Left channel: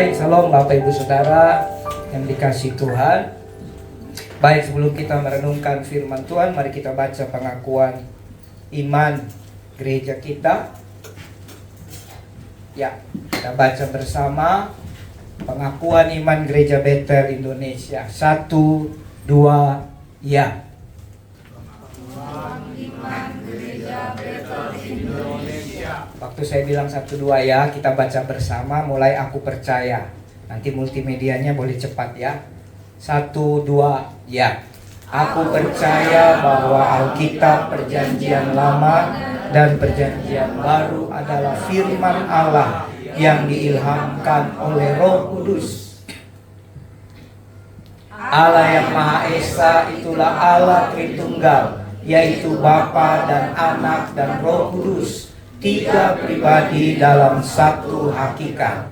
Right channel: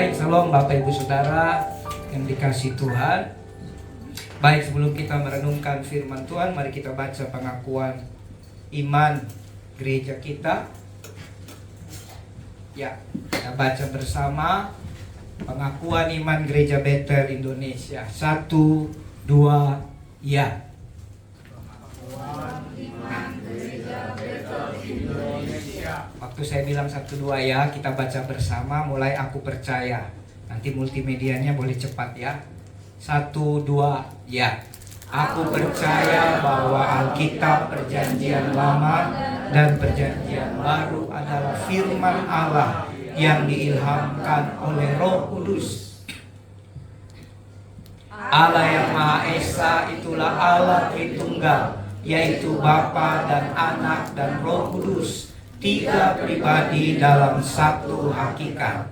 Baik, salam Bapak Ibu Saudara yang dikasihi Tuhan. Baik, sebelum kita merenungkan firman Tuhan, mari kita baca pengakuan iman gereja kita. Ya, kita baca bersama pengakuan iman gereja Bethel Indonesia. 1, 2, ya. Waktu saya bilang 1, 2 ya, kita baca bersama mulai aku percaya. Nanti multimedianya boleh cepat ya. 1, 2, ya. Aku percaya bahwa Alkitab Perjanjian Lama dan Perjanjian Baru adalah firman Allah yang diilhamkan oleh Roh Kudus. Allah yang Maha Esa itulah Allah Tritunggal, yaitu Bapa dan Anak dan Roh Kudus, 3 pribadi dalam satu hakikat.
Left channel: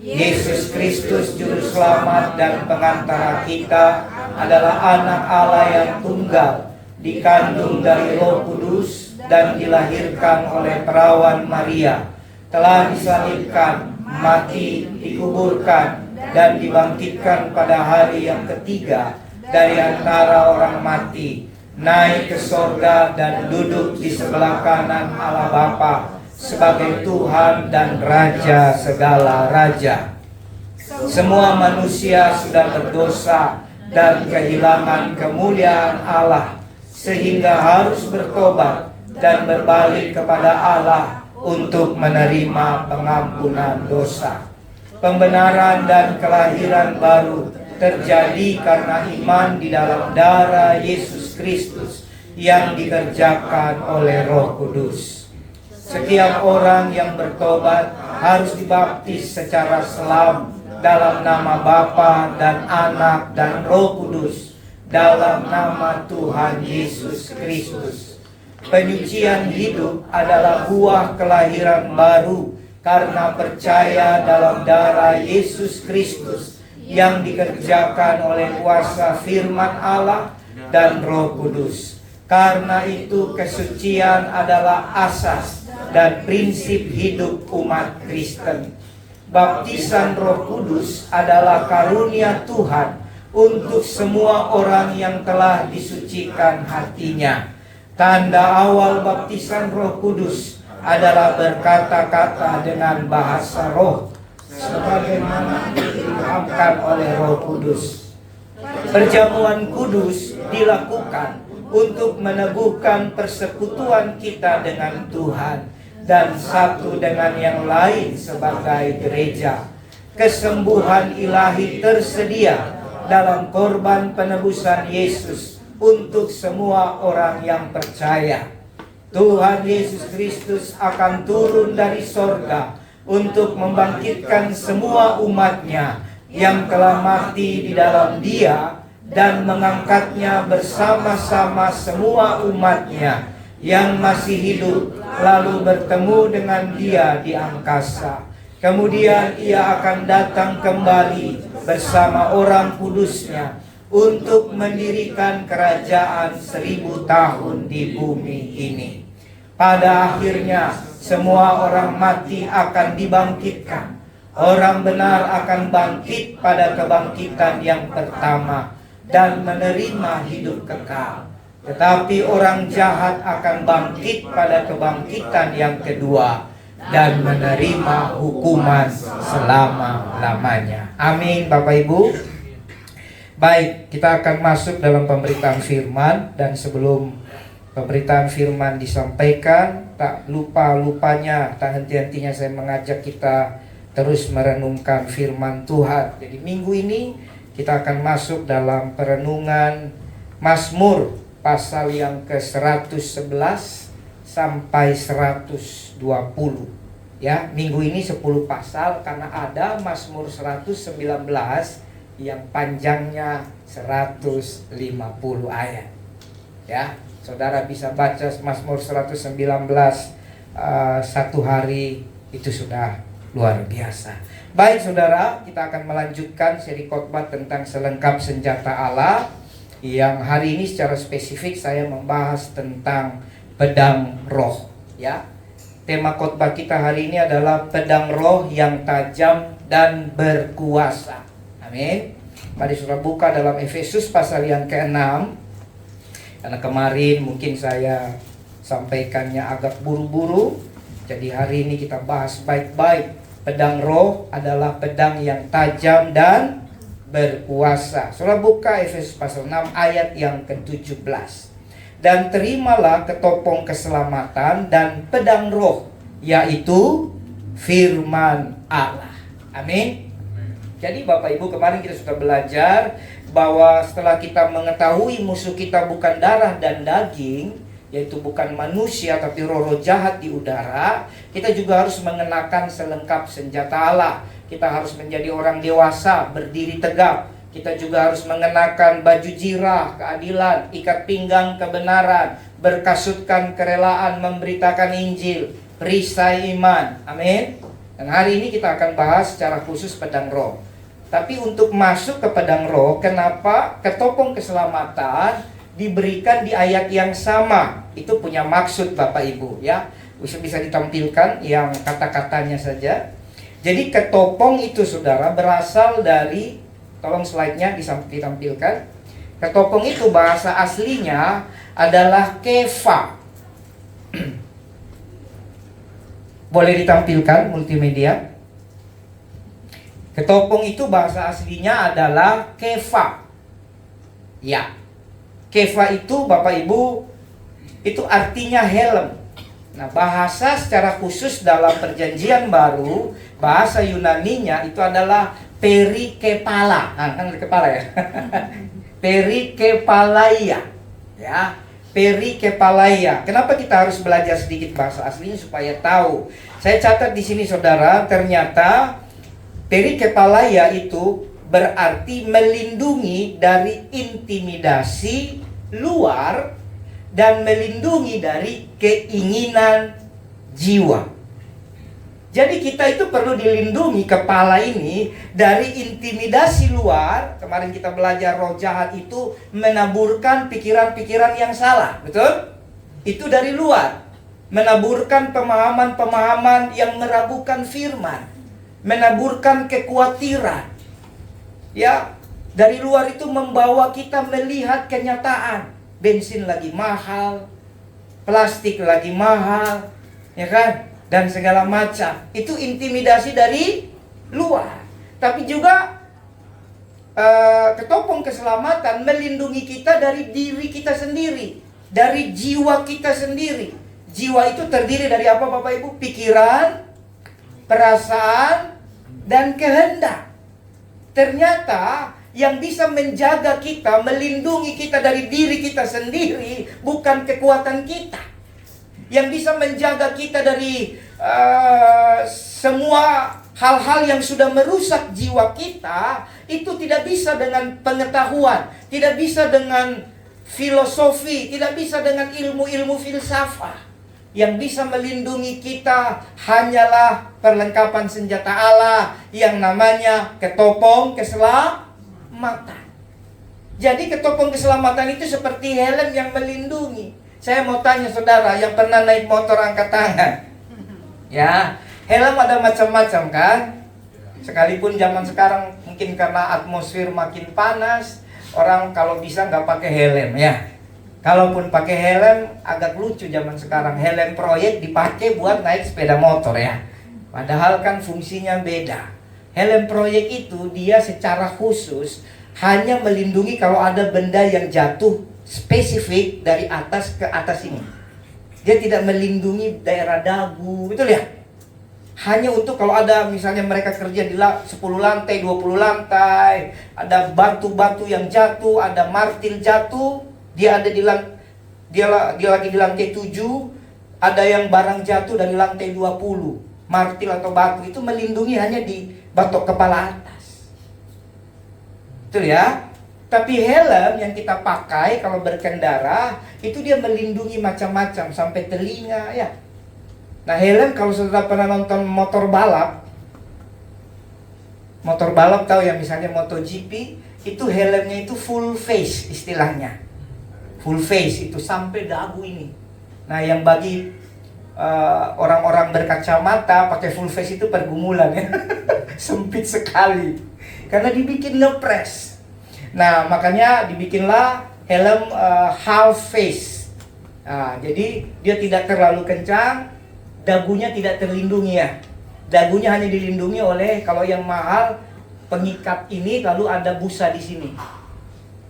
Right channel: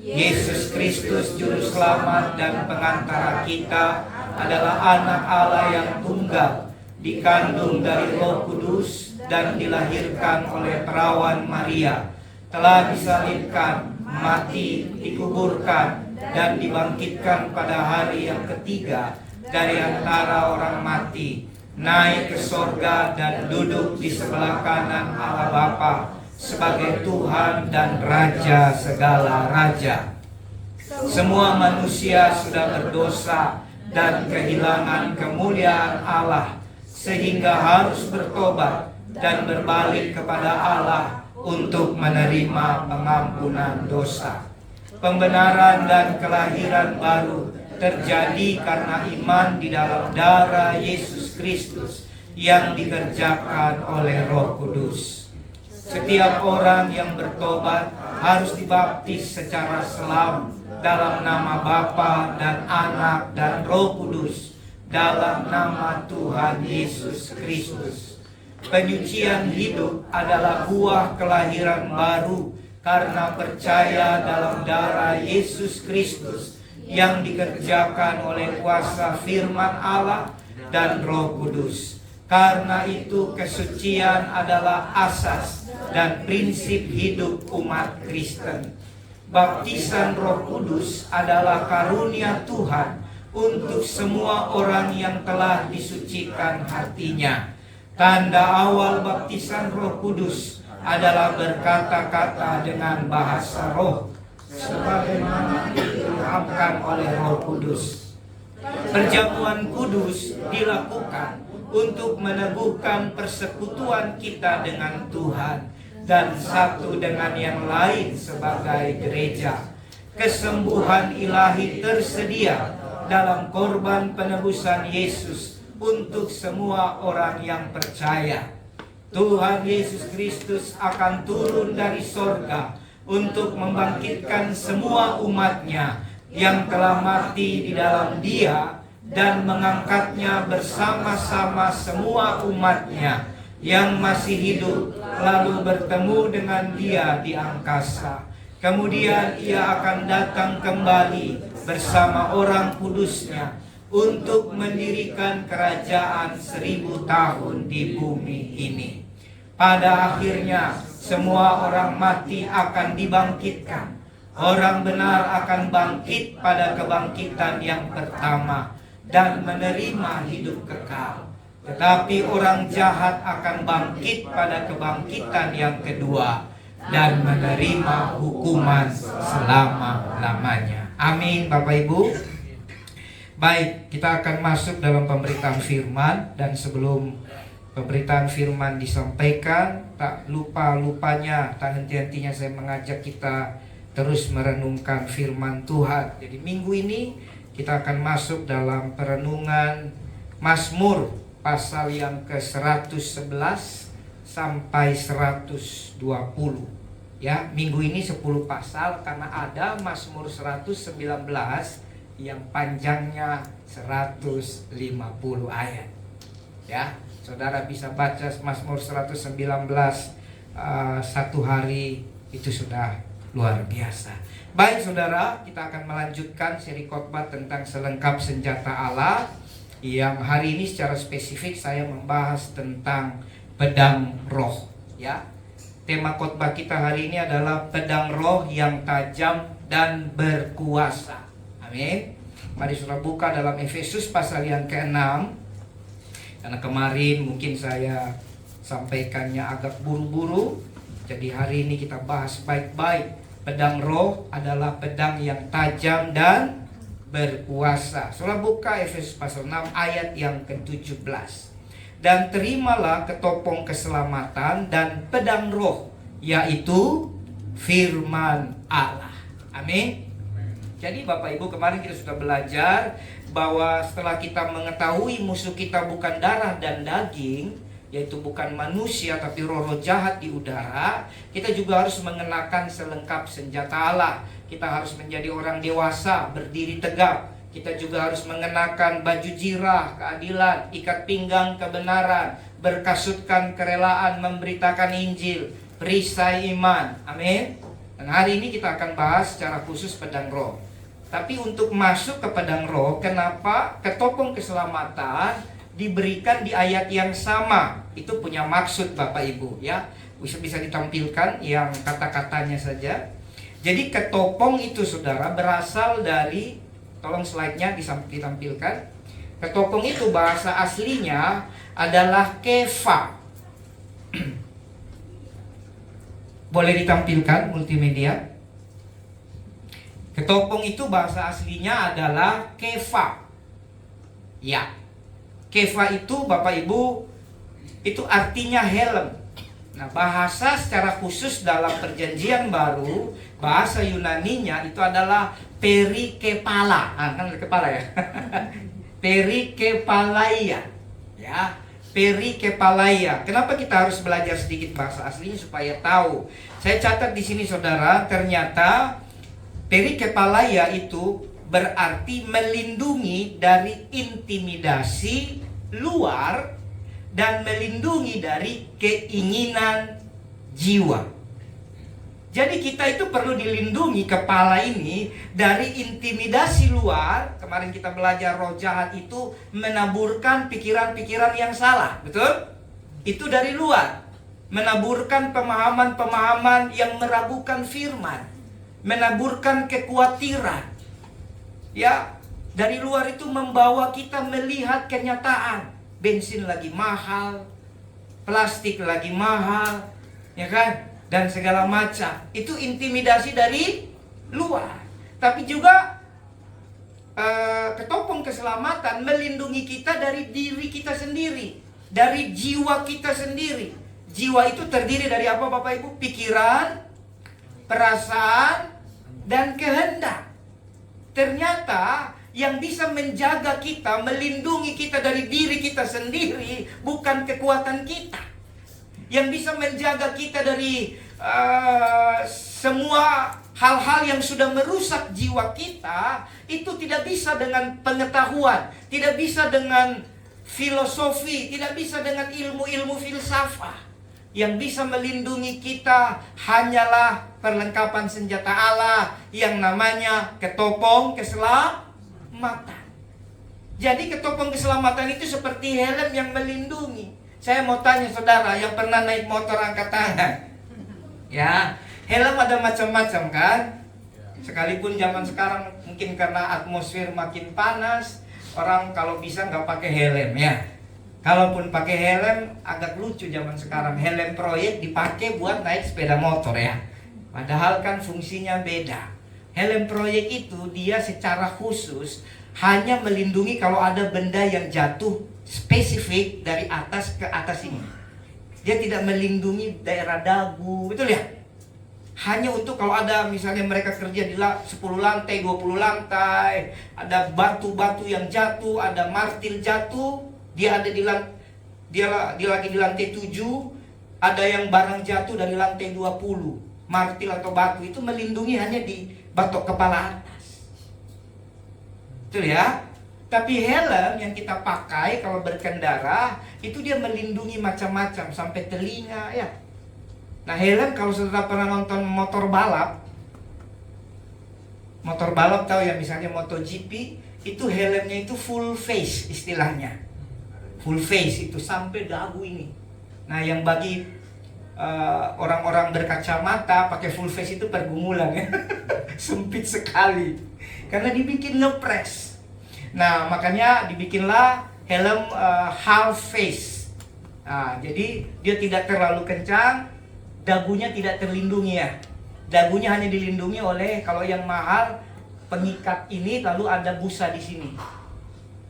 Yesus Kristus Juru Selamat dan Pengantara kita adalah Anak Allah yang tunggal, dikandung dari Roh Kudus dan dilahirkan oleh perawan Maria, telah disalibkan, mati, dikuburkan, dan dibangkitkan pada hari yang ketiga dari antara orang mati, naik ke sorga dan duduk di sebelah kanan Allah Bapa sebagai Tuhan dan Raja segala raja. Semua manusia sudah berdosa dan kehilangan kemuliaan Allah, sehingga harus bertobat dan berbalik kepada Allah untuk menerima pengampunan dosa. Pembenaran dan kelahiran baru terjadi karena iman di dalam darah Yesus Kristus yang dikerjakan oleh Roh Kudus. Setiap orang yang bertobat harus dibaptis secara selam dalam nama Bapa dan Anak dan Roh Kudus, dalam nama Tuhan Yesus Kristus. Penyucian hidup adalah buah kelahiran baru karena percaya dalam darah Yesus Kristus yang dikerjakan oleh kuasa firman Allah dan Roh Kudus. Karena itu kesucian adalah asas dan prinsip hidup umat Kristen. Baptisan Roh Kudus adalah karunia Tuhan untuk semua orang yang telah disucikan hatinya. Tanda awal baptisan Roh Kudus adalah berkata-kata dengan bahasa roh, sebagaimana diilhamkan oleh Roh Kudus. Perjamuan kudus dilakukan untuk meneguhkan persekutuan kita dengan Tuhan dan satu dengan yang lain sebagai gereja. Kesembuhan ilahi tersedia dalam korban penebusan Yesus untuk semua orang yang percaya. Tuhan Yesus Kristus akan turun dari sorga untuk membangkitkan semua umatnya yang telah mati di dalam Dia dan mengangkatnya bersama-sama semua umatnya yang masih hidup, lalu bertemu dengan Dia di angkasa. Kemudian Ia akan datang kembali bersama orang kudusnya untuk mendirikan kerajaan 1000 tahun di bumi ini. Pada akhirnya semua orang mati akan dibangkitkan. Orang benar akan bangkit pada kebangkitan yang pertama dan menerima hidup kekal. Tetapi orang jahat akan bangkit pada kebangkitan yang kedua dan menerima hukuman selama-lamanya. Amin, Bapak Ibu. Baik, kita akan masuk dalam pemberitaan firman. Dan sebelum pemberitaan firman disampaikan, tak lupa-lupanya, tak henti-hentinya saya mengajak kita terus merenungkan firman Tuhan. Jadi minggu ini kita akan masuk dalam perenungan Mazmur pasal yang ke-111 sampai 120. Ya, minggu ini 10 pasal karena ada Mazmur 119 yang panjangnya 150 ayat. Ya, saudara bisa baca Mazmur 119 satu hari, itu sudah luar biasa. Baik saudara, kita akan melanjutkan seri khotbah tentang selengkap senjata Allah, yang hari ini secara spesifik saya membahas tentang pedang roh. Ya, tema khotbah kita hari ini adalah pedang roh yang tajam dan berkuasa. Amin. Mari saudara buka dalam Efesus pasal yang ke-6. Karena kemarin mungkin saya sampaikannya agak buru-buru, jadi hari ini kita bahas baik-baik. Pedang roh adalah pedang yang tajam dan berkuasa. Saudara buka Efesus pasal 6 ayat yang ke-17. Dan terimalah ketopong keselamatan dan pedang roh, yaitu firman Allah. Amin. Jadi Bapak Ibu, kemarin kita sudah belajar bahwa setelah kita mengetahui musuh kita bukan darah dan daging, yaitu bukan manusia tapi roh-roh jahat di udara, kita juga harus mengenakan selengkap senjata Allah. Kita harus menjadi orang dewasa, berdiri tegap. Kita juga harus mengenakan baju jirah, keadilan, ikat pinggang kebenaran, berkasutkan kerelaan memberitakan Injil, perisai iman. Amin. Dan hari ini kita akan bahas secara khusus pedang roh. Tapi untuk masuk ke pedang roh, kenapa ketopong keselamatan diberikan di ayat yang sama? Itu punya maksud Bapak Ibu ya. Bisa ditampilkan yang kata-katanya saja. Jadi ketopong itu saudara berasal dari, tolong slide-nya ditampilkan. Ketopong itu bahasa aslinya adalah kefa. Boleh ditampilkan multimedia. Ketopong itu bahasa aslinya adalah kefa. Ya. Kefa itu Bapak Ibu, itu artinya helm. Nah, bahasa secara khusus dalam perjanjian baru, bahasa Yunaninya itu adalah perikepala. Nah, kan kepala ya. Perikepalaia. Ya. Perikepalaia. Kenapa kita harus belajar sedikit bahasa aslinya supaya tahu? Saya catat di sini saudara, ternyata perikepalaia itu berarti melindungi dari intimidasi luar dan melindungi dari keinginan jiwa. Jadi kita itu perlu dilindungi kepala ini dari intimidasi luar. Kemarin kita belajar roh jahat itu menaburkan pikiran-pikiran yang salah, betul? Itu dari luar. Menaburkan pemahaman-pemahaman yang meragukan firman, menaburkan kekhawatiran. Ya, dari luar itu membawa kita melihat kenyataan. Bensin lagi mahal, plastik lagi mahal, ya kan? Dan segala macam. Itu intimidasi dari luar. Tapi juga ketopong keselamatan melindungi kita dari diri kita sendiri, dari jiwa kita sendiri. Jiwa itu terdiri dari apa Bapak Ibu? Pikiran, perasaan, dan kehendak. Ternyata yang bisa menjaga kita, melindungi kita dari diri kita sendiri, bukan kekuatan kita. Yang bisa menjaga kita dari semua hal-hal yang sudah merusak jiwa kita, itu tidak bisa dengan pengetahuan, tidak bisa dengan filosofi, tidak bisa dengan ilmu-ilmu filsafat. Yang bisa melindungi kita hanyalah perlengkapan senjata Allah yang namanya ketopong keselamatan. Jadi ketopong keselamatan itu seperti helm yang melindungi. Saya mau tanya saudara yang pernah naik motor angkat tangan. Ya, helm ada macam-macam kan? Sekalipun zaman sekarang mungkin karena atmosfer makin panas, orang kalau bisa nggak pakai helm ya. Kalaupun pakai helm agak lucu zaman sekarang. Helm proyek dipakai buat naik sepeda motor ya. Padahal kan fungsinya beda. Helm proyek itu dia secara khusus hanya melindungi kalau ada benda yang jatuh spesifik dari atas ke atas ini. Dia tidak melindungi daerah dagu, betul ya? Hanya untuk kalau ada misalnya mereka kerja di 10 lantai, 20 lantai, ada batu-batu yang jatuh, ada martil jatuh, dia ada dia lagi di lantai 7, ada yang barang jatuh dari lantai 20. Martil atau batu itu melindungi hanya di batok kepala atas. Betul ya? Tapi helm yang kita pakai kalau berkendara itu dia melindungi macam-macam sampai telinga ya. Nah, helm kalau sudah pernah nonton motor balap tahu ya, misalnya MotoGP, itu helmnya itu full face istilahnya. Full face itu sampai dagu ini. Nah, yang bagi orang-orang berkacamata pakai full face itu pergumulan ya. Sempit sekali karena dibikin ngepres. Nah, makanya dibikinlah helm half face. Nah, jadi dia tidak terlalu kencang, dagunya tidak terlindungi ya. Dagunya hanya dilindungi oleh, kalau yang mahal, pengikat ini, lalu ada busa di sini.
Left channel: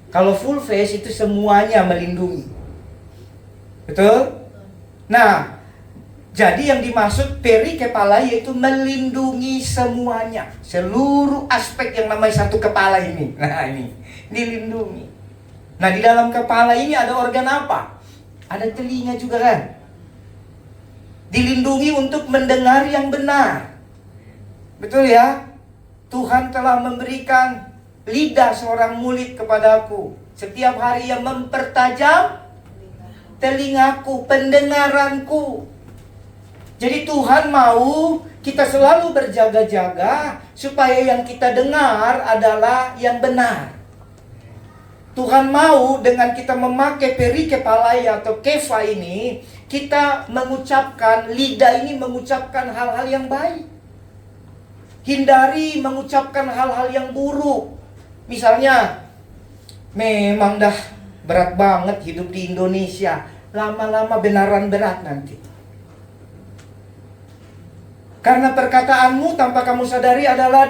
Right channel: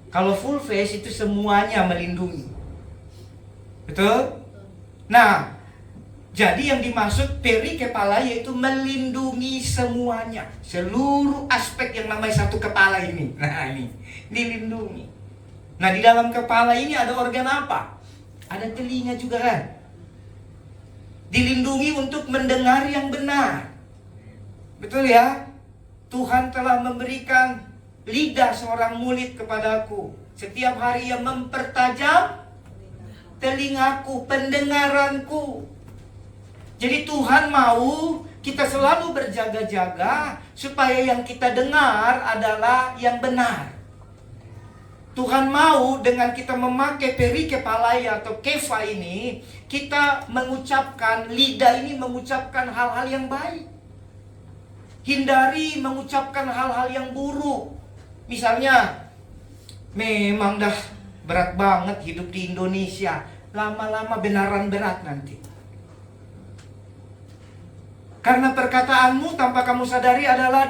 Kalau full face itu semuanya melindungi. Betul? Nah, jadi yang dimaksud peri kepala yaitu melindungi semuanya, seluruh aspek yang namanya satu kepala ini. Nah, ini dilindungi. Nah, di dalam kepala ini ada organ apa? Ada telinga juga kan? Dilindungi untuk mendengar yang benar. Betul ya? Tuhan telah memberikan lidah seorang murid kepadaku. Setiap hari yang mempertajam telingaku, pendengaranku. Jadi Tuhan mau kita selalu berjaga-jaga supaya yang kita dengar adalah yang benar. Tuhan mau dengan kita memakai peri kepalaya atau kefa ini, kita mengucapkan, lidah ini mengucapkan hal-hal yang baik. Hindari mengucapkan hal-hal yang buruk. Misalnya, memang dah berat banget hidup di Indonesia. Lama-lama benaran berat nanti. Karena perkataanmu tanpa kamu sadari adalah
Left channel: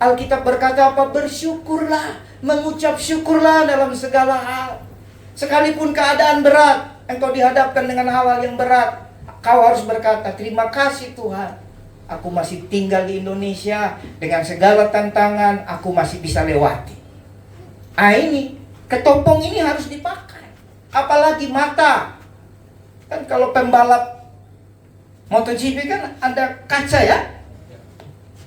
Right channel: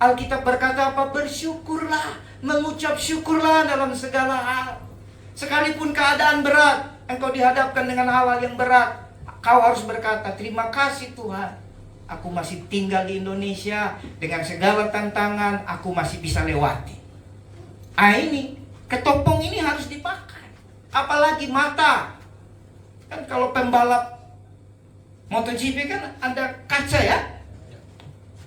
Alkitab berkata apa? Bersyukurlah, mengucap syukurlah dalam segala hal. Sekalipun keadaan berat, engkau dihadapkan dengan hal-hal yang berat, kau harus berkata, terima kasih Tuhan, aku masih tinggal di Indonesia, dengan segala tantangan, aku masih bisa lewati. Nah ini, ketopong ini harus dipakai. Apalagi mata. Kan kalau pembalap MotoGP kan ada kaca ya.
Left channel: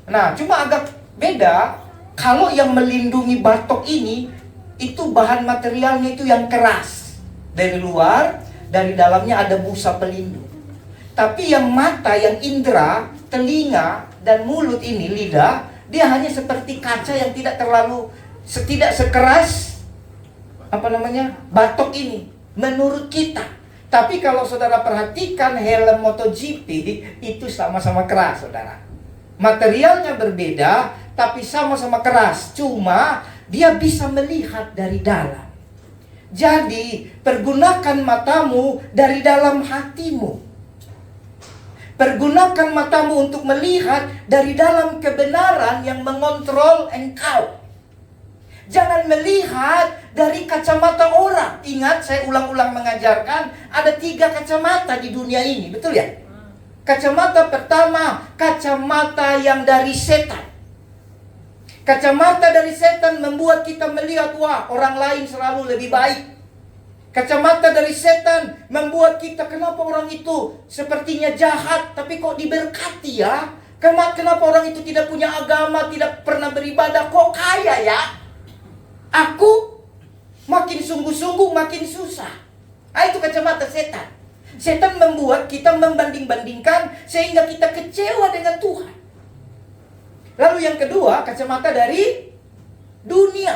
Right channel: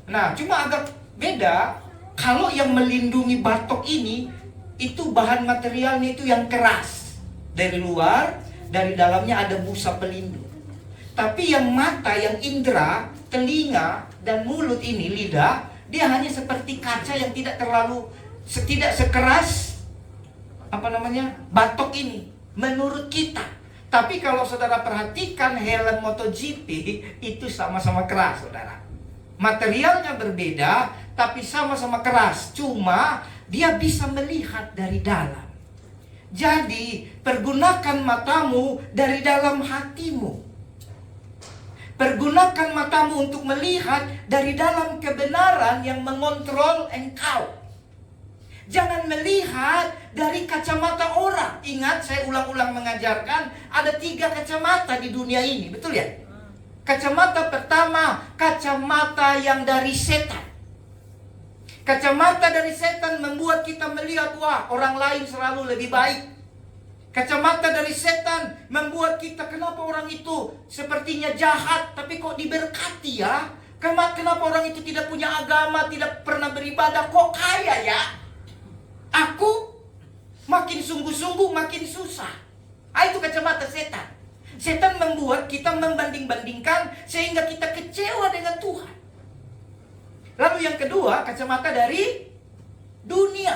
Nah, cuma agak beda. Kalau yang melindungi batok ini, itu bahan materialnya itu yang keras. Dari luar, dari dalamnya ada busa pelindung. Tapi yang mata, yang indera, telinga, dan mulut ini, lidah, dia hanya seperti kaca yang tidak sekeras batok ini menurut kita. Tapi kalau saudara perhatikan helm MotoGP itu sama-sama keras, saudara. Materialnya berbeda, tapi sama-sama keras. Cuma dia bisa melihat dari dalam. Jadi pergunakan matamu dari dalam hatimu. Pergunakan matamu untuk melihat dari dalam kebenaran yang mengontrol engkau. Jangan melihat dari kacamata orang. Ingat, saya ulang-ulang mengajarkan, ada 3 kacamata di dunia ini, betul ya? Kacamata pertama, kacamata yang dari setan. Kacamata dari setan membuat kita melihat, wah, orang lain selalu lebih baik. Kacamata dari setan membuat kita, kenapa orang itu sepertinya jahat, tapi kok diberkati ya? Kenapa orang itu tidak punya agama, tidak pernah beribadah, kok kaya ya? Aku makin sungguh-sungguh makin susah. Itu kacamata setan. Setan membuat kita membanding-bandingkan sehingga kita kecewa dengan Tuhan. Lalu yang kedua, kacamata dari dunia.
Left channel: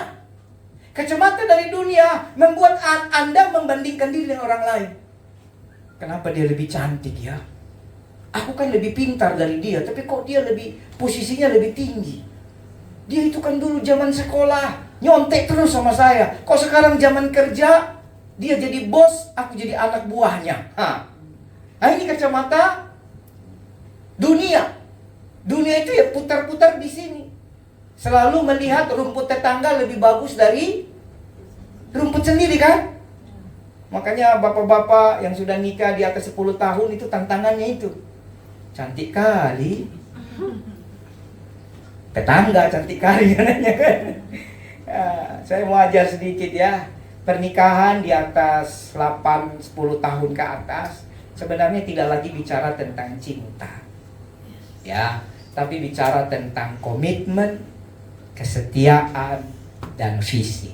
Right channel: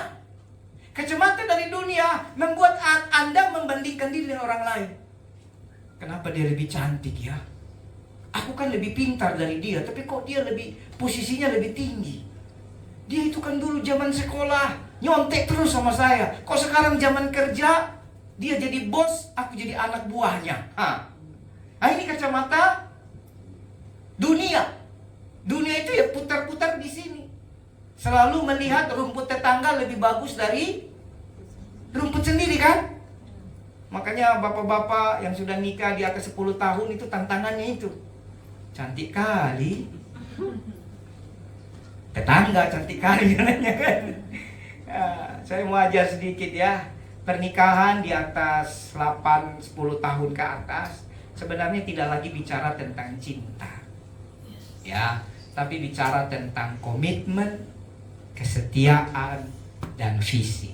Kacamata dari dunia membuat Anda membandingkan diri dengan orang lain. Kenapa dia lebih cantik ya? Aku kan lebih pintar dari dia, tapi kok dia posisinya lebih tinggi. Dia itu kan dulu zaman sekolah nyontek terus sama saya. Kok sekarang zaman kerja dia jadi bos, aku jadi anak buahnya. Nah ini kacamata dunia. Dunia itu ya putar-putar di sini. Selalu melihat rumput tetangga lebih bagus dari rumput sendiri kan? Makanya bapak-bapak yang sudah nikah di atas 10 tahun itu tantangannya itu. Cantik kali. Tetangga cantik kali katanya kan. Saya mau ajar sedikit ya. Pernikahan di atas 8-10 tahun ke atas sebenarnya tidak lagi bicara tentang cinta ya, tapi bicara tentang komitmen, kesetiaan, dan visi.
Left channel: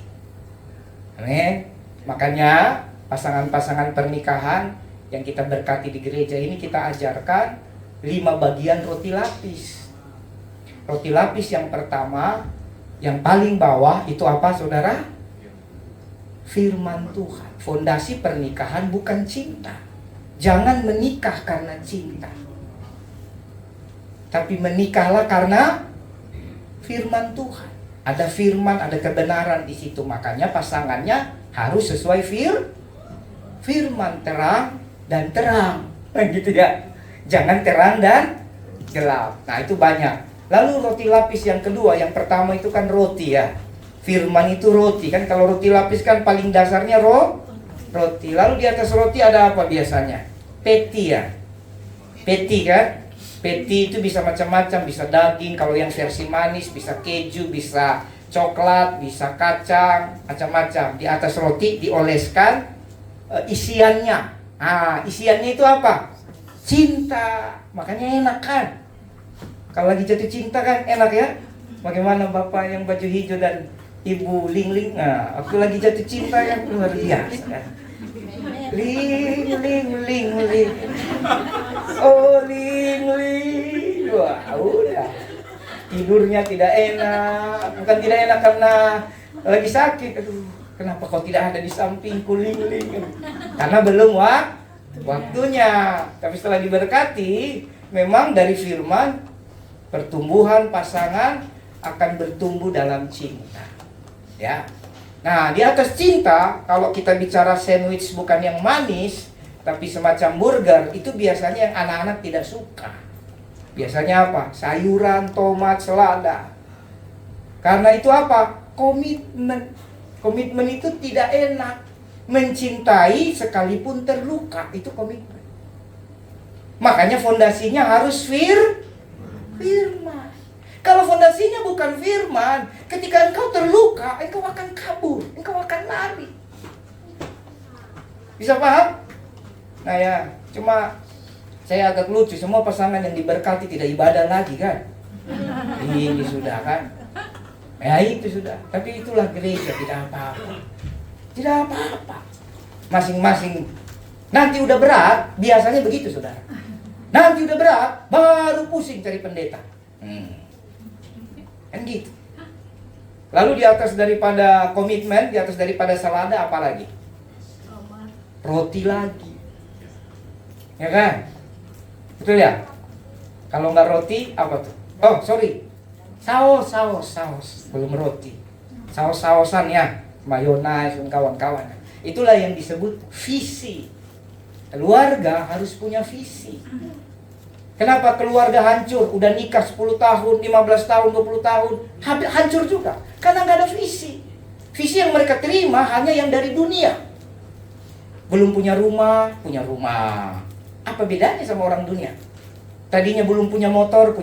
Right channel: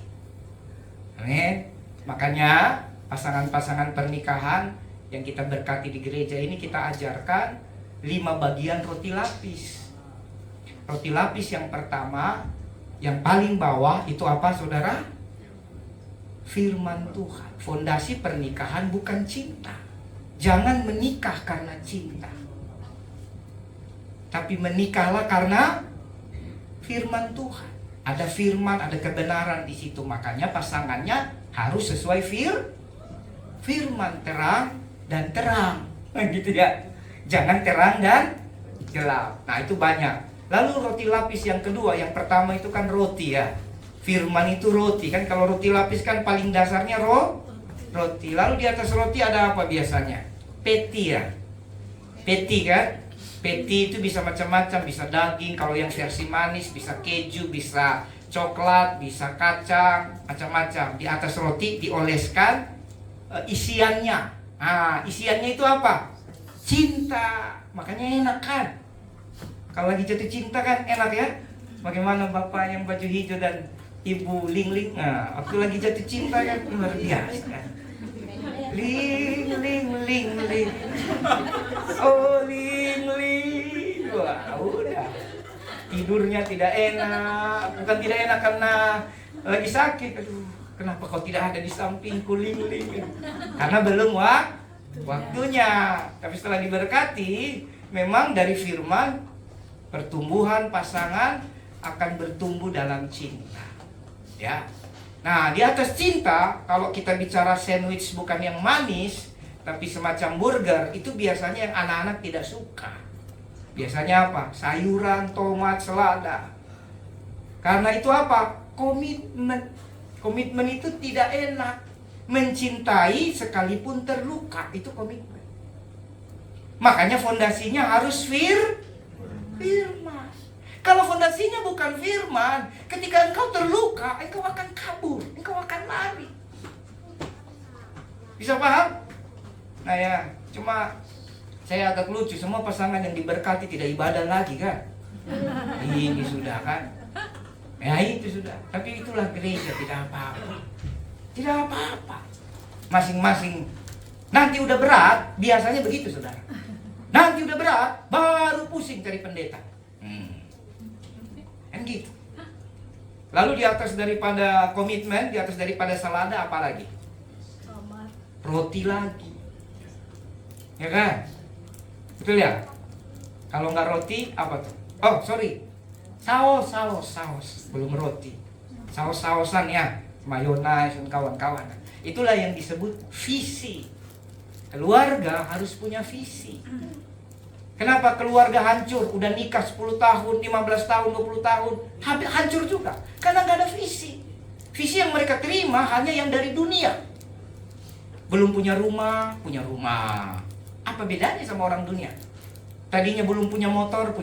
Makanya pasangan-pasangan pernikahan yang kita berkati di gereja ini, kita ajarkan 5 bagian roti lapis. Roti lapis yang pertama, yang paling bawah itu apa saudara? Firman Tuhan. Fondasi pernikahan bukan cinta. Jangan menikah karena cinta, tapi menikahlah karena firman Tuhan. Ada firman, ada kebenaran di situ. Makanya pasangannya harus sesuai firman, terang dan terang. Nah gitu ya. Jangan terang dan gelap. Nah itu banyak. Lalu roti lapis yang kedua, yang pertama itu kan roti ya. Firman itu roti kan, kalau roti lapis kan paling dasarnya roti. Lalu di atas roti ada apa biasanya? Peti ya. Peti kan? Peti itu bisa macam-macam, bisa daging, kalau yang versi manis bisa keju, bisa coklat, bisa kacang, macam-macam. Di atas roti dioleskan isiannya. Nah, isiannya itu apa? Cinta. Makanya enak kan? Kalau lagi jatuh cinta kan enak ya. Bagaimana bapak yang baju hijau dan ibu Ling-Ling? Nah, waktu lagi jatuh cinta kan luar biasa. Ling. Oh Ling. Wah udah. Tidurnya tidak enak. Bukan tidak enak karena lagi sakit. Aduh, kenapa kau tidak ada di sampingku Ling? Karena belum waktunya. Tapi setelah diberkati, memang dari firman pertumbuhan pasangan akan bertumbuh dalam cinta. Ya. Nah, di atas cinta, kalau kita bicara sandwich bukan yang manis, tapi semacam burger, itu biasanya yang anak-anak tidak suka. Biasanya apa? Sayuran, tomat, selada. Karena itu apa? Komitmen. Komitmen itu tidak enak. Mencintai sekalipun terluka, itu komitmen. Makanya fondasinya harus firman. Kalau fondasinya bukan firman, ketika engkau terluka, engkau akan kabur, engkau akan lari. Bisa paham? Nah ya, cuma saya agak lucu, semua pasangan yang diberkati tidak ibadah lagi kan? Ini sudah kan? Ya itu sudah. Tapi itulah gereja, tidak apa-apa. Tidak apa-apa. Masing-masing. Nanti udah berat, biasanya begitu saudara. Nanti udah berat, baru pusing cari pendeta. Kan gitu. Lalu di atas daripada komitmen, di atas daripada selada apa lagi? Roti lagi. Ya kan? Betul ya? Kalau nggak roti, apa tuh? Oh, sorry. Saus. Belum roti. Saus-sausan ya. Mayonnaise dan kawan-kawan. Itulah yang disebut visi. Keluarga harus punya visi. Kenapa keluarga hancur? Udah nikah 10 tahun, 15 tahun, 20 tahun, hancur juga. Karena nggak ada visi. Visi yang mereka terima hanya yang dari dunia. Belum punya rumah. Apa bedanya sama orang dunia? Tadinya belum punya motor.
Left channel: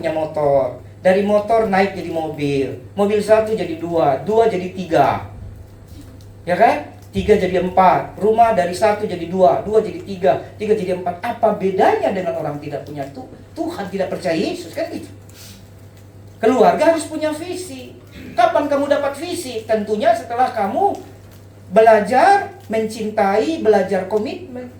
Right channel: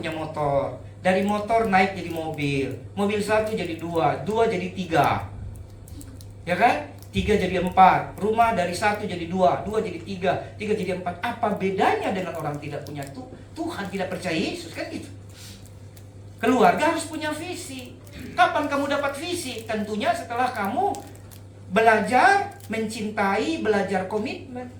Dari motor naik jadi mobil. Mobil 1 jadi 2 jadi 3. Ya kan? 3 jadi 4, rumah dari 1 jadi 2 jadi 3 jadi 4. Apa bedanya dengan orang tidak punya Tuhan, tidak percaya Yesus kan gitu. Keluarga harus punya visi. Kapan kamu dapat visi? Tentunya setelah kamu belajar mencintai, belajar komitmen.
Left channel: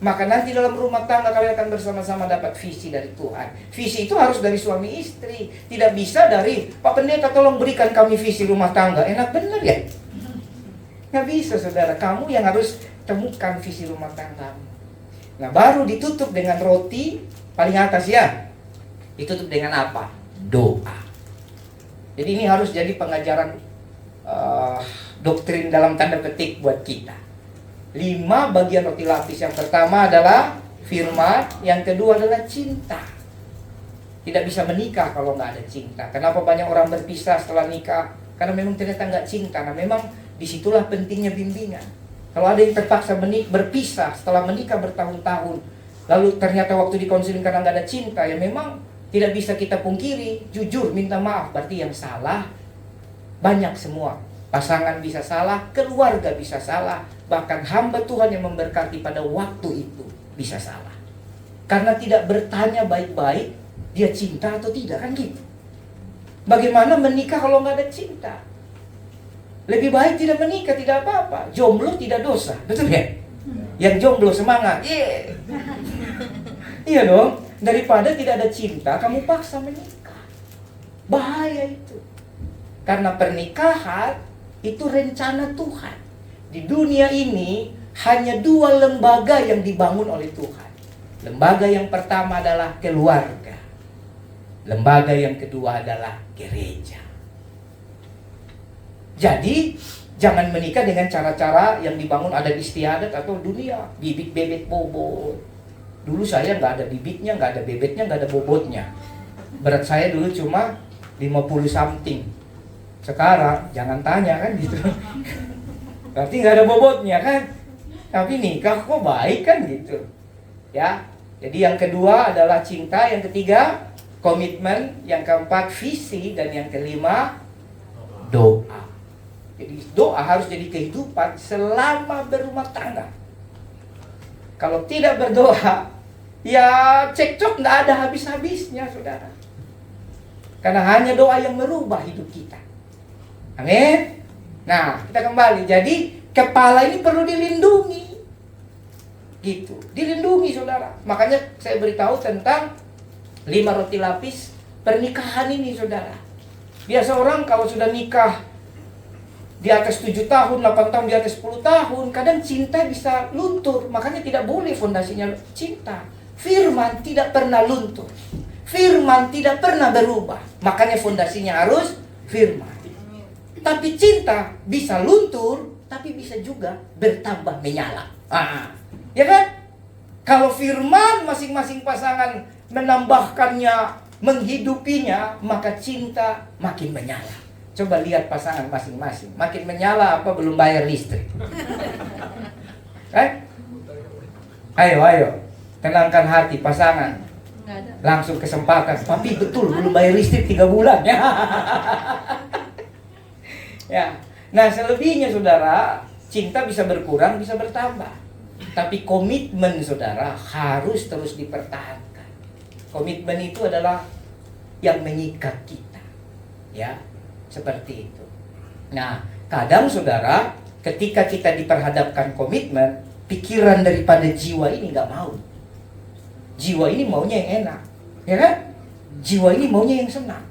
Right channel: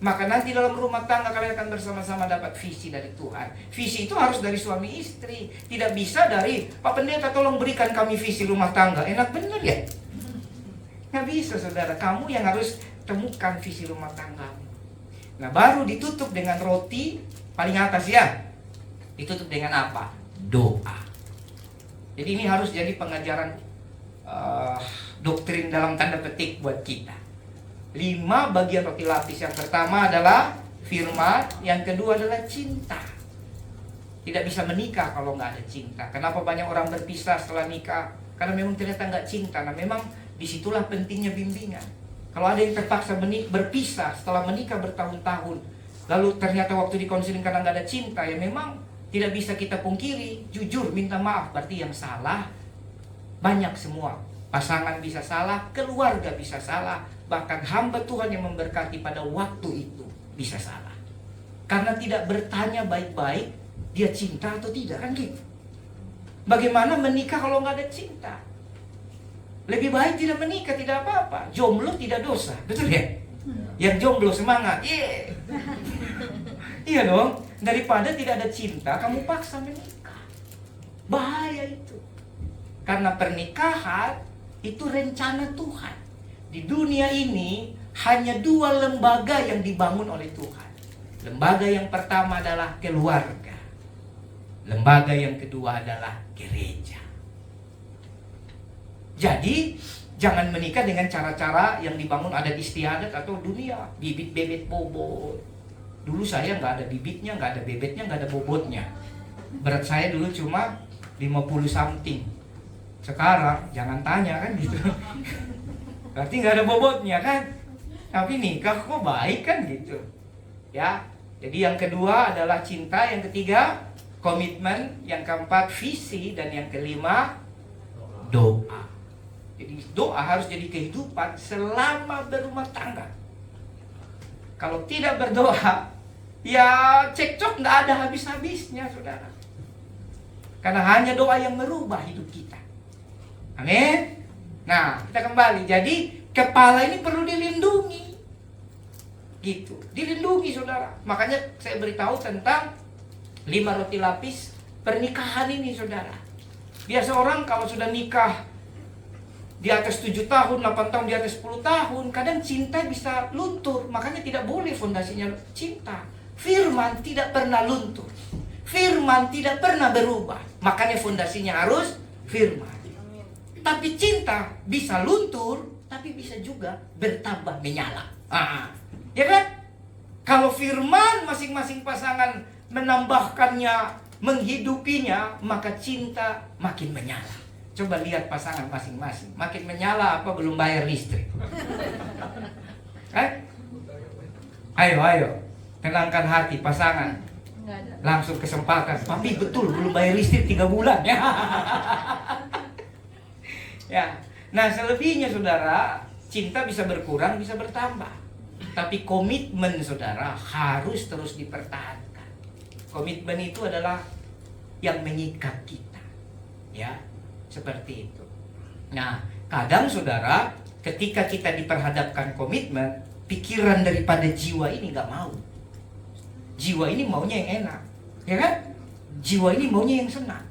Maka nanti dalam rumah tangga kalian akan bersama-sama dapat visi dari Tuhan. Visi itu harus dari suami istri. Tidak bisa dari Pak Pendeta tolong berikan kami visi rumah tangga. Enak bener ya? Nggak bisa saudara, kamu yang harus temukan visi rumah tangga. Nah baru ditutup dengan roti paling atas ya. Ditutup dengan apa? Doa. Jadi ini harus jadi pengajaran doktrin dalam tanda petik buat kita. 5 bagian roti lapis. Yang pertama adalah firman, yang kedua adalah cinta. Tidak bisa menikah kalau nggak ada cinta. Kenapa banyak orang berpisah setelah nikah? Karena memang ternyata nggak cinta. Nah memang disitulah pentingnya bimbingan. Kalau ada yang terpaksa berpisah setelah menikah bertahun-tahun, lalu ternyata waktu dikonseling karena nggak ada cinta, ya memang tidak bisa kita pungkiri. Jujur minta maaf, berarti yang salah banyak semua. Pasangan bisa salah, keluarga bisa salah, bahkan hamba Tuhan yang memberkati pada waktu itu bisa salah. Karena tidak bertanya baik-baik, dia cinta atau tidak, kan gitu. Bagaimana menikah kalau nggak ada cinta? Lebih baik tidak menikah, tidak apa-apa. Jomblo tidak dosa, betul ya? Yang jomblo semangat, iya dong. Daripada tidak ada cinta, kamu paksa menikah. Bahaya itu. Karena pernikahan itu rencana Tuhan. Di dunia ini hanya 2 lembaga yang dibangun oleh Tuhan. Lembaga yang pertama adalah keluarga. Lembaga yang kedua adalah gereja. Jadi jangan menikah dengan cara-cara yang dibangun adat istiadat atau dunia, bibit bebet bobot. Dulu saya nggak ada bibitnya, nggak ada bebetnya, nggak ada bobotnya. Berat saya dulu cuma 50 something. Sekarang jangan tanya kan gitu. Berarti nggak ada bobotnya kan. Tapi nikah kok baik kan gitu. Ya. Jadi yang kedua adalah cinta, yang ketiga komitmen, yang keempat visi, dan yang kelima doa. Jadi doa harus jadi kehidupan selama berumah tangga. Kalau tidak berdoa, ya cekcok nggak ada habis-habisnya, saudara. Karena hanya doa yang merubah hidup kita. Amin. Nah, kita kembali. Jadi kepala ini perlu dilindungi. Gitu, dilindungi, saudara. Makanya saya beritahu tentang 5 roti lapis pernikahan ini, saudara. Biasa orang kalau sudah nikah di atas 7 tahun, 8 tahun, di atas 10 tahun, kadang cinta bisa luntur. Makanya tidak boleh fondasinya cinta. Firman tidak pernah luntur. Firman tidak pernah berubah. Makanya fondasinya harus firman. Tapi cinta bisa luntur, tapi bisa juga bertambah menyala. Ya kan? Kalau firman masing-masing pasangan menambahkannya, menghidupinya, maka cinta makin menyala. Coba lihat pasangan masing-masing, makin menyala apa belum bayar listrik? Ayo, tenangkan hati pasangan. Langsung kesempatan, tapi betul belum bayar listrik 3 bulan ya. Ya. Nah, selebihnya saudara, cinta bisa berkurang, bisa bertambah. Tapi komitmen saudara harus terus dipertahankan. Komitmen itu adalah yang mengikat kita. Ya. Seperti itu. Nah, kadang saudara, ketika kita diperhadapkan komitmen, pikiran daripada jiwa ini nggak mau. Jiwa ini maunya yang enak, ya kan? Jiwa ini maunya yang senang.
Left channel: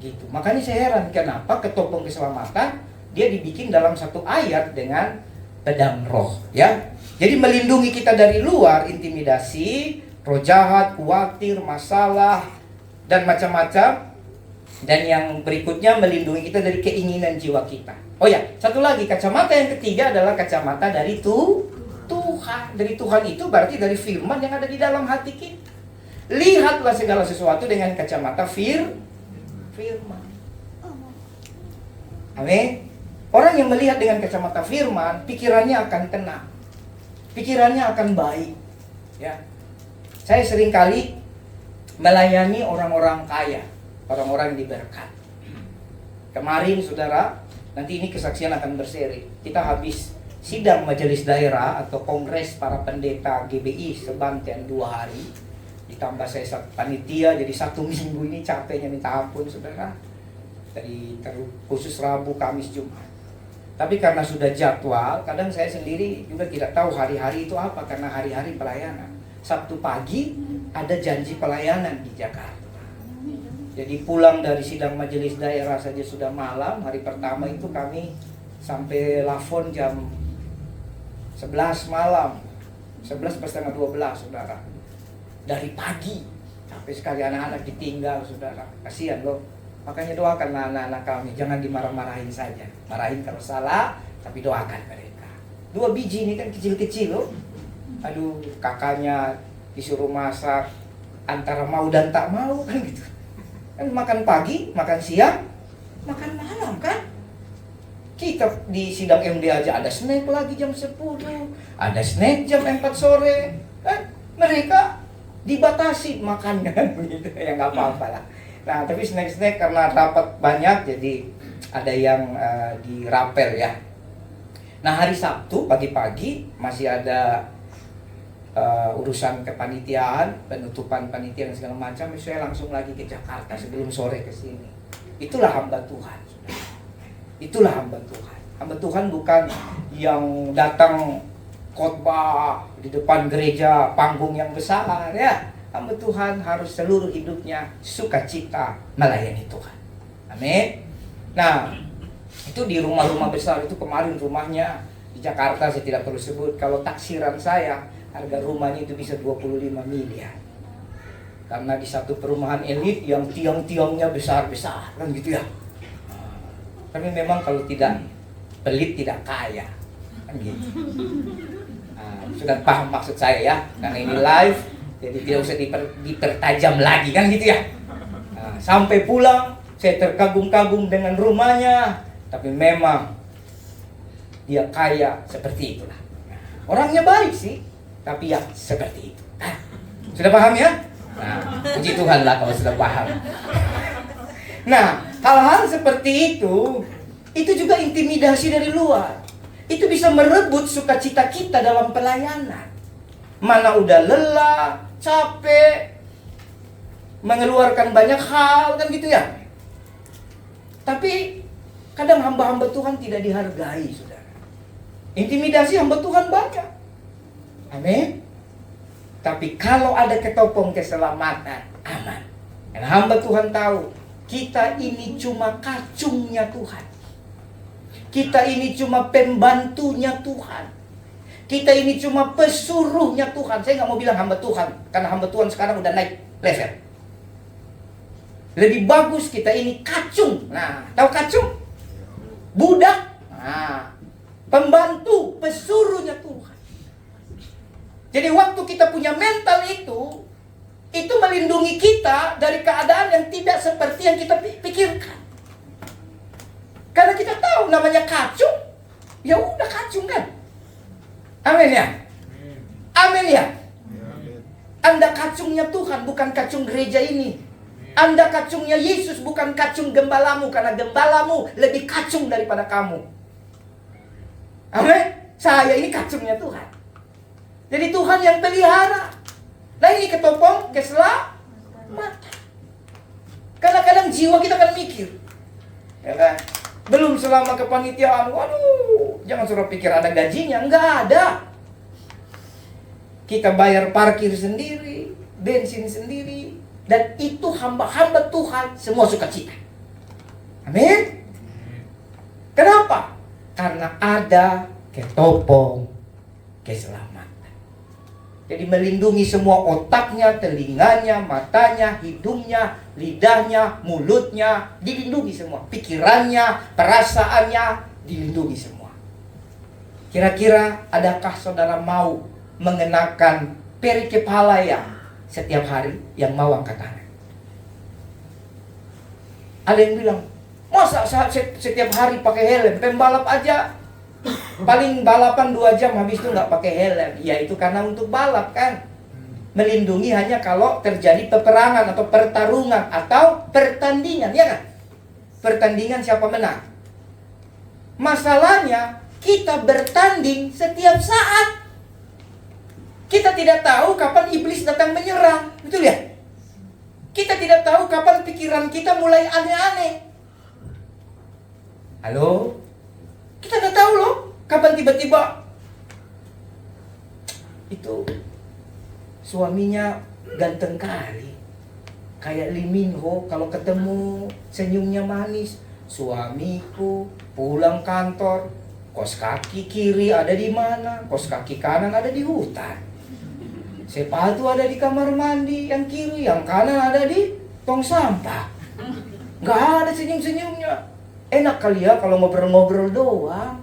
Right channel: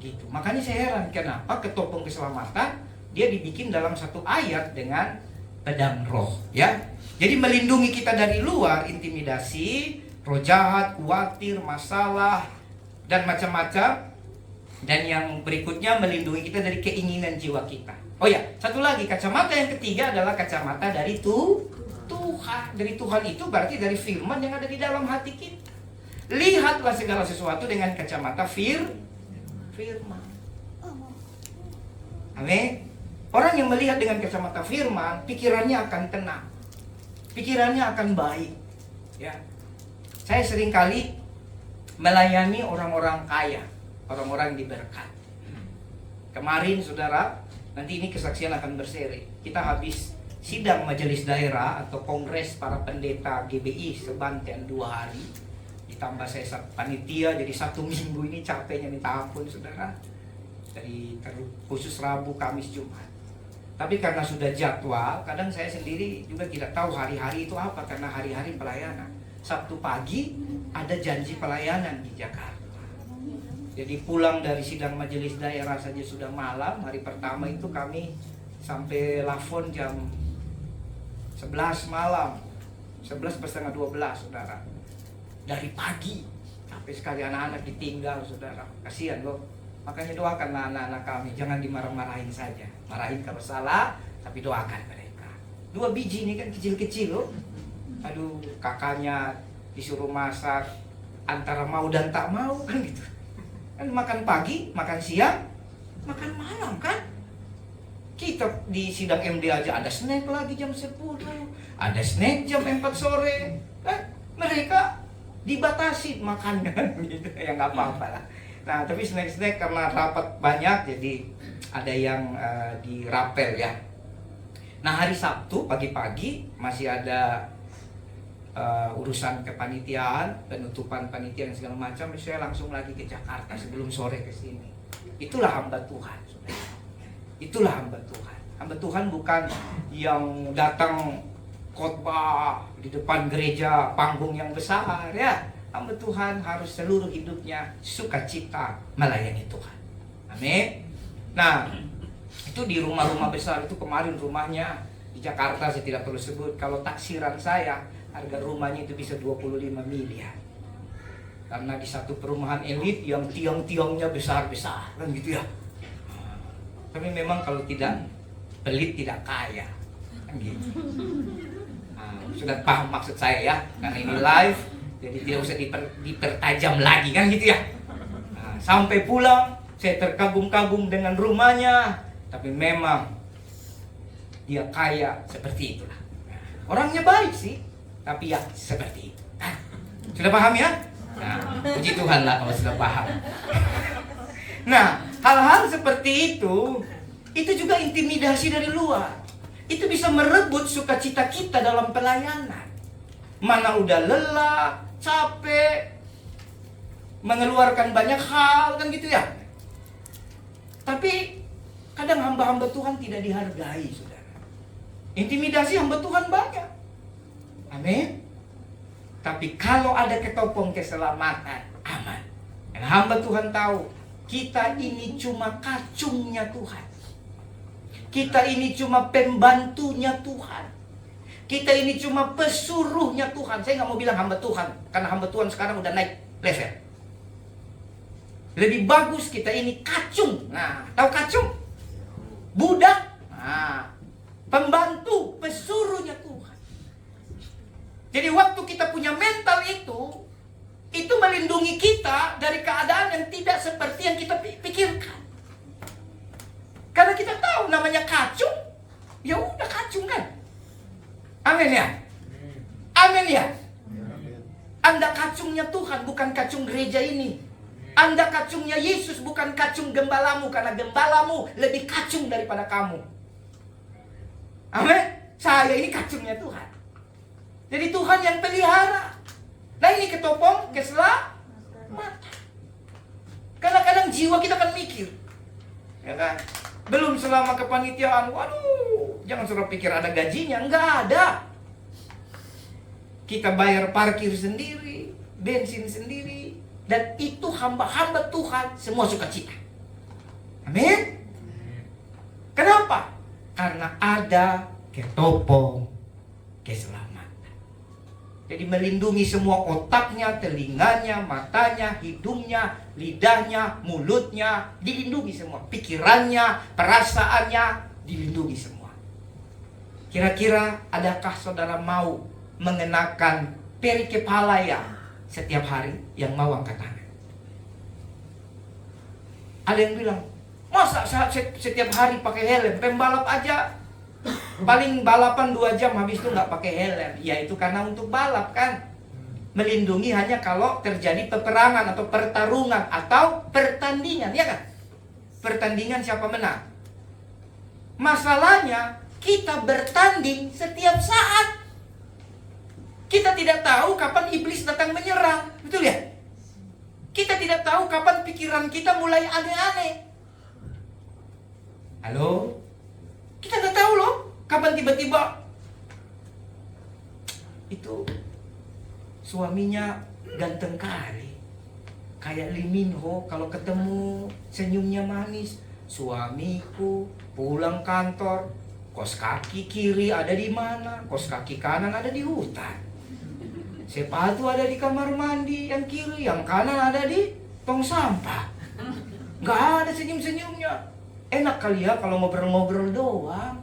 Gitu. Makanya saya heran kenapa ketopong keselamatan dia dibikin dalam satu ayat dengan pedang roh, ya. Jadi melindungi kita dari luar, intimidasi, roh jahat, khawatir, masalah, dan macam-macam. Dan yang berikutnya melindungi kita dari keinginan jiwa kita. Oh ya, satu lagi, kacamata yang ketiga adalah kacamata dari Tuhan. Dari Tuhan itu berarti dari firman yang ada di dalam hati kita. Lihatlah segala sesuatu dengan kacamata firman. Amin. Orang yang melihat dengan kacamata firman, pikirannya akan tenang. Pikirannya akan baik. Ya. Saya seringkali melayani orang-orang kaya, orang-orang diberkat. Kemarin saudara, nanti ini kesaksian akan berseri. Kita habis sidang majelis daerah atau kongres para pendeta GBI Sebanten 2 hari. Ditambah saya panitia, jadi 1 minggu ini capeknya minta ampun saudara. Dari khusus Rabu, Kamis, Jumat. Tapi karena sudah jadwal, kadang saya sendiri juga tidak tahu hari-hari itu apa, karena hari-hari pelayanan. Sabtu pagi ada janji pelayanan di Jakarta. Jadi pulang dari sidang majelis daerah saja sudah malam. Hari pertama itu kami sampai Lafon jam 11 malam, 11:30 saudara. Dari pagi sampai sekali anak-anak ditinggal saudara. Kasihan loh. Makanya doakanlah anak-anak kami, jangan dimarah-marahin saja. Marahin kalau salah, tapi doakan mereka. 2 biji ini kan kecil-kecil loh. Aduh, kakaknya disuruh masak antara mau dan tak mau kan gitu. Kan makan pagi, makan siang, makan malam kan. Kita di sidang MD aja ada snack lagi jam 10, ada snack jam 4 sore kan. Mereka dibatasi makannya gitu. Ya nggak apa-apa lah. Nah, tapi snack-snack karena rapat banyak, jadi ada yang dirapel ya. Nah, hari Sabtu pagi-pagi masih ada urusan kepanitiaan, penutupan panitia dan segala macam. Saya langsung lagi ke Jakarta sebelum sore ke sini. Itulah hamba Tuhan. Itulah hamba Tuhan. Hamba Tuhan bukan yang datang khotbah di depan gereja, panggung yang besar ya. Hamba Tuhan harus seluruh hidupnya sukacita melayani Tuhan. Amin. Nah, itu di rumah-rumah besar itu kemarin rumahnya di Jakarta saya tidak perlu sebut. Kalau taksiran saya Harga rumahnya itu bisa 25 miliar. Karena di satu perumahan elit yang tiang-tiangnya besar-besar, kan gitu ya. Tapi memang kalau tidak pelit tidak kaya, kan gitu. Sudah paham maksud saya ya, karena ini live, jadi tidak usah dipertajam lagi, kan gitu ya. Sampai pulang, saya terkagum-kagum dengan rumahnya, tapi memang dia kaya seperti itulah. Orangnya baik sih, tapi ya seperti itu. Sudah paham ya? Puji Tuhan lah kalau sudah paham. Nah, hal-hal seperti itu juga intimidasi dari luar. Itu bisa merebut sukacita kita dalam pelayanan. Mana udah lelah, capek, mengeluarkan banyak hal, kan gitu ya. Tapi kadang hamba-hamba Tuhan tidak dihargai, saudara. Intimidasi hamba Tuhan banyak. Amin. Tapi kalau ada ketopong keselamatan, aman. Dan hamba Tuhan tahu, kita ini cuma kacungnya Tuhan. Kita ini cuma pembantunya Tuhan. Kita ini cuma pesuruhnya Tuhan. Saya nggak mau bilang hamba Tuhan, karena hamba Tuhan sekarang udah naik level. Lebih bagus kita ini kacung. Nah, tahu kacung? Budak. Nah, pembantu, pesuruhnya Tuhan. Jadi waktu kita punya mental itu melindungi kita dari keadaan yang tidak seperti yang kita pikirkan. Karena kita tahu namanya kacung, ya udah kacung kan. Amin ya. Amin ya. Anda kacungnya Tuhan, bukan kacung gereja ini. Anda kacungnya Yesus, bukan kacung gembalamu, karena gembalamu lebih kacung daripada kamu. Amin. Saya ini kacungnya Tuhan. Jadi Tuhan yang pelihara. Nah ini ketopong, keselamatan. Kadang-kadang jiwa kita kan mikir, ya kan? Belum selama kepanitiaan, waduh, jangan suruh pikir ada gajinya, enggak ada. Kita bayar parkir sendiri, bensin sendiri, dan itu hamba-hamba Tuhan semua sukacita. Amin. Kenapa? Karena ada ketopong keselamatan. Jadi melindungi semua otaknya, telinganya, matanya, hidungnya, lidahnya, mulutnya, dilindungi semua. Pikirannya, perasaannya, dilindungi semua. Kira-kira adakah saudara mau mengenakan peri kepala yang setiap hari yang mau angkat tangan? Ada yang bilang, masa setiap hari pakai helm? Pembalap aja paling balapan 2 jam, habis itu nggak pakai helm. Ya itu karena untuk balap kan. Melindungi hanya kalau terjadi peperangan atau pertarungan atau pertandingan, ya kan? Pertandingan siapa menang. Masalahnya kita bertanding setiap saat. Kita tidak tahu kapan iblis datang menyerang, betul ya? Kita tidak tahu kapan pikiran kita mulai aneh-aneh. Halo? Kita nggak tahu loh, kapan tiba-tiba itu suaminya ganteng kali, kayak Lee Min Ho, kalau ketemu senyumnya manis. Suamiku pulang kantor, kos kaki kiri ada di mana, kos kaki kanan ada di hutan. Sepatu ada di kamar mandi yang kiri, yang kanan ada di tong sampah. Nggak ada senyum-senyumnya. Enak kali ya kalau ngobrol-ngobrol doang.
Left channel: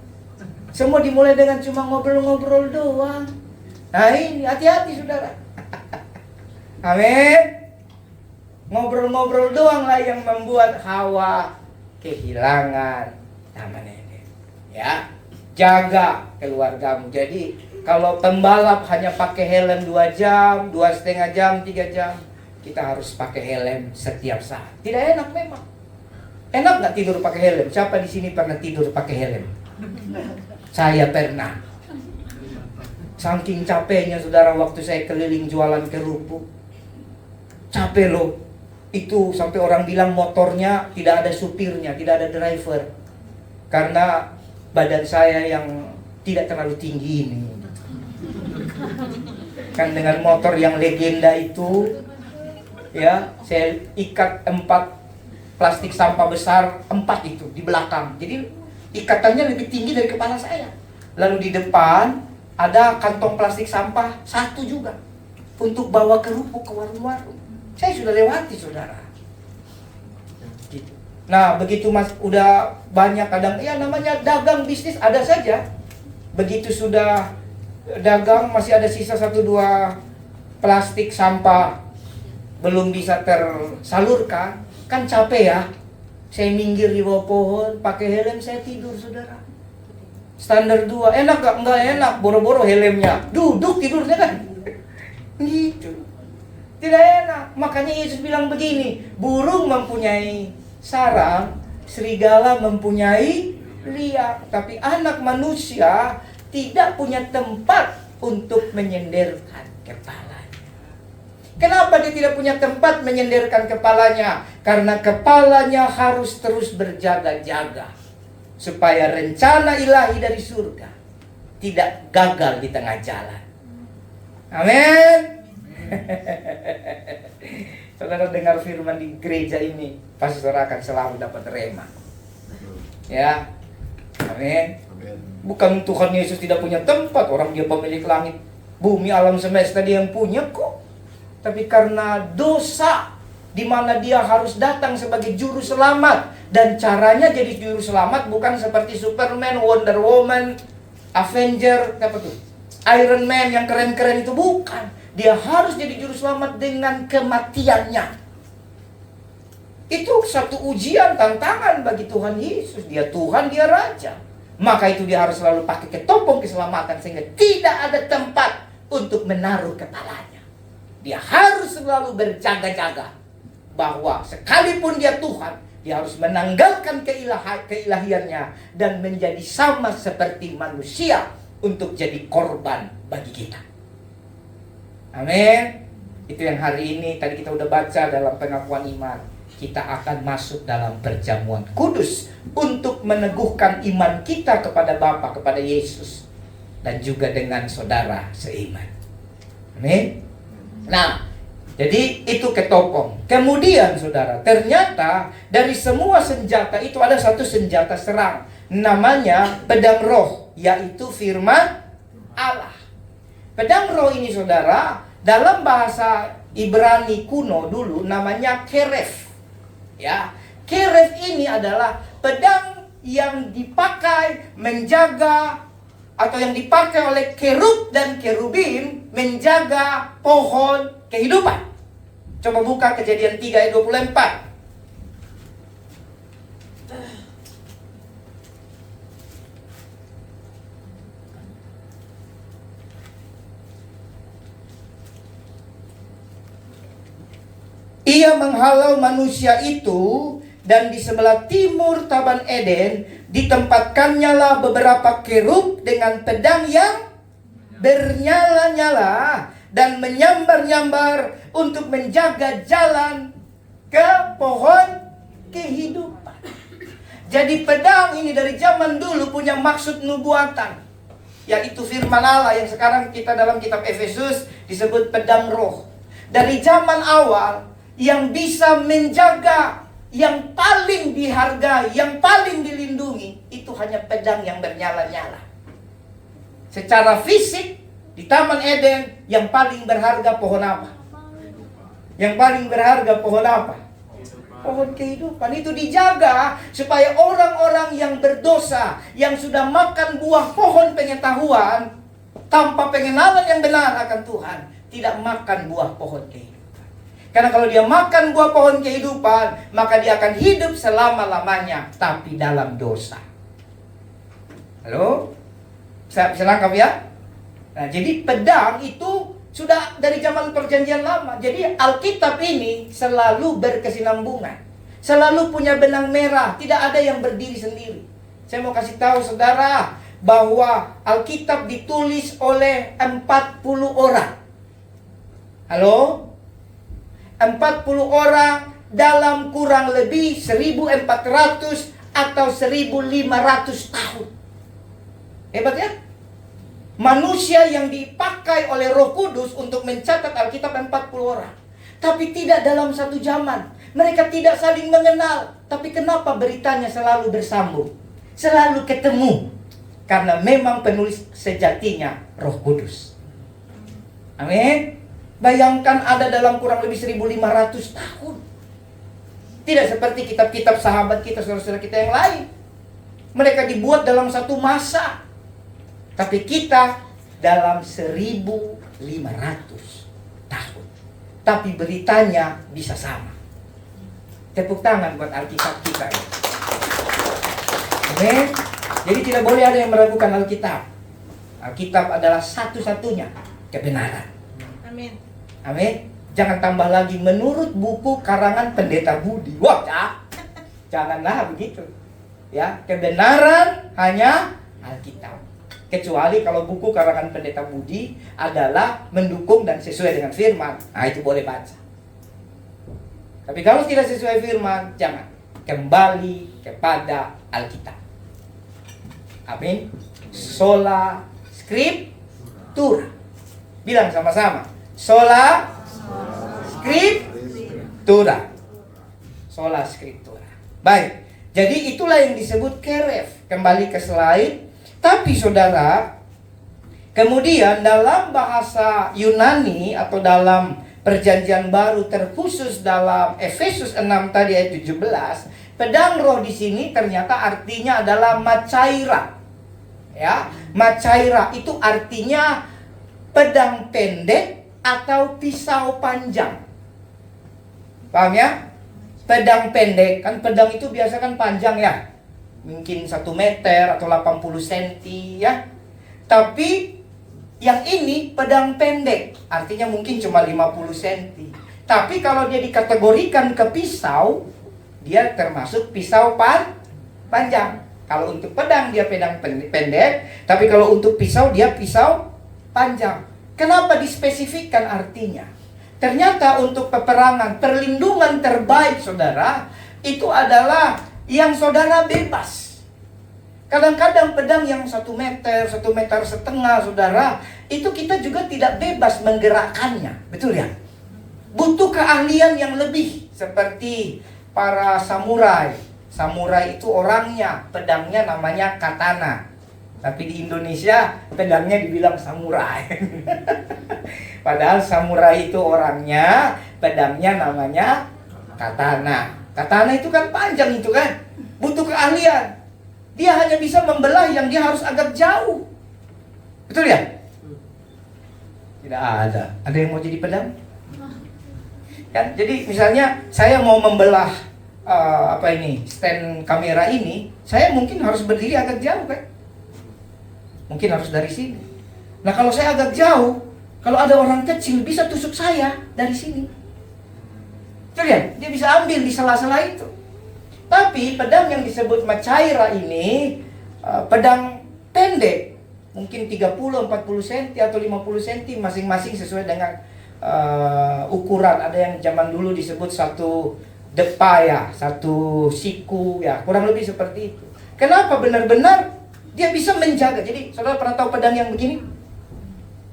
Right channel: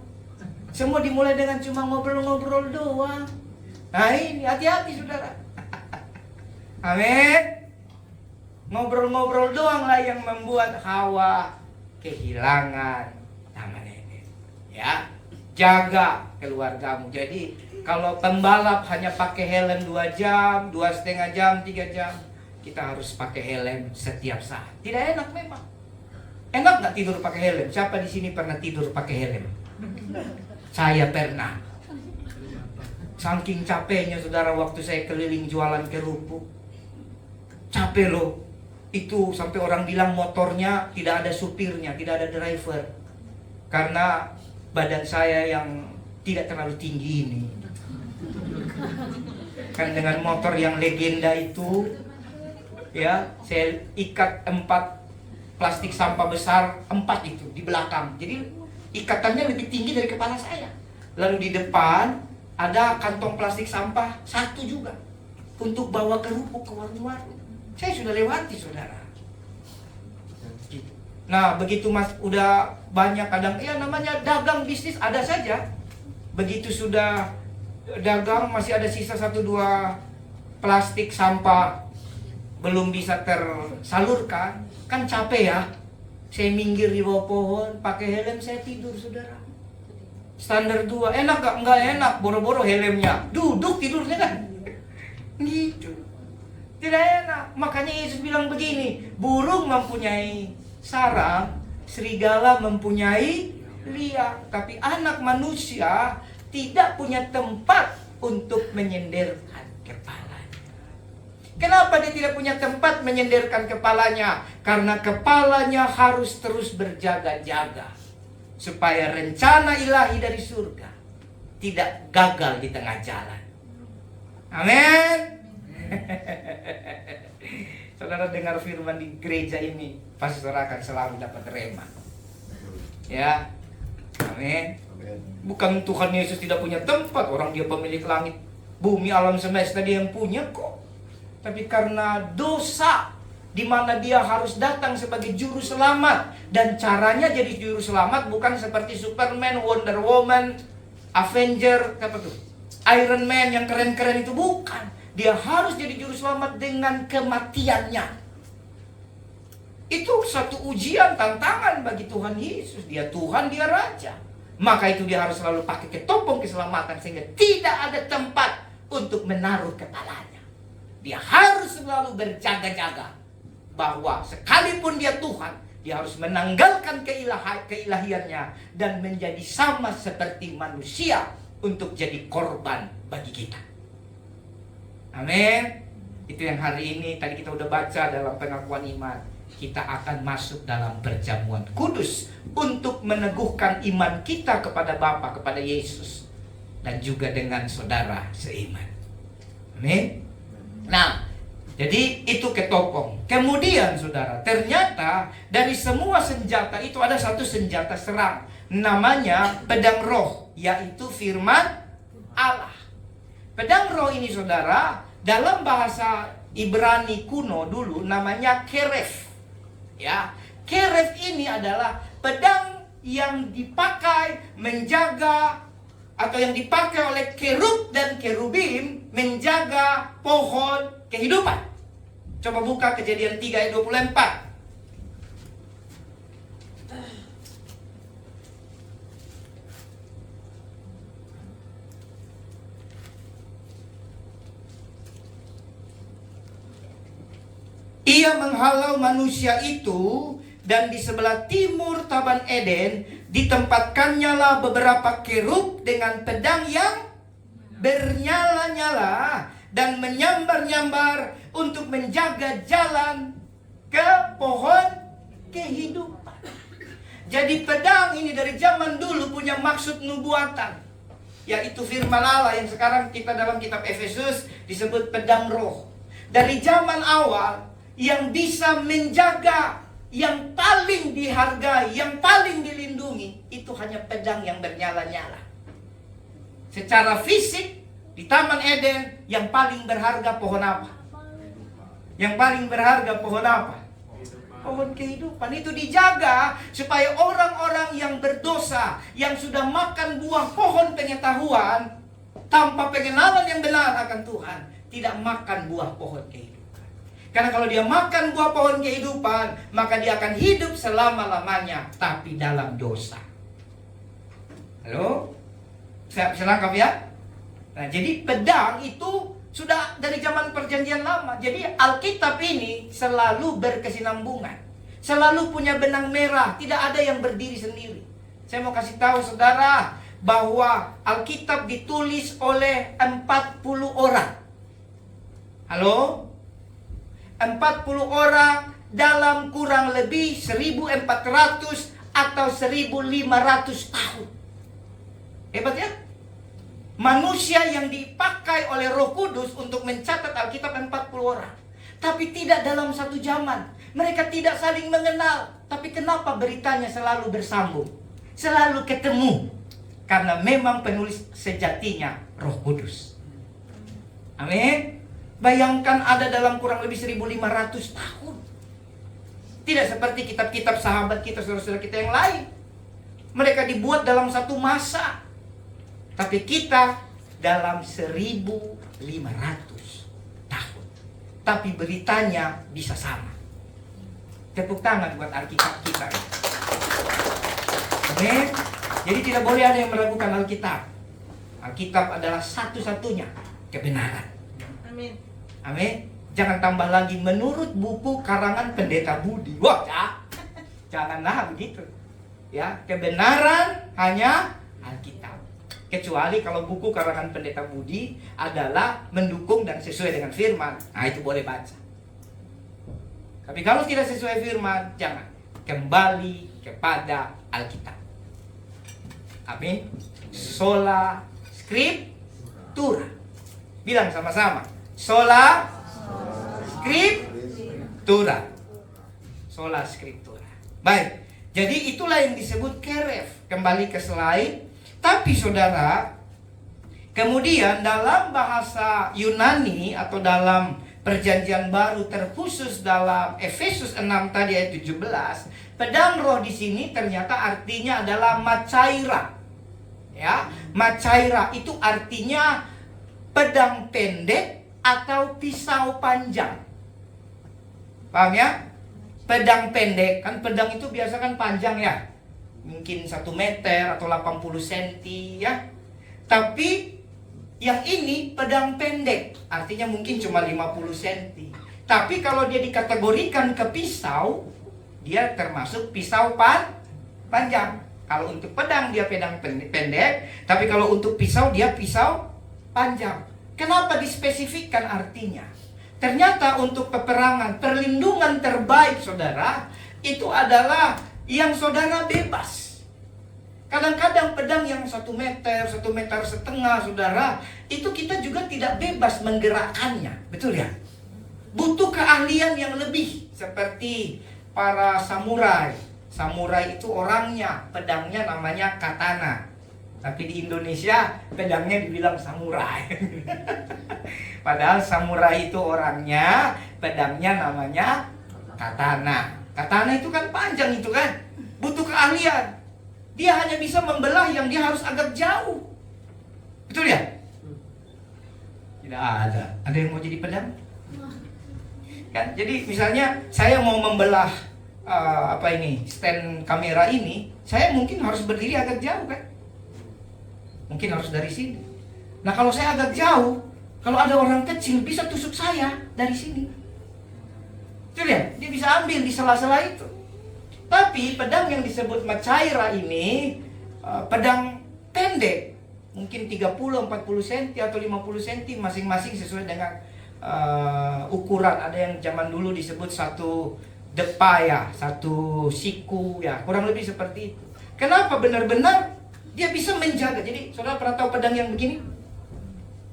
Semua dimulai dengan cuma ngobrol-ngobrol doang. Nah ini hati-hati saudara. Amin. Ngobrol-ngobrol doang lah yang membuat Hawa kehilangan Taman Eden. Ya, jaga keluargamu. Jadi kalau pembalap hanya pakai helm 2 jam, 2,5 jam, 3 jam, kita harus pakai helm setiap saat. Tidak enak memang. Enak nggak tidur pakai helm? Siapa di sini pernah tidur pakai helm? Saya pernah. Saking capeknya saudara waktu saya keliling jualan kerupuk. Capek loh. Itu sampai orang bilang motornya tidak ada supirnya, tidak ada driver. Karena badan saya yang tidak terlalu tinggi ini. Kan dengan motor yang legenda itu, ya, saya ikat 4 plastik sampah besar, 4 itu di belakang. Jadi ikatannya lebih tinggi dari kepala saya. Lalu di depan ada kantong plastik sampah satu juga untuk bawa kerupuk ke warung-warung. Saya sudah lewati, saudara. Gitu. Nah, begitu mas udah banyak kadang ya namanya dagang bisnis ada saja. Begitu sudah dagang masih ada sisa 1-2 plastik sampah belum bisa tersalurkan, kan capek ya. Saya minggir di bawah pohon, pakai helm, saya tidur, saudara. Standar 2, enak gak? Enggak enak, boro-boro helmnya. Duduk tidurnya kan. Gitu. Tidak enak. Makanya Yesus bilang begini, burung mempunyai sarang, serigala mempunyai liang, tapi anak manusia tidak punya tempat untuk menyenderkan kepalanya. Kenapa dia tidak punya tempat menyenderkan kepalanya? Karena kepalanya harus terus berjaga-jaga supaya rencana ilahi dari surga tidak gagal di tengah jalan. Amin. Saudara dengar firman di gereja ini, pasti saudara akan selalu dapat rema. Ya. Amin. Bukan Tuhan Yesus tidak punya tempat, orang dia pemilik langit, bumi, alam semesta, dia yang punya kok. Tapi karena dosa, di mana dia harus datang sebagai juru selamat, dan caranya jadi juru selamat bukan seperti Superman, Wonder Woman, Avenger, apa tuh, Iron Man yang keren-keren itu, bukan. Dia harus jadi juru selamat dengan kematiannya. Itu satu ujian, tantangan bagi Tuhan Yesus. Dia Tuhan, dia Raja. Maka itu dia harus selalu pakai ketopong keselamatan, sehingga tidak ada tempat untuk menaruh kepalanya. Dia harus selalu berjaga-jaga bahwa sekalipun dia Tuhan, dia harus menanggalkan keilahiannya dan menjadi sama seperti manusia untuk jadi korban bagi kita. Amin. Itu yang hari ini tadi kita udah baca dalam pengakuan iman. Kita akan masuk dalam perjamuan kudus untuk meneguhkan iman kita kepada Bapa, kepada Yesus, dan juga dengan saudara seiman. Amin. Nah, jadi itu ketopong. Kemudian saudara, ternyata dari semua senjata itu ada satu senjata serang, namanya pedang roh, yaitu firman Allah. Pedang roh ini saudara, dalam bahasa Ibrani kuno dulu namanya keref. Ya, keref ini adalah pedang yang dipakai menjaga, atau yang dipakai oleh kerub dan kerubim menjaga pohon kehidupan. Coba buka Kejadian 3 ayat 24. Ia menghalau manusia itu, dan di sebelah timur Taman Eden ditempatkannya lah beberapa kerub dengan pedang yang bernyala-nyala dan menyambar-nyambar untuk menjaga jalan ke pohon kehidupan. Jadi pedang ini dari zaman dulu punya maksud nubuatan, yaitu firman Allah yang sekarang kita dalam kitab Efesus disebut pedang roh. Dari zaman awal yang bisa menjaga, yang paling dihargai, yang paling dilindungi, itu hanya pedang yang bernyala-nyala. Secara fisik, di Taman Eden, yang paling berharga pohon apa? Yang paling berharga pohon apa? Pohon kehidupan. Itu dijaga supaya orang-orang yang berdosa, yang sudah makan buah pohon pengetahuan, tanpa pengenalan yang benar akan Tuhan, tidak makan buah pohon kehidupan. Karena kalau dia makan buah pohon kehidupan, maka dia akan hidup selama-lamanya, tapi dalam dosa. Halo? Bisa lengkap ya? Nah, jadi pedang itu sudah dari zaman perjanjian lama. Jadi Alkitab ini selalu berkesinambungan, selalu punya benang merah, tidak ada yang berdiri sendiri. Saya mau kasih tahu saudara bahwa Alkitab ditulis oleh 40 orang. Halo? 40 orang dalam kurang lebih 1400 atau 1500 tahun. Hebat ya? Manusia yang dipakai oleh Roh Kudus untuk mencatat Alkitab 40 orang. Tapi tidak dalam satu zaman. Mereka tidak saling mengenal. Tapi kenapa beritanya selalu bersambung? Selalu ketemu. Karena memang penulis sejatinya Roh Kudus. Amin. Bayangkan ada dalam kurang lebih 1500 tahun. Tidak seperti kitab-kitab sahabat kita, saudara-saudara kita yang lain. Mereka dibuat dalam satu masa. Tapi kita dalam 1500 tahun. Tapi beritanya bisa sama. Tepuk tangan buat Alkitab kita. Amin. Jadi tidak boleh ada yang meragukan Alkitab. Alkitab adalah satu-satunya kebenaran. Amin. Amin. Jangan tambah lagi menurut buku karangan Pendeta Budi. Wah, janganlah begitu. Ya, kebenaran hanya Alkitab. Kecuali kalau buku karangan Pendeta Budi adalah mendukung dan sesuai dengan firman. Nah, itu boleh baca. Tapi kalau tidak sesuai firman, jangan. Kembali kepada Alkitab. Amin. Sola Scriptura. Bilang sama-sama. Sola Scriptura. Sola Scriptura. Baik. Jadi itulah yang disebut keref. Kembali ke slide. Tapi saudara, kemudian dalam bahasa Yunani atau dalam Perjanjian Baru, terkhusus dalam Efesus 6 tadi ayat 17, pedang roh di sini ternyata artinya adalah macaira. Ya, macaira itu artinya pedang pendek atau pisau panjang. Paham ya? Pedang pendek, kan pedang itu biasa kan panjang ya. Mungkin 1 meter atau 80 cm ya. Tapi yang ini pedang pendek, artinya mungkin cuma 50 cm. Tapi kalau dia dikategorikan ke pisau, dia termasuk pisau panjang. Kalau untuk pedang dia pedang pendek, tapi kalau untuk pisau dia pisau panjang. Kenapa dispesifikkan artinya? Ternyata untuk peperangan, perlindungan terbaik saudara, itu adalah yang saudara bebas. Kadang-kadang pedang yang 1 meter, 1,5 meter saudara, itu kita juga tidak bebas menggerakkannya. Betul ya? Butuh keahlian yang lebih. Seperti para samurai. Samurai itu orangnya, pedangnya namanya katana. Tapi di Indonesia pedangnya dibilang samurai. Padahal samurai itu orangnya, pedangnya namanya katana. Katana itu kan panjang itu kan, butuh keahlian. Dia hanya bisa membelah yang dia harus agak jauh. Betul ya? Tidak ada. Ada yang mau jadi pedang? Kan? Jadi misalnya saya mau membelah stand kamera ini, saya mungkin harus berdiri agak jauh kan? Mungkin harus dari sini. Nah kalau saya agak jauh, kalau ada orang kecil bisa tusuk saya dari sini. Betul ya? Dia bisa ambil di sela-sela itu. Tapi pedang yang disebut macaira ini pedang pendek, mungkin 30-40 cm atau 50 cm masing-masing sesuai dengan ukuran. Ada yang zaman dulu disebut 1 depa ya, 1 siku ya, kurang lebih seperti itu. Kenapa? Benar-benar dia bisa menjaga. Jadi saudara pernah tahu pedang yang begini?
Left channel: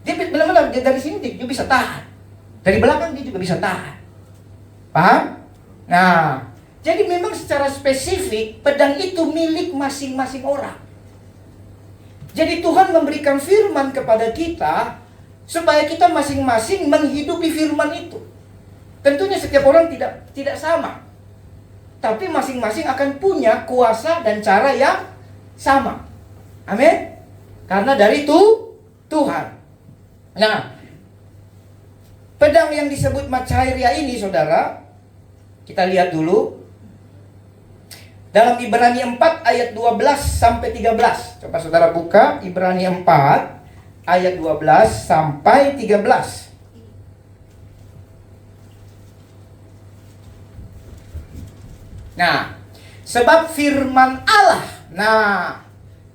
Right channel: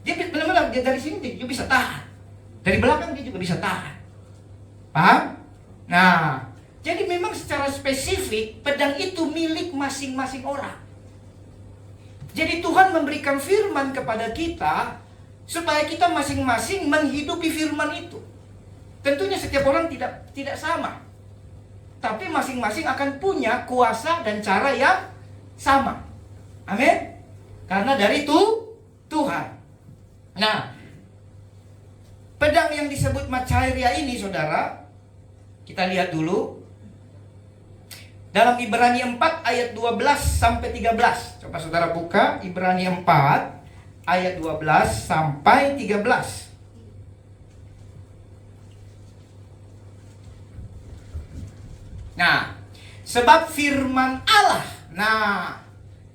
Dia benar-benar dari sini dia bisa tahan, dari belakang dia juga bisa tahan. Paham? Nah, jadi memang secara spesifik pedang itu milik masing-masing orang. Jadi Tuhan memberikan firman kepada kita supaya kita masing-masing menghidupi firman itu. Tentunya setiap orang tidak sama. Tapi masing-masing akan punya kuasa dan cara yang sama. Amin. Karena dari itu Tuhan. Nah, pedang yang disebut macaira ini saudara, kita lihat dulu dalam Ibrani 4 ayat 12 sampai 13. Coba saudara buka Ibrani 4 ayat 12 sampai 13. Nah, sebab firman Allah. Nah,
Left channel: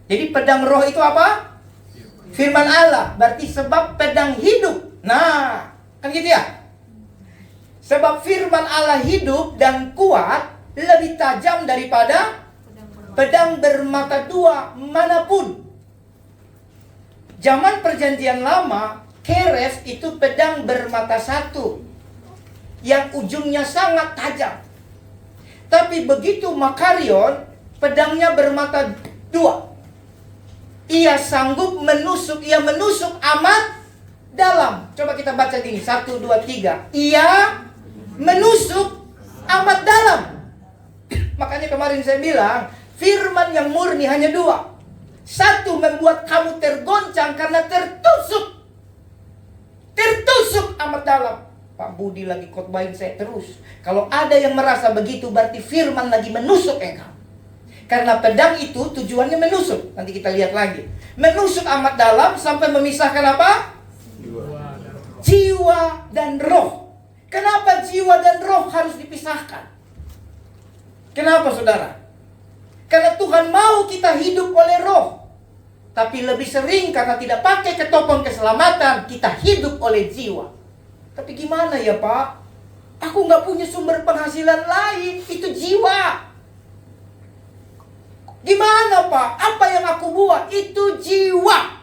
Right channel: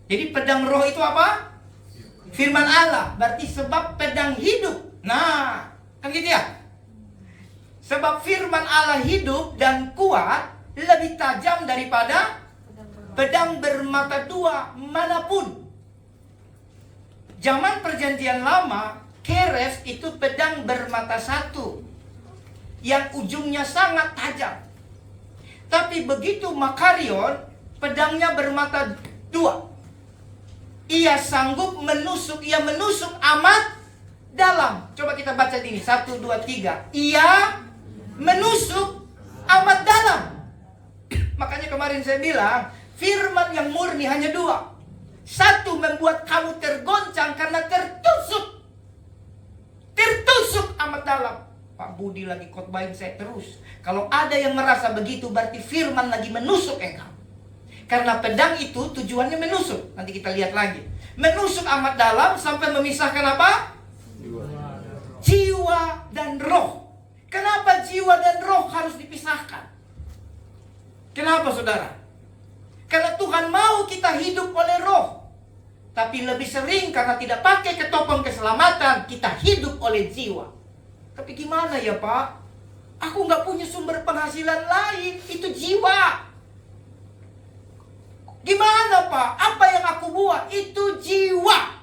jadi pedang roh itu apa? Firman Allah. Berarti sebab pedang hidup. Nah, kan gitu ya? Sebab firman Allah hidup dan kuat, lebih tajam daripada pedang bermata 2 manapun. Zaman perjanjian lama, keres itu pedang bermata 1 yang ujungnya sangat tajam. Tapi begitu Makarion, pedangnya bermata 2. Ia sanggup menusuk, ia menusuk amat dalam. Coba kita baca ini, 1, 2, 3. Ia menusuk amat dalam. Makanya kemarin saya bilang, firman yang murni hanya 2. Satu, membuat kamu tergoncang karena tertusuk. Tertusuk amat dalam. Pak Budi lagi khotbahin saya terus. Kalau ada yang merasa begitu, berarti firman lagi menusuk engkau. Karena pedang itu tujuannya menusuk. Nanti kita lihat lagi. Menusuk amat dalam sampai memisahkan apa? Jiwa dan roh. Kenapa jiwa dan roh harus dipisahkan? Kenapa saudara? Karena Tuhan mau kita hidup oleh roh. Tapi lebih sering karena tidak pakai ketopong keselamatan, kita hidup oleh jiwa. Tapi gimana ya Pak? Aku nggak punya sumber penghasilan lain, itu jiwa. Gimana Pak? Apa yang aku buat? Itu jiwa.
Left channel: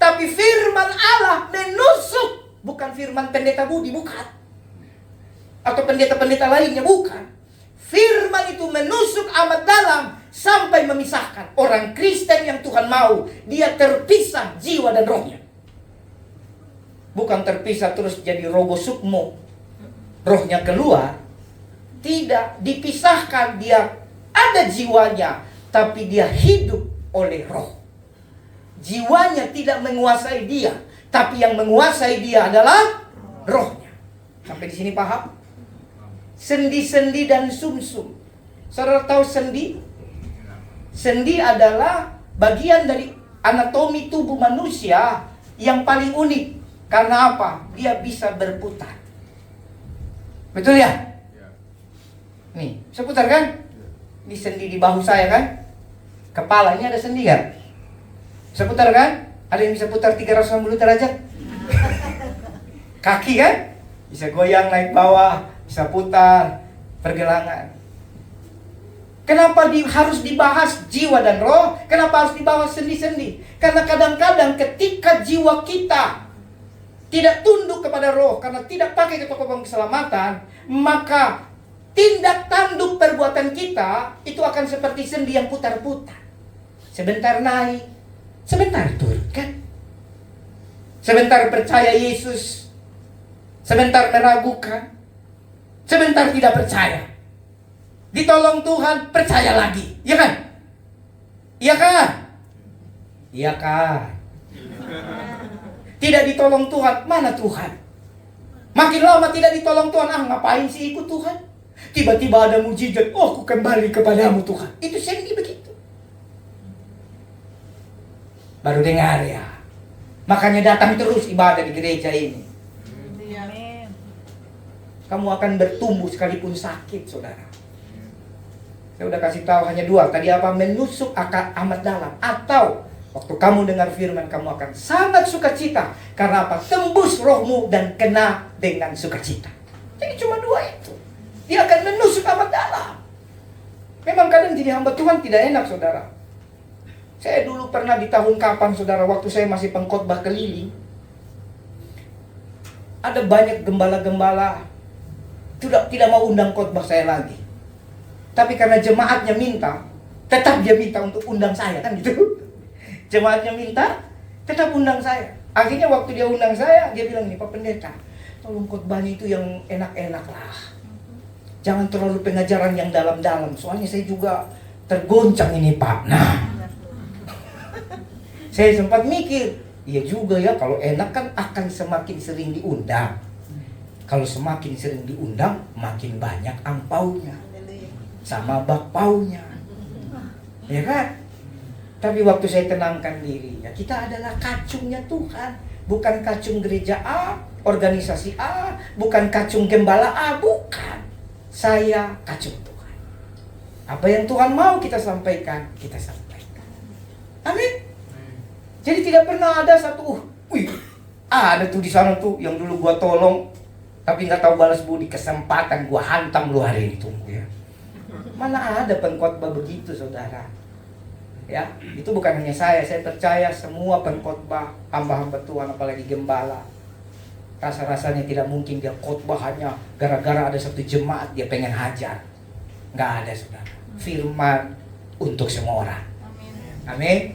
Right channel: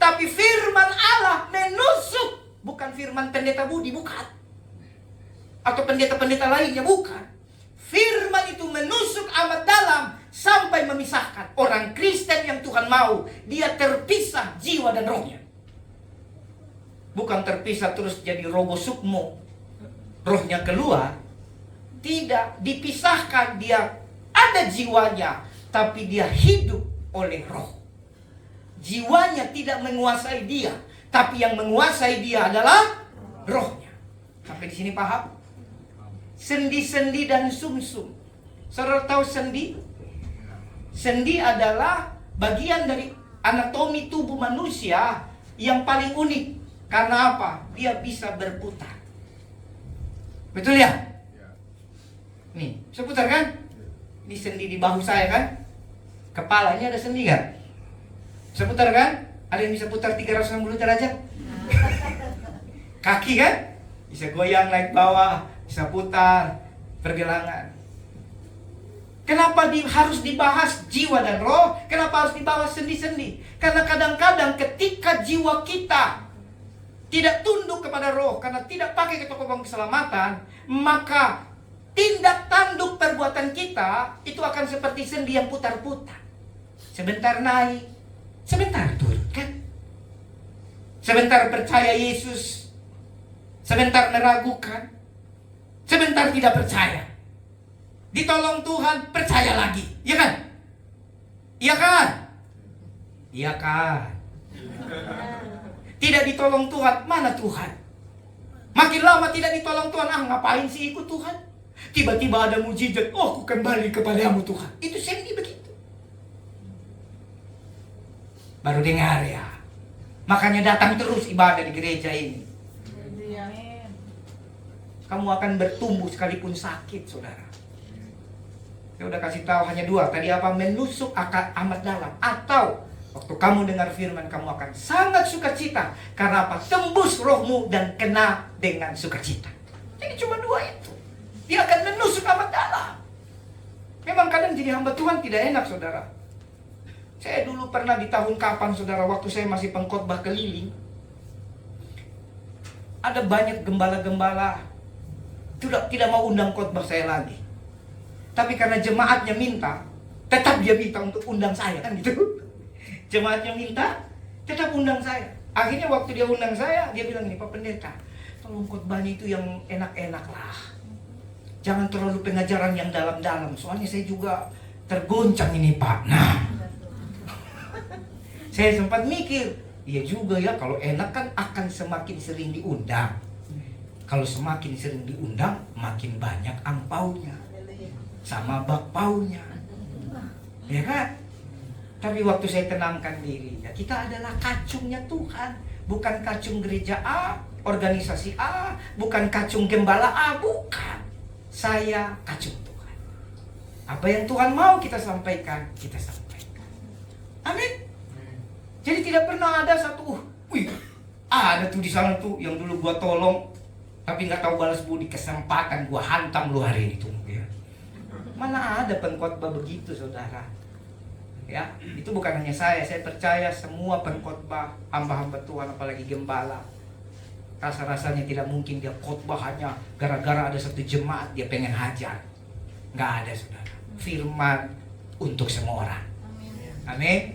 Tapi firman Allah menusuk. Bukan firman pendeta Budi, bukan. Atau pendeta-pendeta lainnya, bukan. Firman itu menusuk amat dalam sampai memisahkan. Orang Kristen yang Tuhan mau, dia terpisah jiwa dan rohnya. Bukan terpisah terus jadi rogo sukmo, rohnya keluar. Tidak, dipisahkan. Dia ada jiwanya, tapi dia hidup oleh roh. Jiwanya tidak menguasai dia, tapi yang menguasai dia adalah rohnya. Sampai di sini paham? Sendi-sendi dan sumsum. Saudara tahu sendi? Sendi adalah bagian dari anatomi tubuh manusia yang paling unik. Karena apa? Dia bisa berputar. Betul ya? Nih, bisa putar kan? Di sendi di bahu saya kan? Kepala ini ada sendi kan? Bisa putar kan? Ada yang bisa putar 360 derajat? Kaki kan? Bisa goyang naik bawah, bisa putar, pergelangan. Kenapa harus dibahas jiwa dan roh? Kenapa harus dibahas sendi-sendi? Karena kadang-kadang ketika jiwa kita tidak tunduk kepada roh, karena tidak pakai ketopong keselamatan, maka tindak tanduk perbuatan kita itu akan seperti sendi yang putar-putar. Sebentar naik, sebentar turun kan? Sebentar percaya Yesus, sebentar meragukan, sebentar tidak percaya. Ditolong Tuhan, percaya lagi, iya kan? Iya kan? Iya kan? Tidak ditolong Tuhan, mana Tuhan? Makin lama tidak ditolong Tuhan, ngapain sih ikut Tuhan? Tiba-tiba ada mujizat, oh aku kembali kepadamu Tuhan. Itu sendi begitu. Baru dengar ya. Makanya datang terus ibadah di gereja ini. Kamu akan bertumbuh sekalipun sakit, saudara. Saya udah kasih tahu hanya 2. Tadi apa? Menusuk amat dalam. Atau waktu kamu dengar firman, kamu akan sangat sukacita. Karena apa? Tembus rohmu dan kena dengan sukacita. Jadi cuma 2 itu. Dia akan menusuk amat dalam. Memang kadang jadi hamba Tuhan tidak enak, saudara. Saya dulu pernah di tahun kapan, saudara, waktu saya masih pengkhotbah keliling. Ada banyak gembala-gembala tidak mau undang khotbah saya lagi. Tapi karena jemaatnya minta, tetap dia minta untuk undang saya, kan gitu. Jemaatnya minta, tetap undang saya. Akhirnya waktu dia undang saya, dia bilang nih, Pak Pendeta, tolong khotbahnya itu yang enak-enak lah. Jangan terlalu pengajaran yang dalam-dalam. Soalnya saya juga tergoncang ini Pak. Nah, saya sempat mikir, iya juga ya, kalau enak kan akan semakin sering diundang. Kalau semakin sering diundang, makin banyak angpaunya. Sama bakpaunya. Ya kan? Tapi waktu saya tenangkan diri, ya kita adalah kacungnya Tuhan. Bukan kacung gereja A, organisasi A, bukan kacung gembala A, bukan. Saya kacung Tuhan. Apa yang Tuhan mau kita sampaikan, kita sampaikan. Amin. Jadi tidak pernah ada satu, ada tuh di sana tuh yang dulu gua tolong, tapi nggak tahu balas budi, kesempatan gua hantam lu hari itu. Ya. Mana ada pengkhotbah begitu, saudara? Ya, itu bukan hanya saya percaya semua pengkhotbah, hamba-hamba Tuhan, apalagi gembala. Rasa-rasanya tidak mungkin dia khotbah hanya gara-gara ada satu jemaat dia pengen hajar. Nggak ada, saudara. Firman untuk semua orang. Amin.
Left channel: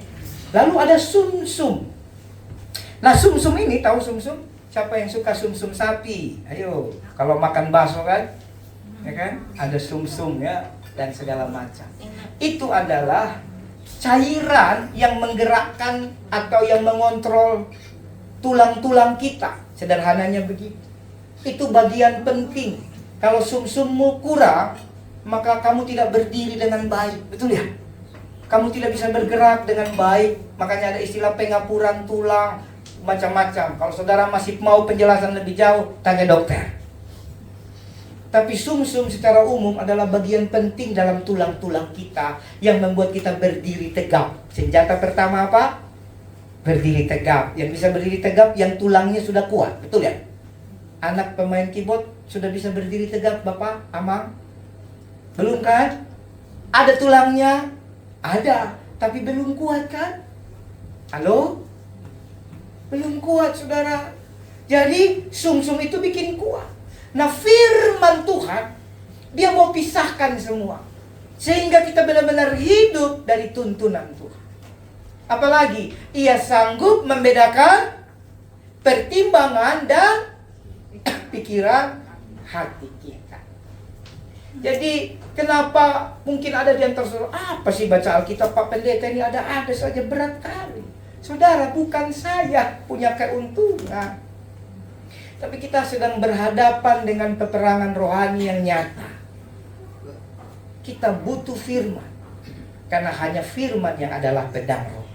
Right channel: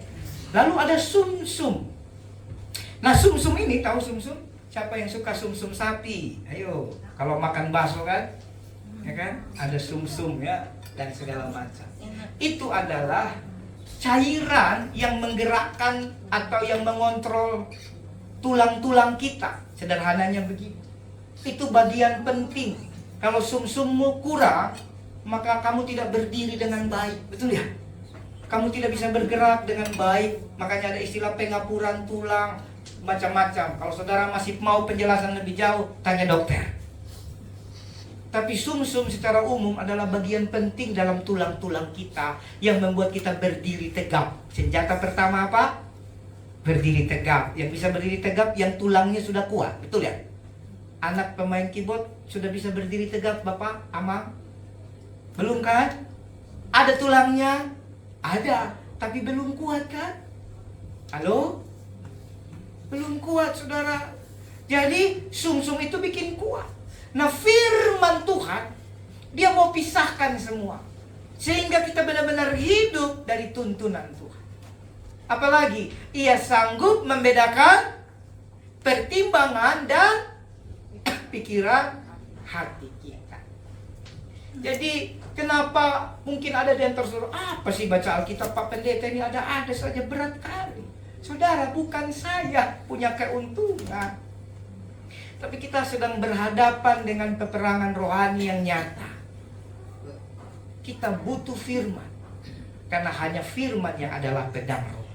Lalu ada sumsum. Nah, sumsum ini, tahu sumsum? Siapa yang suka sumsum sapi? Ayo, kalau makan bakso kan, ya kan, ada sumsum ya dan segala macam. Itu adalah cairan yang menggerakkan atau yang mengontrol tulang-tulang kita. Sederhananya begitu. Itu bagian penting. Kalau sumsummu kurang, maka kamu tidak berdiri dengan baik. Betul ya? Kamu tidak bisa bergerak dengan baik. Makanya ada istilah pengapuran tulang, macam-macam. Kalau saudara masih mau penjelasan lebih jauh, tanya dokter. Tapi sumsum secara umum adalah bagian penting dalam tulang-tulang kita yang membuat kita berdiri tegap. Senjata pertama apa? Berdiri tegap. Yang bisa berdiri tegap yang tulangnya sudah kuat. Betul ya? Anak pemain keyboard sudah bisa berdiri tegap, Bapak, Amang? Belum kan? Ada tulangnya? Ada, tapi belum kuat kan? Halo? Belum kuat, saudara. Jadi sumsum itu bikin kuat. Nah, firman Tuhan, dia mau pisahkan semua, sehingga kita benar-benar hidup dari tuntunan Tuhan. Apalagi, ia sanggup membedakan pertimbangan dan pikiran hati kita. Jadi, kenapa mungkin ada di antara saudara, apa sih baca Alkitab Pak Pendeta ini ada saja, berat kali. Saudara, bukan saya punya keuntungan, tapi kita sedang berhadapan dengan peperangan rohani yang nyata. Kita butuh firman, karena hanya firman yang adalah pedang roh.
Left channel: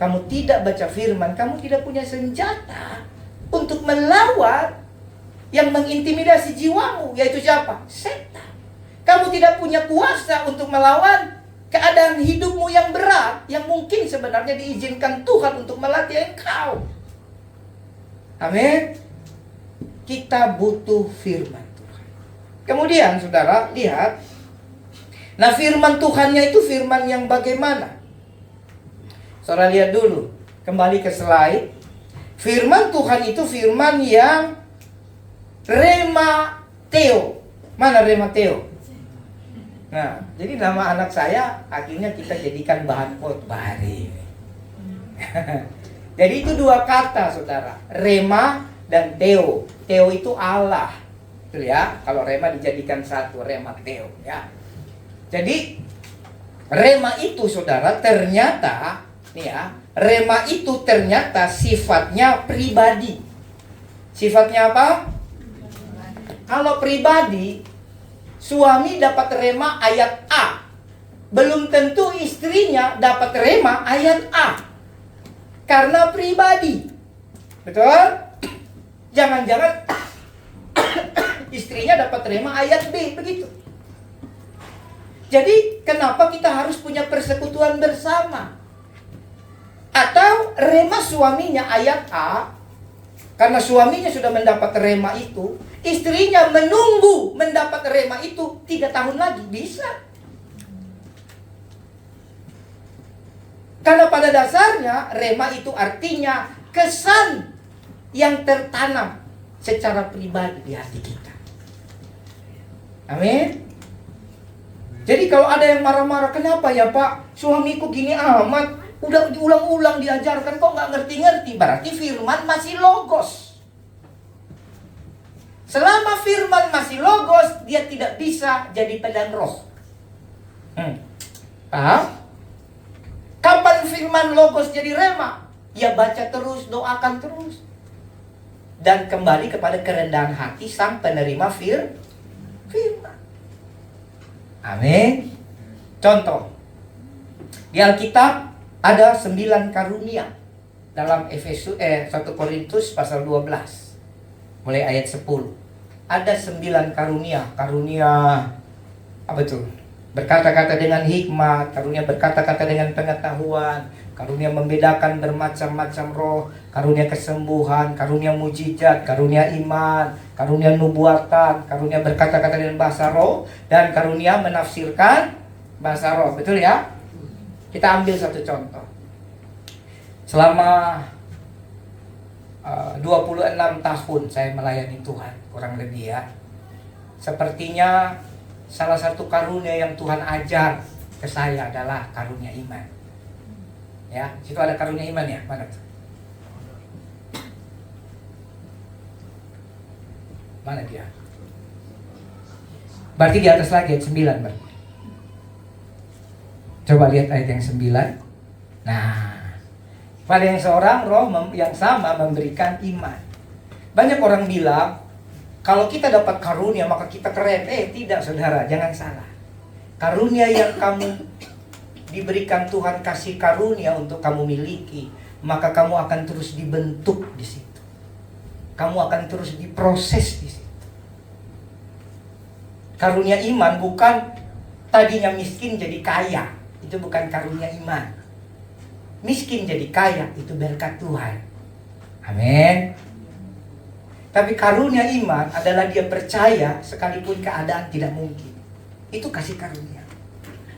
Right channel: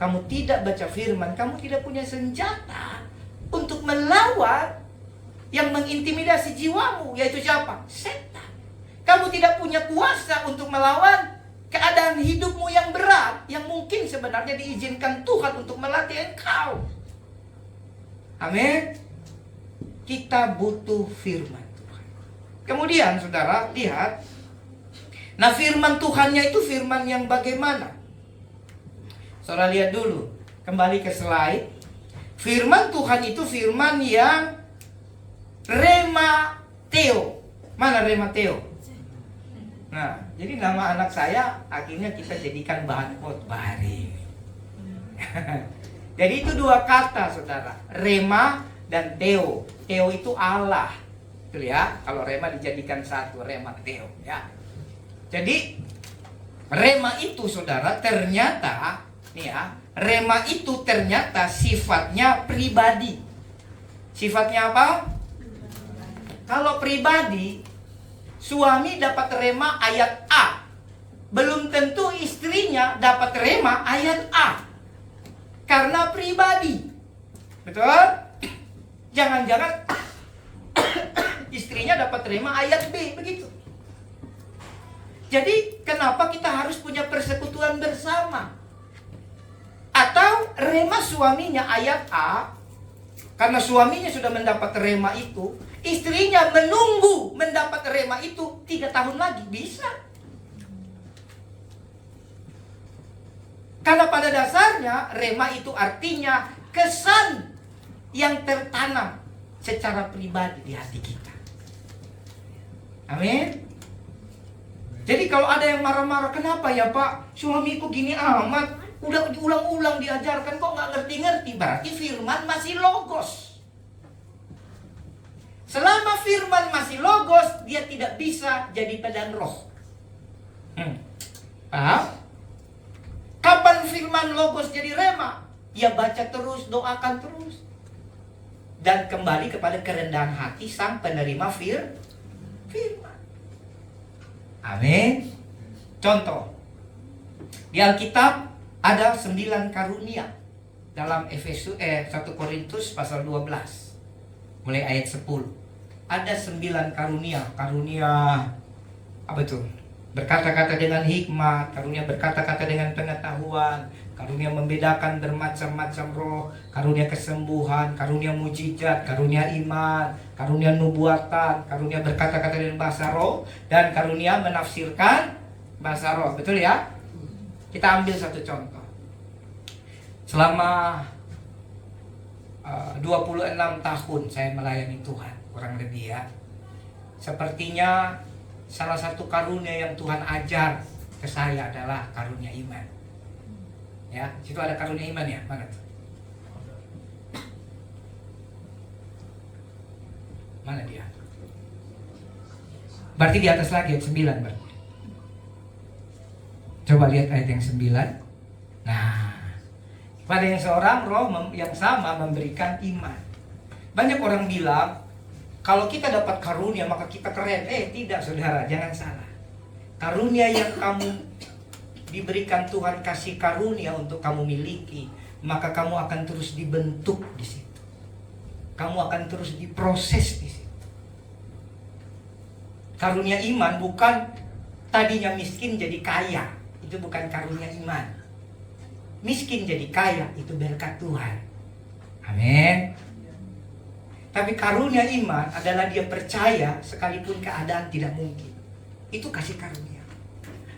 Kamu tidak baca firman, kamu tidak punya senjata untuk melawan yang mengintimidasi jiwamu, yaitu siapa? Setan. Kamu tidak punya kuasa untuk melawan keadaan hidupmu yang berat, yang mungkin sebenarnya diizinkan Tuhan untuk melatih engkau. Amin. Kita butuh firman Tuhan. Kemudian saudara lihat, nah firman Tuhannya itu firman yang bagaimana? Saudara lihat dulu, kembali ke slide. Firman Tuhan itu firman yang Rema Theo. Mana Rema Theo? Nah, jadi nama anak saya akhirnya kita jadikan bahan khotbah hari ini. Jadi itu dua kata, saudara, Rema dan Theo. Theo itu Allah, betul ya? Kalau Rema dijadikan satu, Rema Theo, ya. Jadi Rema itu, saudara, ternyata nih ya, Rema itu ternyata sifatnya pribadi. Sifatnya apa? Kalau pribadi, suami dapat rema ayat A, belum tentu istrinya dapat rema ayat A, karena pribadi. Betul? Jangan-jangan istrinya dapat rema ayat B, begitu. Jadi kenapa kita harus punya persekutuan bersama? Atau rema suaminya ayat A, karena suaminya sudah mendapat rema itu, istrinya menunggu mendapat rema itu 3 tahun lagi, bisa. Karena pada dasarnya rema itu artinya kesan yang tertanam secara pribadi di hati kita. Amin. Jadi kalau ada yang marah-marah, kenapa ya Pak, suamiku gini amat, udah diulang-ulang diajarkan kok nggak ngerti-ngerti, berarti firman masih logos. Selama firman masih logos, dia tidak bisa jadi pedang roh. Kapan firman logos jadi rema? Ya baca terus, doakan terus, dan kembali kepada kerendahan hati sang penerima firman. Amin. Contoh, di Alkitab ada 9 karunia dalam 1 Korintus pasal 12 mulai ayat 10. Ada 9 karunia. Karunia apa tuh? Berkata-kata dengan hikmat, karunia berkata-kata dengan pengetahuan, karunia membedakan bermacam-macam roh, karunia kesembuhan, karunia mujizat, karunia iman, karunia nubuatan, karunia berkata-kata dengan bahasa roh, dan karunia menafsirkan bahasa roh. Betul ya? Kita ambil satu contoh. Selama 26 tahun saya melayani Tuhan, kurang lebih ya. Sepertinya salah satu karunia yang Tuhan ajar ke saya adalah karunia iman. Ya, situ ada karunia iman ya, mana tuh? Mana dia? Berarti di atas lagi ayat 9 berarti. Coba lihat ayat yang 9. Nah, pada yang seorang roh yang sama memberikan iman. Banyak orang bilang kalau kita dapat karunia maka kita keren. Tidak saudara, jangan salah. Karunia yang kamu diberikan Tuhan kasih karunia untuk kamu miliki, maka kamu akan terus dibentuk di situ. Kamu akan terus diproses di situ. Karunia iman bukan tadinya miskin jadi kaya. Itu bukan karunia iman. Miskin jadi kaya itu berkat Tuhan. Amin. Tapi karunia iman adalah dia percaya sekalipun keadaan tidak mungkin. Itu kasih karunia.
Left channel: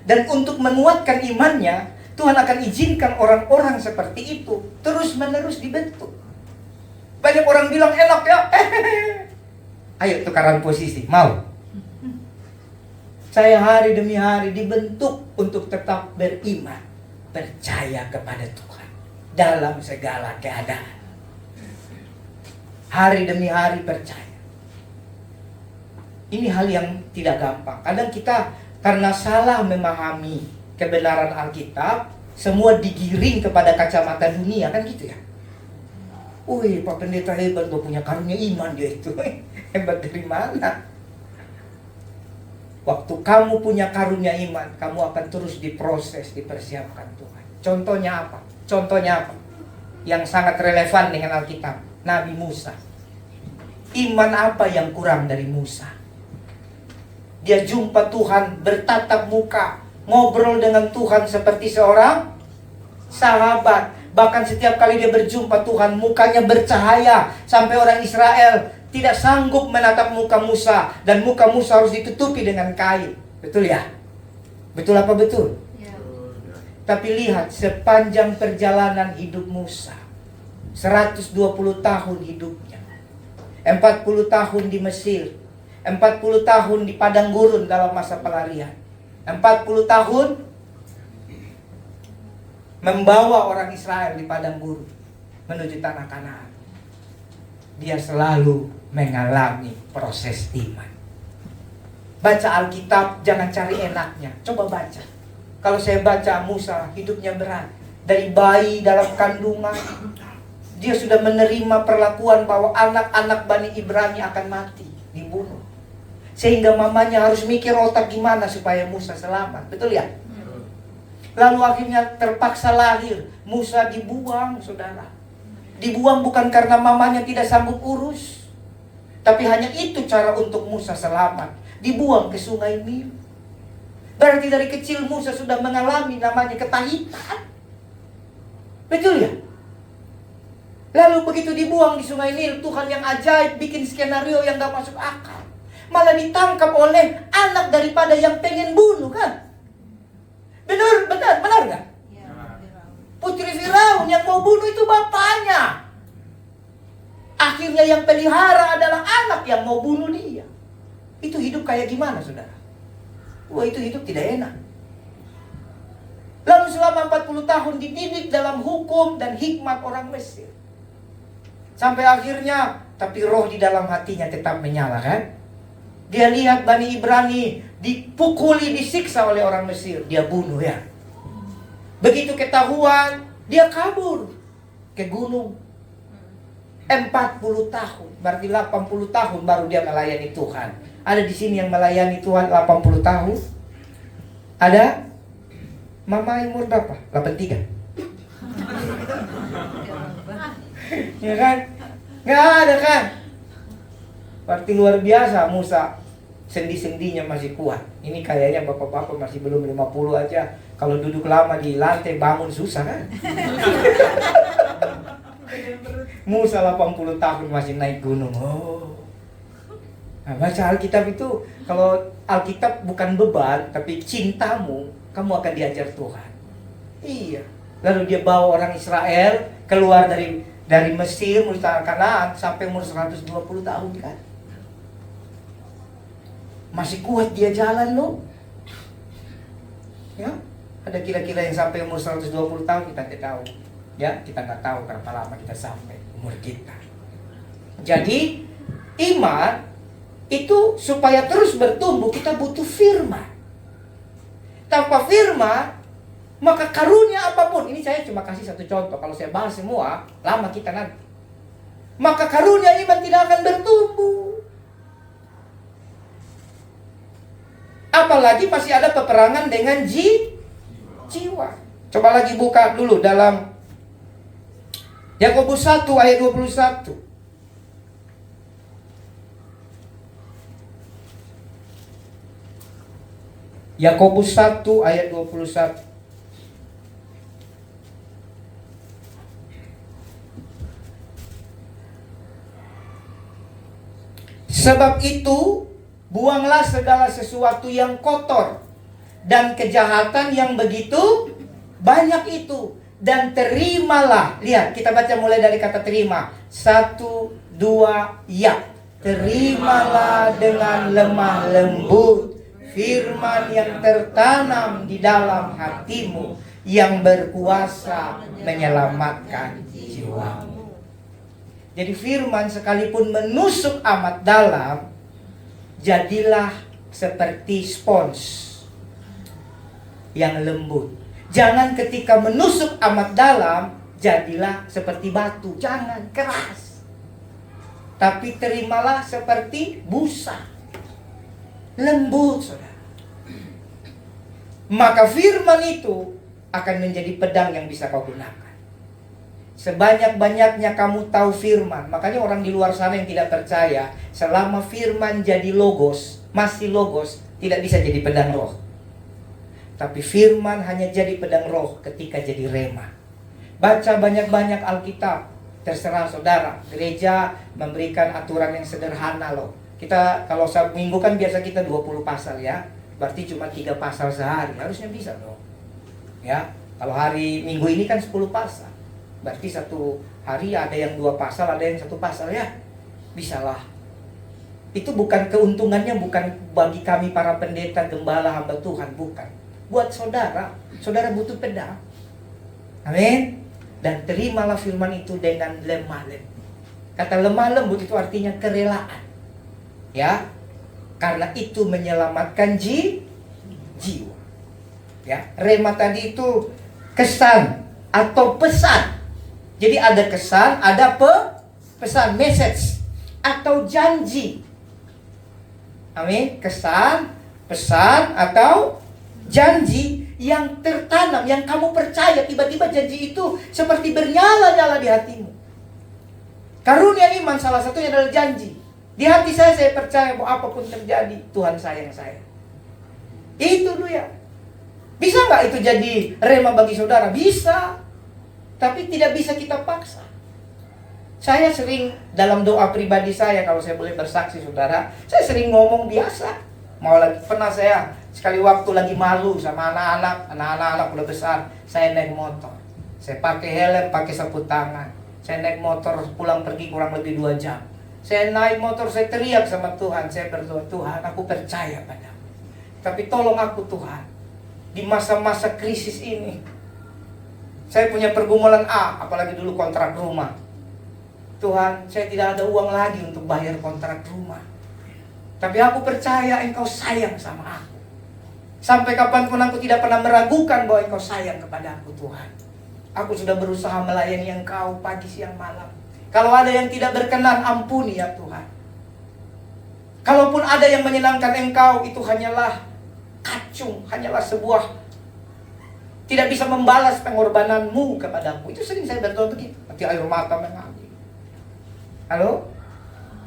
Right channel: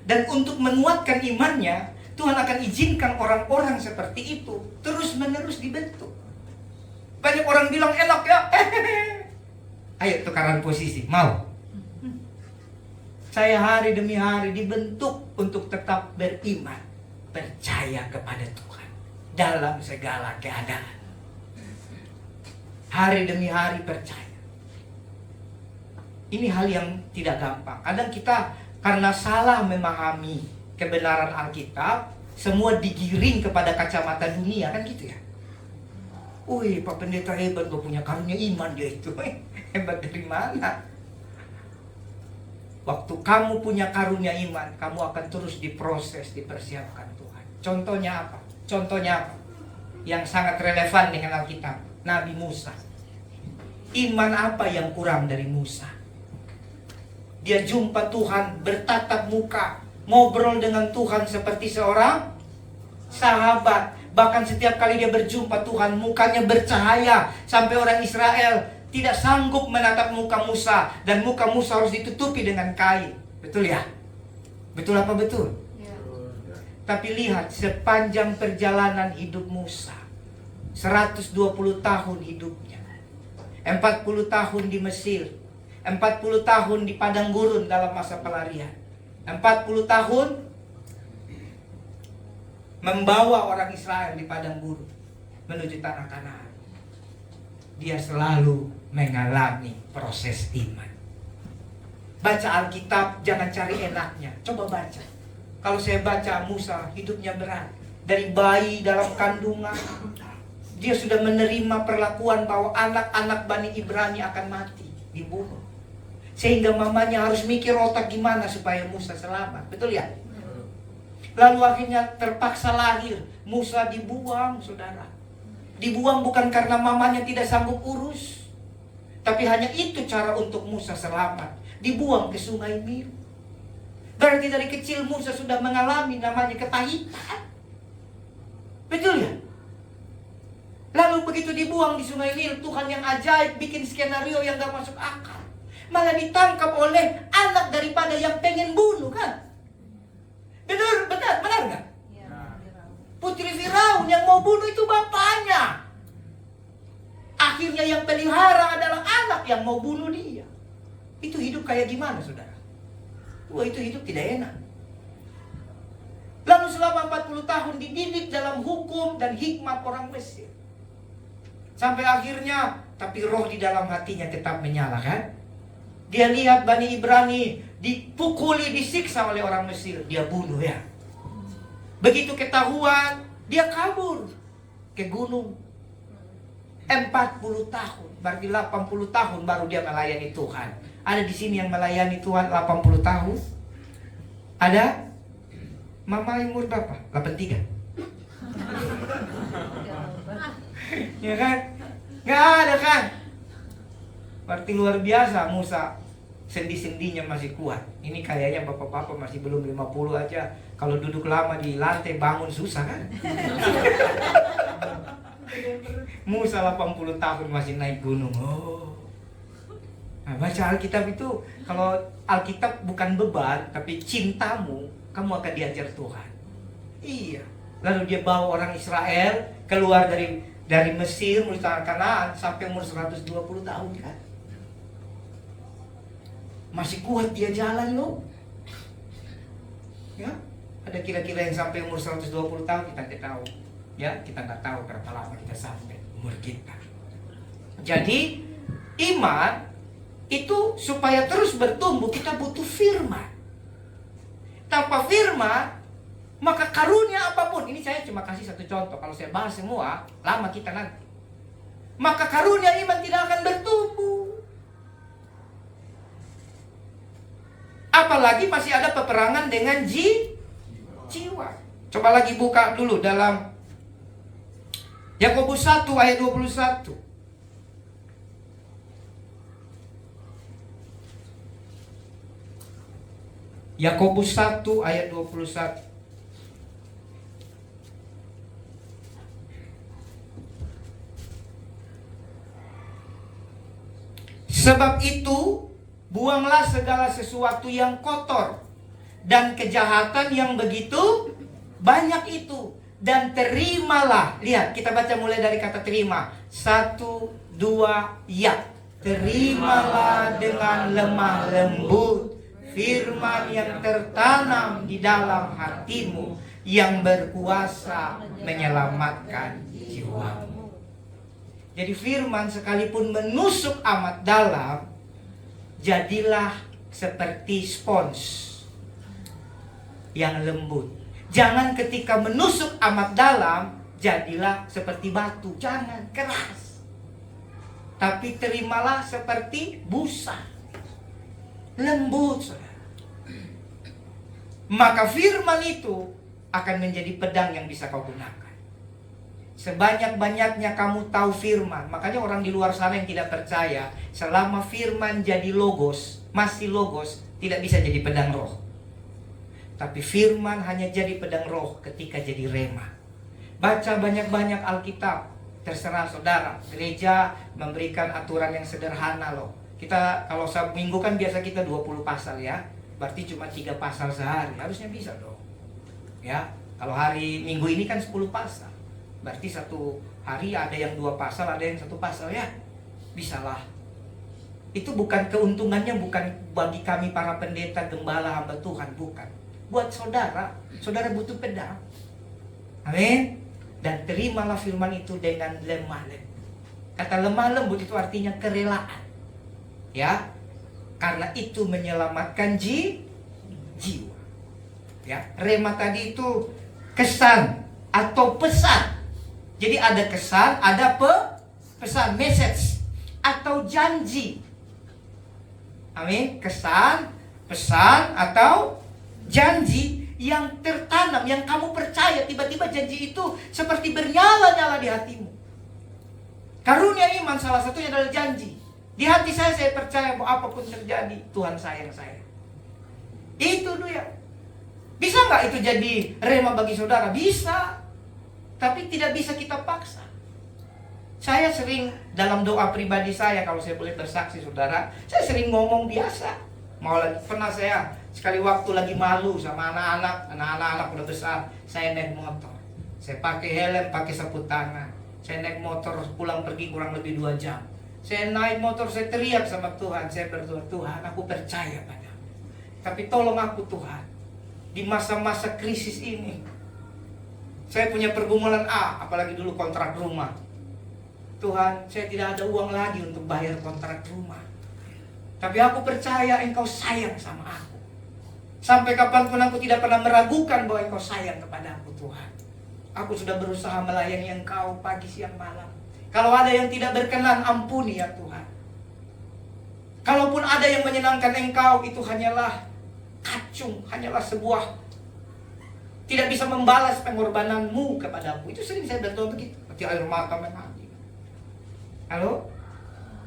Dan untuk menguatkan imannya, Tuhan akan izinkan orang-orang seperti itu terus-menerus dibentuk. Banyak orang bilang enak ya. Ayo tukaran posisi, mau? Saya hari demi hari dibentuk untuk tetap beriman, percaya kepada Tuhan dalam segala keadaan. Hari demi hari percaya. Ini hal yang tidak gampang. Kadang kita karena salah memahami kebenaran Alkitab, semua digiring kepada kacamata dunia, kan gitu ya. Wih, Pak Pendeta hebat, lo punya karunia iman dia itu. Hebat dari mana? Waktu kamu punya karunia iman, kamu akan terus diproses, dipersiapkan Tuhan. Contohnya apa? Contohnya apa? Yang sangat relevan dengan Alkitab. Nabi Musa. Iman apa yang kurang dari Musa? Dia jumpa Tuhan, bertatap muka, ngobrol dengan Tuhan seperti seorang sahabat. Bahkan setiap kali dia berjumpa Tuhan, mukanya bercahaya sampai orang Israel tidak sanggup menatap muka Musa, dan muka Musa harus ditutupi dengan kain. Betul ya? Betul apa betul? Ya. Tapi lihat sepanjang perjalanan hidup Musa, 120 tahun hidupnya, 40 tahun di Mesir, 40 tahun di padang gurun dalam masa pelarian, 40 tahun membawa orang Israel di padang gurun menuju tanah Kanaan. Dia selalu mengalami proses iman. Baca Alkitab, jangan cari enaknya. Coba baca. Kalau saya baca Musa, hidupnya berat. Dari bayi dalam kandungan, dia sudah menerima perlakuan bahwa anak-anak Bani Ibrani akan mati, dibunuh. Sehingga mamanya harus mikir otak gimana supaya Musa selamat. Betul ya? Lalu akhirnya terpaksa lahir. Musa dibuang, saudara. Dibuang bukan karena mamanya tidak sanggup urus, tapi hanya itu cara untuk Musa selamat. Dibuang ke sungai Nil. Berarti dari kecil Musa sudah mengalami namanya ketahitan. Betul ya? Lalu begitu dibuang di sungai Nil, Tuhan yang ajaib bikin skenario yang gak masuk akal. Malah ditangkap oleh anak daripada yang pengen bunuh, kan? Benar gak? Putri Firaun yang mau bunuh itu bapaknya. Akhirnya yang pelihara adalah anak yang mau bunuh dia. Itu hidup kayak gimana, saudara? Wah, itu hidup tidak enak. Lalu selama 40 tahun dididik dalam hukum dan hikmat orang Mesir. Sampai akhirnya, tapi roh di dalam hatinya tetap menyala, kan? Dia lihat Bani Ibrani dipukuli, disiksa oleh orang Mesir. Dia bunuh ya. Begitu ketahuan, dia kabur ke gunung. 40 tahun, berarti 80 tahun baru dia melayani Tuhan. Ada di sini yang melayani Tuhan 80 tahun? Ada? Mama umur berapa? 83? Ya kan? Gak ada kan? Berarti luar biasa Musa. Sendi-sendinya masih kuat. Ini kayaknya bapak-bapak masih belum 50 aja. Kalau duduk lama di lantai bangun susah kan? Musa 80 tahun masih naik gunung. Oh. Nah, baca Alkitab itu, kalau Alkitab bukan beban, tapi cintamu, kamu akan diajar Tuhan. Iya. Lalu dia bawa orang Israel keluar dari Mesir menuju tanah Kanaan sampai umur 120 tahun kan? Masih kuat dia jalan loh. Ya. Ada kira-kira yang sampai umur 120 tahun, kita tidak tahu. Ya, kita nggak tahu berapa lama kita sampai umur kita. Jadi iman itu supaya terus bertumbuh, kita butuh firman. Tanpa firman, maka karunia apapun, ini saya cuma kasih satu contoh. Kalau saya bahas semua, lama kita nanti. Maka karunia iman tidak akan bertumbuh. Apalagi masih ada peperangan dengan jiwa. Coba lagi buka dulu dalam Yakobus 1 ayat 21. Yakobus 1 ayat 21. Sebab itu, buanglah segala sesuatu yang kotor dan kejahatan yang begitu banyak itu, dan terimalah. Lihat, kita baca mulai dari kata terima. 1, 2, ya. Terimalah dengan lemah lembut firman yang tertanam di dalam hatimu, yang berkuasa menyelamatkan jiwamu. Jadi firman sekalipun menusuk amat dalam, jadilah seperti spons yang lembut. Jangan ketika menusuk amat dalam, jadilah seperti batu. Jangan keras. Tapi terimalah seperti busa. Lembut, saudara. Maka firman itu akan menjadi pedang yang bisa kau gunakan. Sebanyak-banyaknya kamu tahu firman. Makanya orang di luar sana yang tidak percaya, selama firman jadi logos, masih logos, tidak bisa jadi pedang roh. Tapi firman hanya jadi pedang roh ketika jadi rema. Baca banyak-banyak Alkitab. Terserah saudara. Gereja memberikan aturan yang sederhana loh. Kita kalau minggu kan biasa kita 20 pasal ya. Berarti cuma 3 pasal sehari. Harusnya bisa dong. Ya. Kalau hari Minggu ini kan 10 pasal. Berarti satu hari ada yang 2 pasal, ada yang 1 pasal ya. Bisalah. Itu bukan keuntungannya, bukan bagi kami para pendeta, gembala, hamba Tuhan, bukan. Buat saudara, saudara butuh pedang. Amin. Dan terimalah firman itu dengan lemah lembut. Kata lemah lembut itu artinya kerelaan. Ya. Karena itu menyelamatkan jiwa. Ya, rema tadi itu kesan atau pesan. Jadi ada kesan, ada pesan, message atau janji. Amin. Kesan, pesan atau janji yang tertanam, yang kamu percaya. Tiba-tiba janji itu seperti bernyala-nyala di hatimu. Karunia iman salah satunya adalah janji. Di hati saya percaya bahwa apapun terjadi, Tuhan sayang saya. Itu dia. Bisa nggak itu jadi rema bagi saudara? Bisa. Tapi tidak bisa kita paksa. Saya sering dalam doa pribadi saya, kalau saya boleh bersaksi saudara, saya sering ngomong biasa. Pernah saya sekali waktu lagi malu sama anak-anak udah besar, saya naik motor. Saya pakai helm, pakai sapu tangan. Saya naik motor pulang pergi kurang lebih 2 jam. Saya naik motor, saya teriak sama Tuhan. Saya berdoa, Tuhan aku percaya padamu. Tapi tolong aku Tuhan. Di masa-masa krisis ini. Saya punya pergumulan apalagi dulu kontrak rumah. Tuhan, saya tidak ada uang lagi untuk bayar kontrak rumah. Tapi aku percaya Engkau sayang sama aku. Sampai kapanpun aku tidak pernah meragukan bahwa Engkau sayang kepada aku Tuhan. Aku sudah berusaha melayani Engkau pagi, siang, malam. Kalau ada yang tidak berkenan, ampuni ya Tuhan. Kalaupun ada yang menyenangkan Engkau, itu hanyalah kacung, hanyalah sebuah tidak bisa membalas pengorbananmu kepadaku. Itu sering saya berdoa begitu. Hati air mata mengalir. Halo?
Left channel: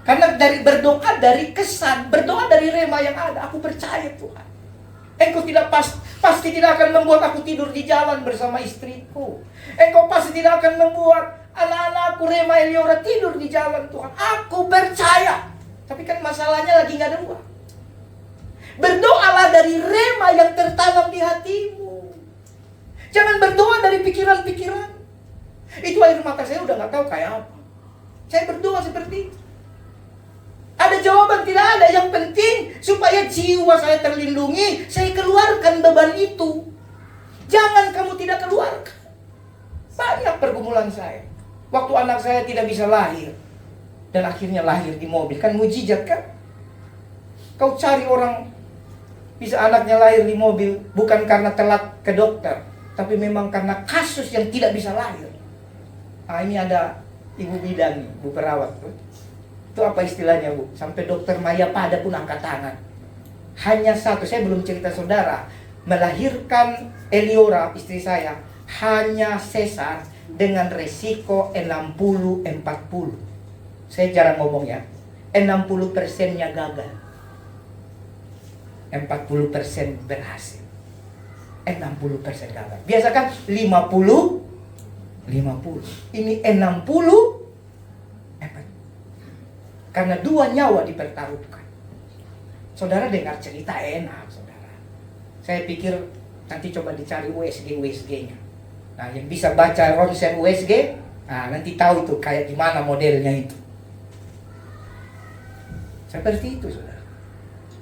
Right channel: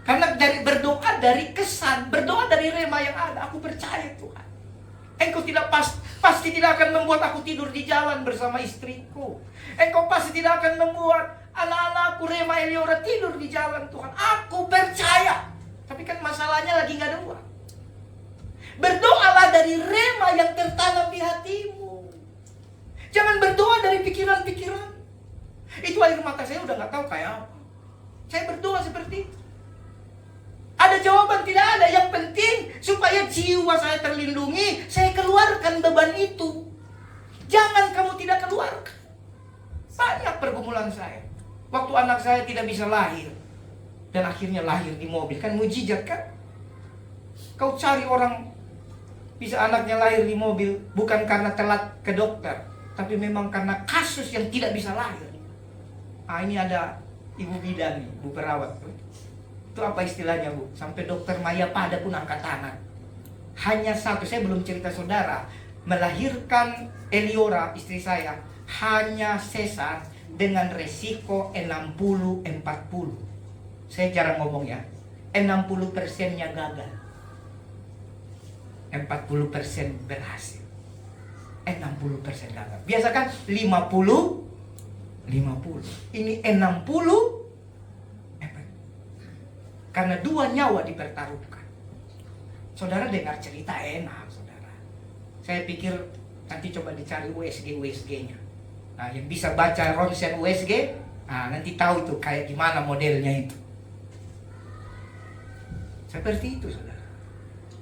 Karena dari berdoa dari kesan, berdoa dari rema yang ada, aku percaya Tuhan. Engkau pasti tidak akan membuat aku tidur di jalan bersama istriku. Engkau pasti tidak akan membuat anak-anakku Rema Eliora tidur di jalan Tuhan. Aku percaya. Tapi kan masalahnya lagi gak ada uang. Berdoalah dari rema yang tertanam di hatimu. Jangan berdoa dari pikiran-pikiran. Itu air mata saya udah gak tahu kayak apa. Saya berdoa seperti itu. Ada jawaban? Tidak ada. Yang penting supaya jiwa saya terlindungi, saya keluarkan beban itu. Jangan kamu tidak keluarkan. Banyak pergumulan saya. Waktu anak saya tidak bisa lahir, dan akhirnya lahir di mobil. Kan mujizat kan? Kau cari orang bisa anaknya lahir di mobil, bukan karena telat ke dokter, tapi memang karena kasus yang tidak bisa lahir. Ini ada ibu bidan nih, bu perawat. Itu apa istilahnya, Bu? Sampai dokter Maya Pada pun angkat tangan. Hanya satu, saya belum cerita saudara, melahirkan Eliora, istri saya, hanya sesar dengan resiko 60-40. Saya jarang ngomong ya. 60%-nya gagal. 40% berhasil. 60% gagal. Biasa kan 50. Ini 60. Karena 2 nyawa dipertaruhkan. Saudara dengar cerita enak, saudara. Saya pikir nanti coba dicari USG-nya. Nah, yang bisa baca ronsen USG, nanti tahu itu kayak gimana modelnya itu. Seperti itu, saudara.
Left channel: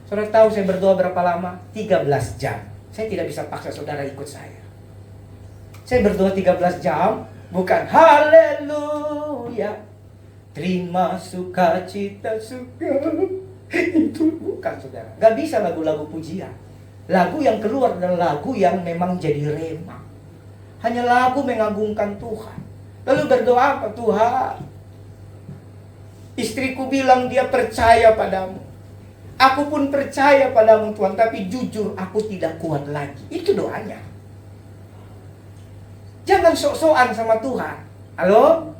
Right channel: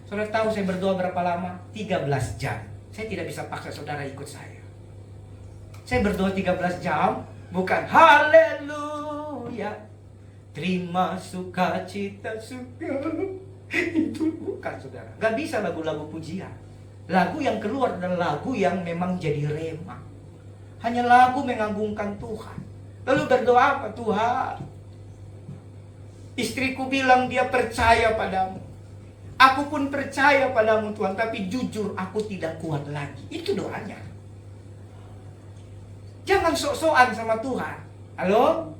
Saudara tahu saya berdoa berapa lama? 13 jam. Saya tidak bisa paksa saudara ikut saya. Saya berdoa 13 jam, bukan haleluya, terima sukacita suka. Itu bukan, saudara. Gak bisa lagu-lagu pujian. Lagu yang keluar adalah lagu yang memang jadi rema. Hanya lagu mengagungkan Tuhan. Lalu berdoa apa? Tuhan, istriku bilang dia percaya padamu. Aku pun percaya padamu Tuhan, tapi jujur aku tidak kuat lagi. Itu doanya. Jangan sok-sokan sama Tuhan. Halo?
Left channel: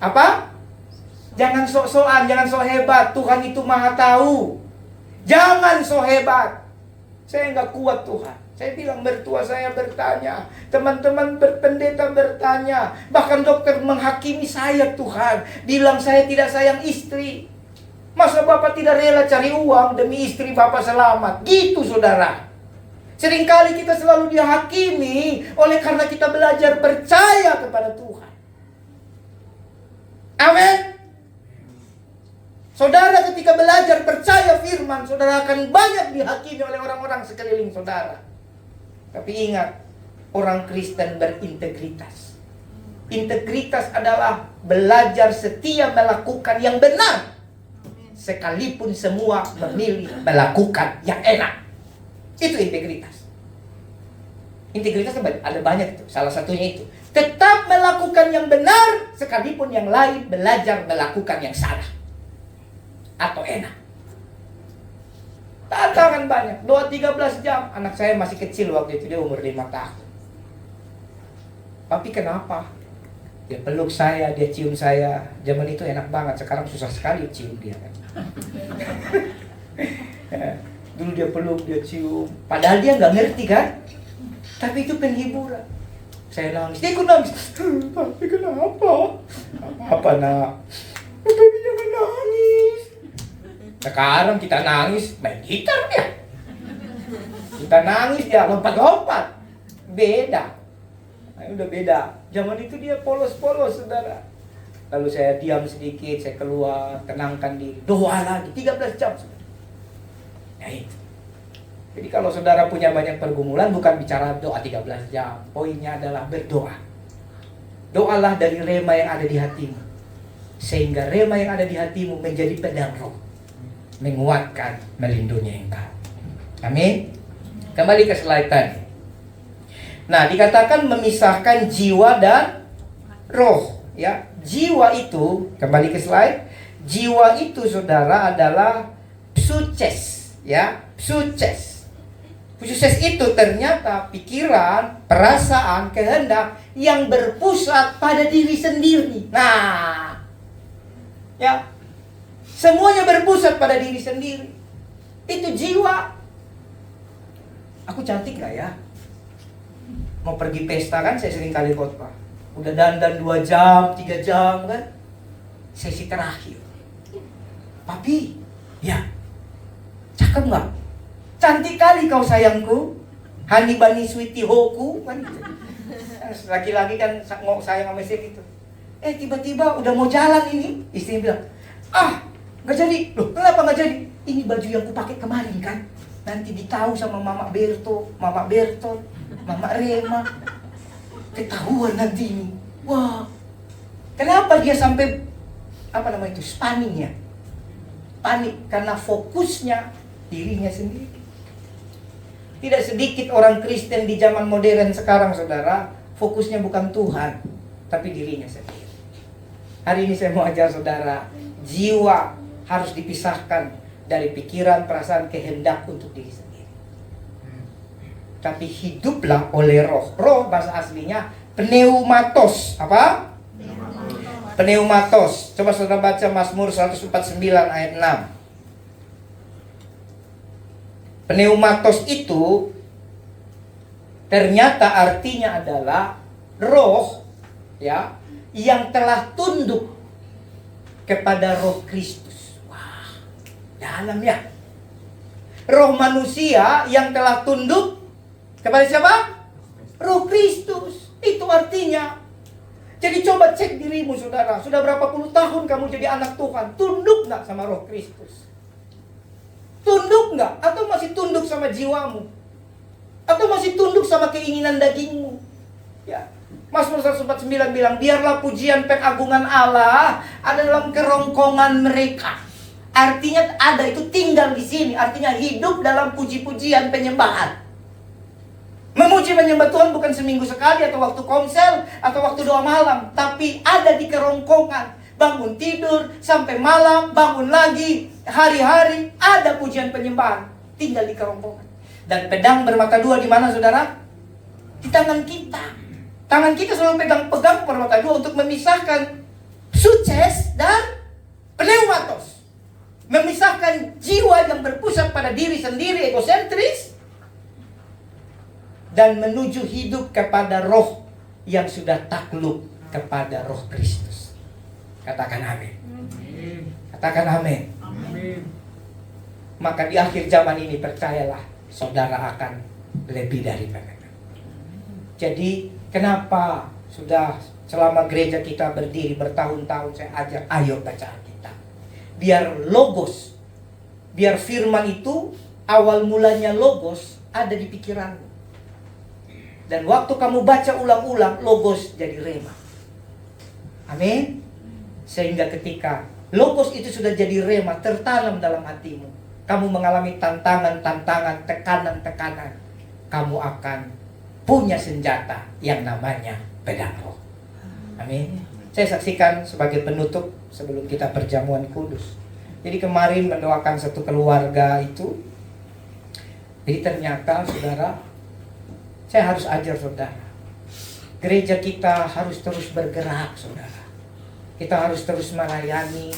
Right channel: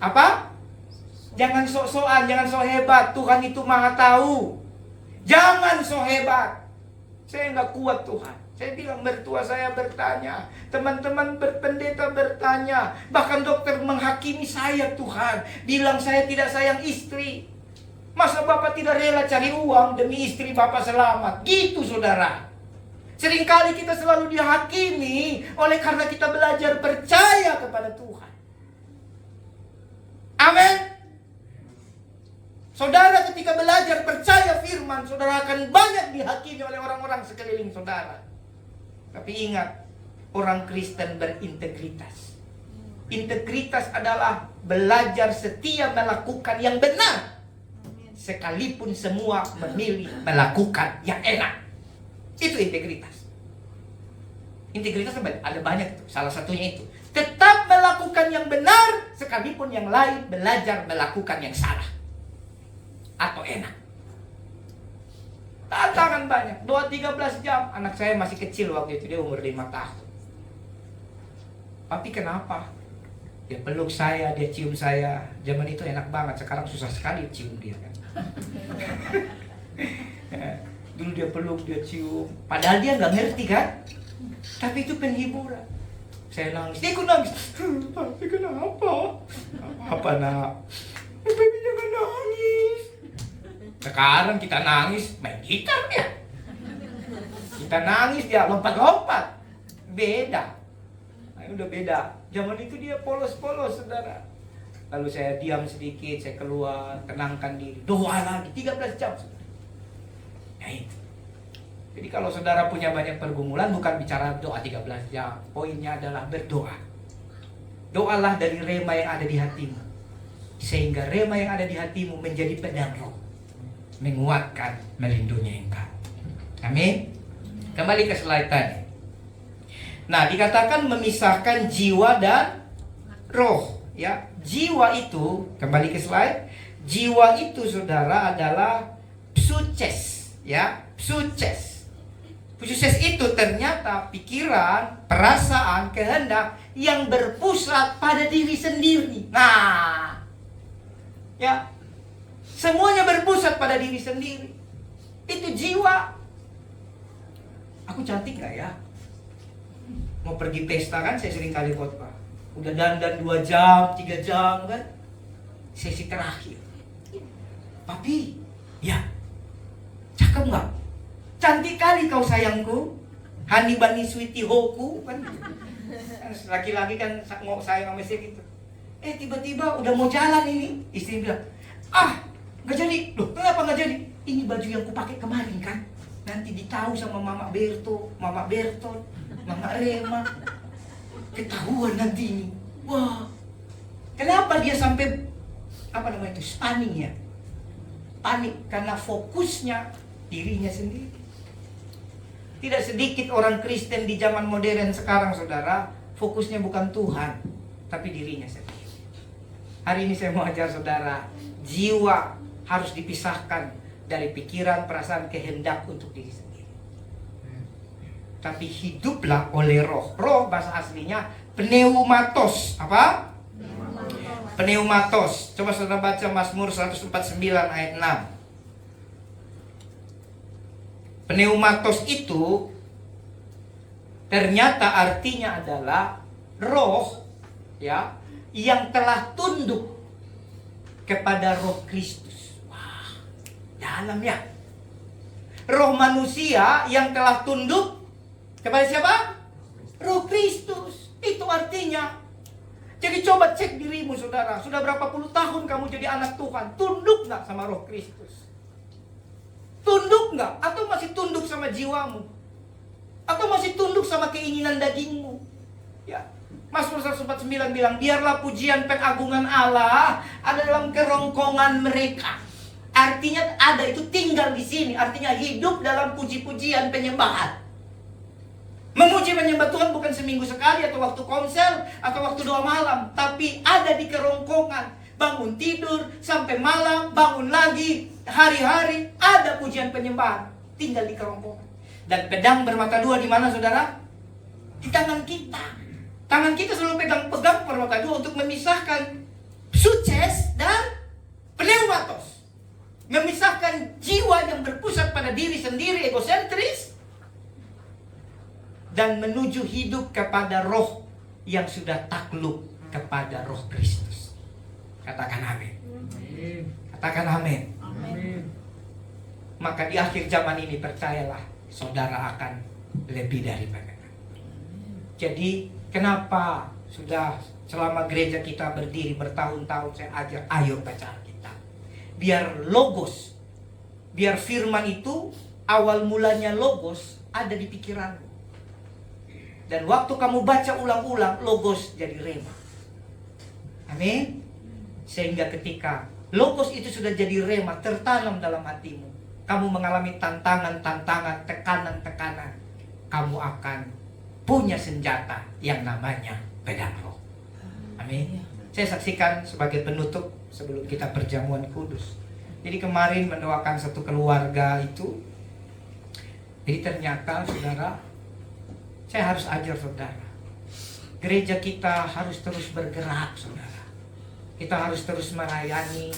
Apa? Jangan sok-sokan, jangan sok hebat. Tuhan itu maha tahu. Jangan sok hebat. Saya nggak kuat Tuhan. Saya bilang mertua saya bertanya, teman-teman berpendeta bertanya, bahkan dokter menghakimi saya Tuhan. Bilang saya tidak sayang istri. Masa Bapak tidak rela cari uang demi istri Bapak selamat? Gitu, saudara. Seringkali kita selalu dihakimi oleh karena kita belajar percaya kepada Tuhan. Amin. Saudara ketika belajar percaya firman, saudara akan banyak dihakimi oleh orang-orang sekeliling saudara. Tapi ingat, orang Kristen berintegritas. Integritas adalah belajar setia melakukan yang benar, sekalipun semua memilih melakukan yang enak. Itu integritas. Integritas ada banyak itu. Salah satunya itu, tetap melakukan yang benar, sekalipun yang lain belajar melakukan yang salah atau enak. Tantangan banyak. Doa 13 jam. Anak saya masih kecil waktu itu, dia umur 5 tahun. Tapi kenapa? Dia peluk saya, dia cium saya. Zaman itu enak banget. Sekarang susah sekali cium dia kan. Dulu dia peluk, dia cium. Padahal dia nggak ngerti kan. Tapi itu penghiburan. Saya nangis, dia ikut nangis. Tapi kenapa? Apa nak? Tapi jangan nangis. Sekarang kita nangis, main gitar ya. Kita nangis dia lompat-lompat. Beda. Udah beda. Zaman itu dia polos-polos, saudara. Lalu saya diam sedikit, saya keluar, tenangkan diri. Doa lagi, 13 jam, saudara. Nah itu. Jadi kalau saudara punya banyak pergumulan, bukan bicara doa 13 jam. Poinnya adalah berdoa. Doalah dari rema yang ada di hatimu. Sehingga rema yang ada di hatimu menjadi pedang roh. Menguatkan, melindungi engkau. Amin. Kembali ke slide tadi. Nah, dikatakan memisahkan jiwa dan roh, ya. Jiwa itu, kembali ke slide. Jiwa itu, saudara, adalah psuches, ya. Psuches. Psuches itu ternyata pikiran, perasaan, kehendak yang berpusat pada diri sendiri. Nah, ya. Semuanya berpusat pada diri sendiri. Itu jiwa. Aku cantik gak ya? Mau pergi pesta kan, saya sering kali khotbah. Udah dandan 2 jam, 3 jam kan. Sesi terakhir. Papi, ya. Cakep gak? Cantik kali kau sayangku. Hani bani sweetie hoku kan. Laki-laki kan sayang sama istri gitu. Tiba-tiba udah mau jalan ini, istri bilang, nggak jadi. Loh, kenapa nggak jadi? Ini baju yang kupakai kemarin kan. Nanti ditahu sama Mama Berto. Mama Rema. Ketahuan nanti ini. Wah. Kenapa dia sampai stunning ya? Panik karena fokusnya dirinya sendiri. Tidak sedikit orang Kristen di zaman modern sekarang, saudara, fokusnya bukan Tuhan, tapi dirinya sendiri. Hari ini saya mau ajar saudara, jiwa harus dipisahkan dari pikiran, perasaan, kehendak untuk diri sendiri. Tapi hiduplah oleh roh. Roh bahasa aslinya pneumatos. Apa? Pneumatos. Coba saudara baca Mazmur 149 ayat 6. Pneumatos itu ternyata artinya adalah roh ya yang telah tunduk kepada roh Kristus. Wah, dalam ya. Roh manusia yang telah tunduk kepada siapa? Roh Kristus. Itu artinya. Jadi coba cek dirimu, saudara. Sudah berapa puluh tahun kamu jadi anak Tuhan? Tunduk gak sama roh Kristus? Tunduk nggak? Atau masih tunduk sama jiwamu? Atau masih tunduk sama keinginan dagingmu? Ya. Mazmur 149 bilang, biarlah pujian pengagungan Allah ada dalam kerongkongan mereka. Artinya ada itu tinggal di sini. Artinya hidup dalam puji-pujian penyembahan. Memuji menyembah Tuhan bukan seminggu sekali atau waktu konsel atau waktu doa malam, tapi ada di kerongkongan. Bangun tidur sampai malam, bangun lagi, hari-hari ada pujian penyembahan, tinggal di kerongkongan. Dan pedang bermata dua di mana, saudara? Di tangan kita. Tangan kita selalu pegang bermata dua untuk memisahkan sukses dan pneumatos. Memisahkan jiwa yang berpusat pada diri sendiri, egosentris, dan menuju hidup kepada roh yang sudah takluk kepada roh Kristus. Katakan amin. Katakan amin. Maka di akhir zaman ini percayalah, saudara akan lebih dari mereka. Jadi kenapa sudah selama gereja kita berdiri bertahun-tahun saya ajar, ayo baca Alkitab. Biar logos, biar firman itu awal mulanya logos ada di pikiranmu. Dan waktu kamu baca ulang-ulang, logos jadi rema. Amin. Sehingga ketika logos itu sudah jadi rema, tertanam dalam hatimu, kamu mengalami tantangan-tantangan, tekanan-tekanan, kamu akan punya senjata yang namanya pedang roh. Amin. Saya saksikan sebagai penutup sebelum kita perjamuan kudus. Jadi kemarin mendoakan satu keluarga itu. Jadi ternyata, saudara, saya harus ajar saudara, gereja kita harus terus bergerak, saudara. Kita harus terus melayani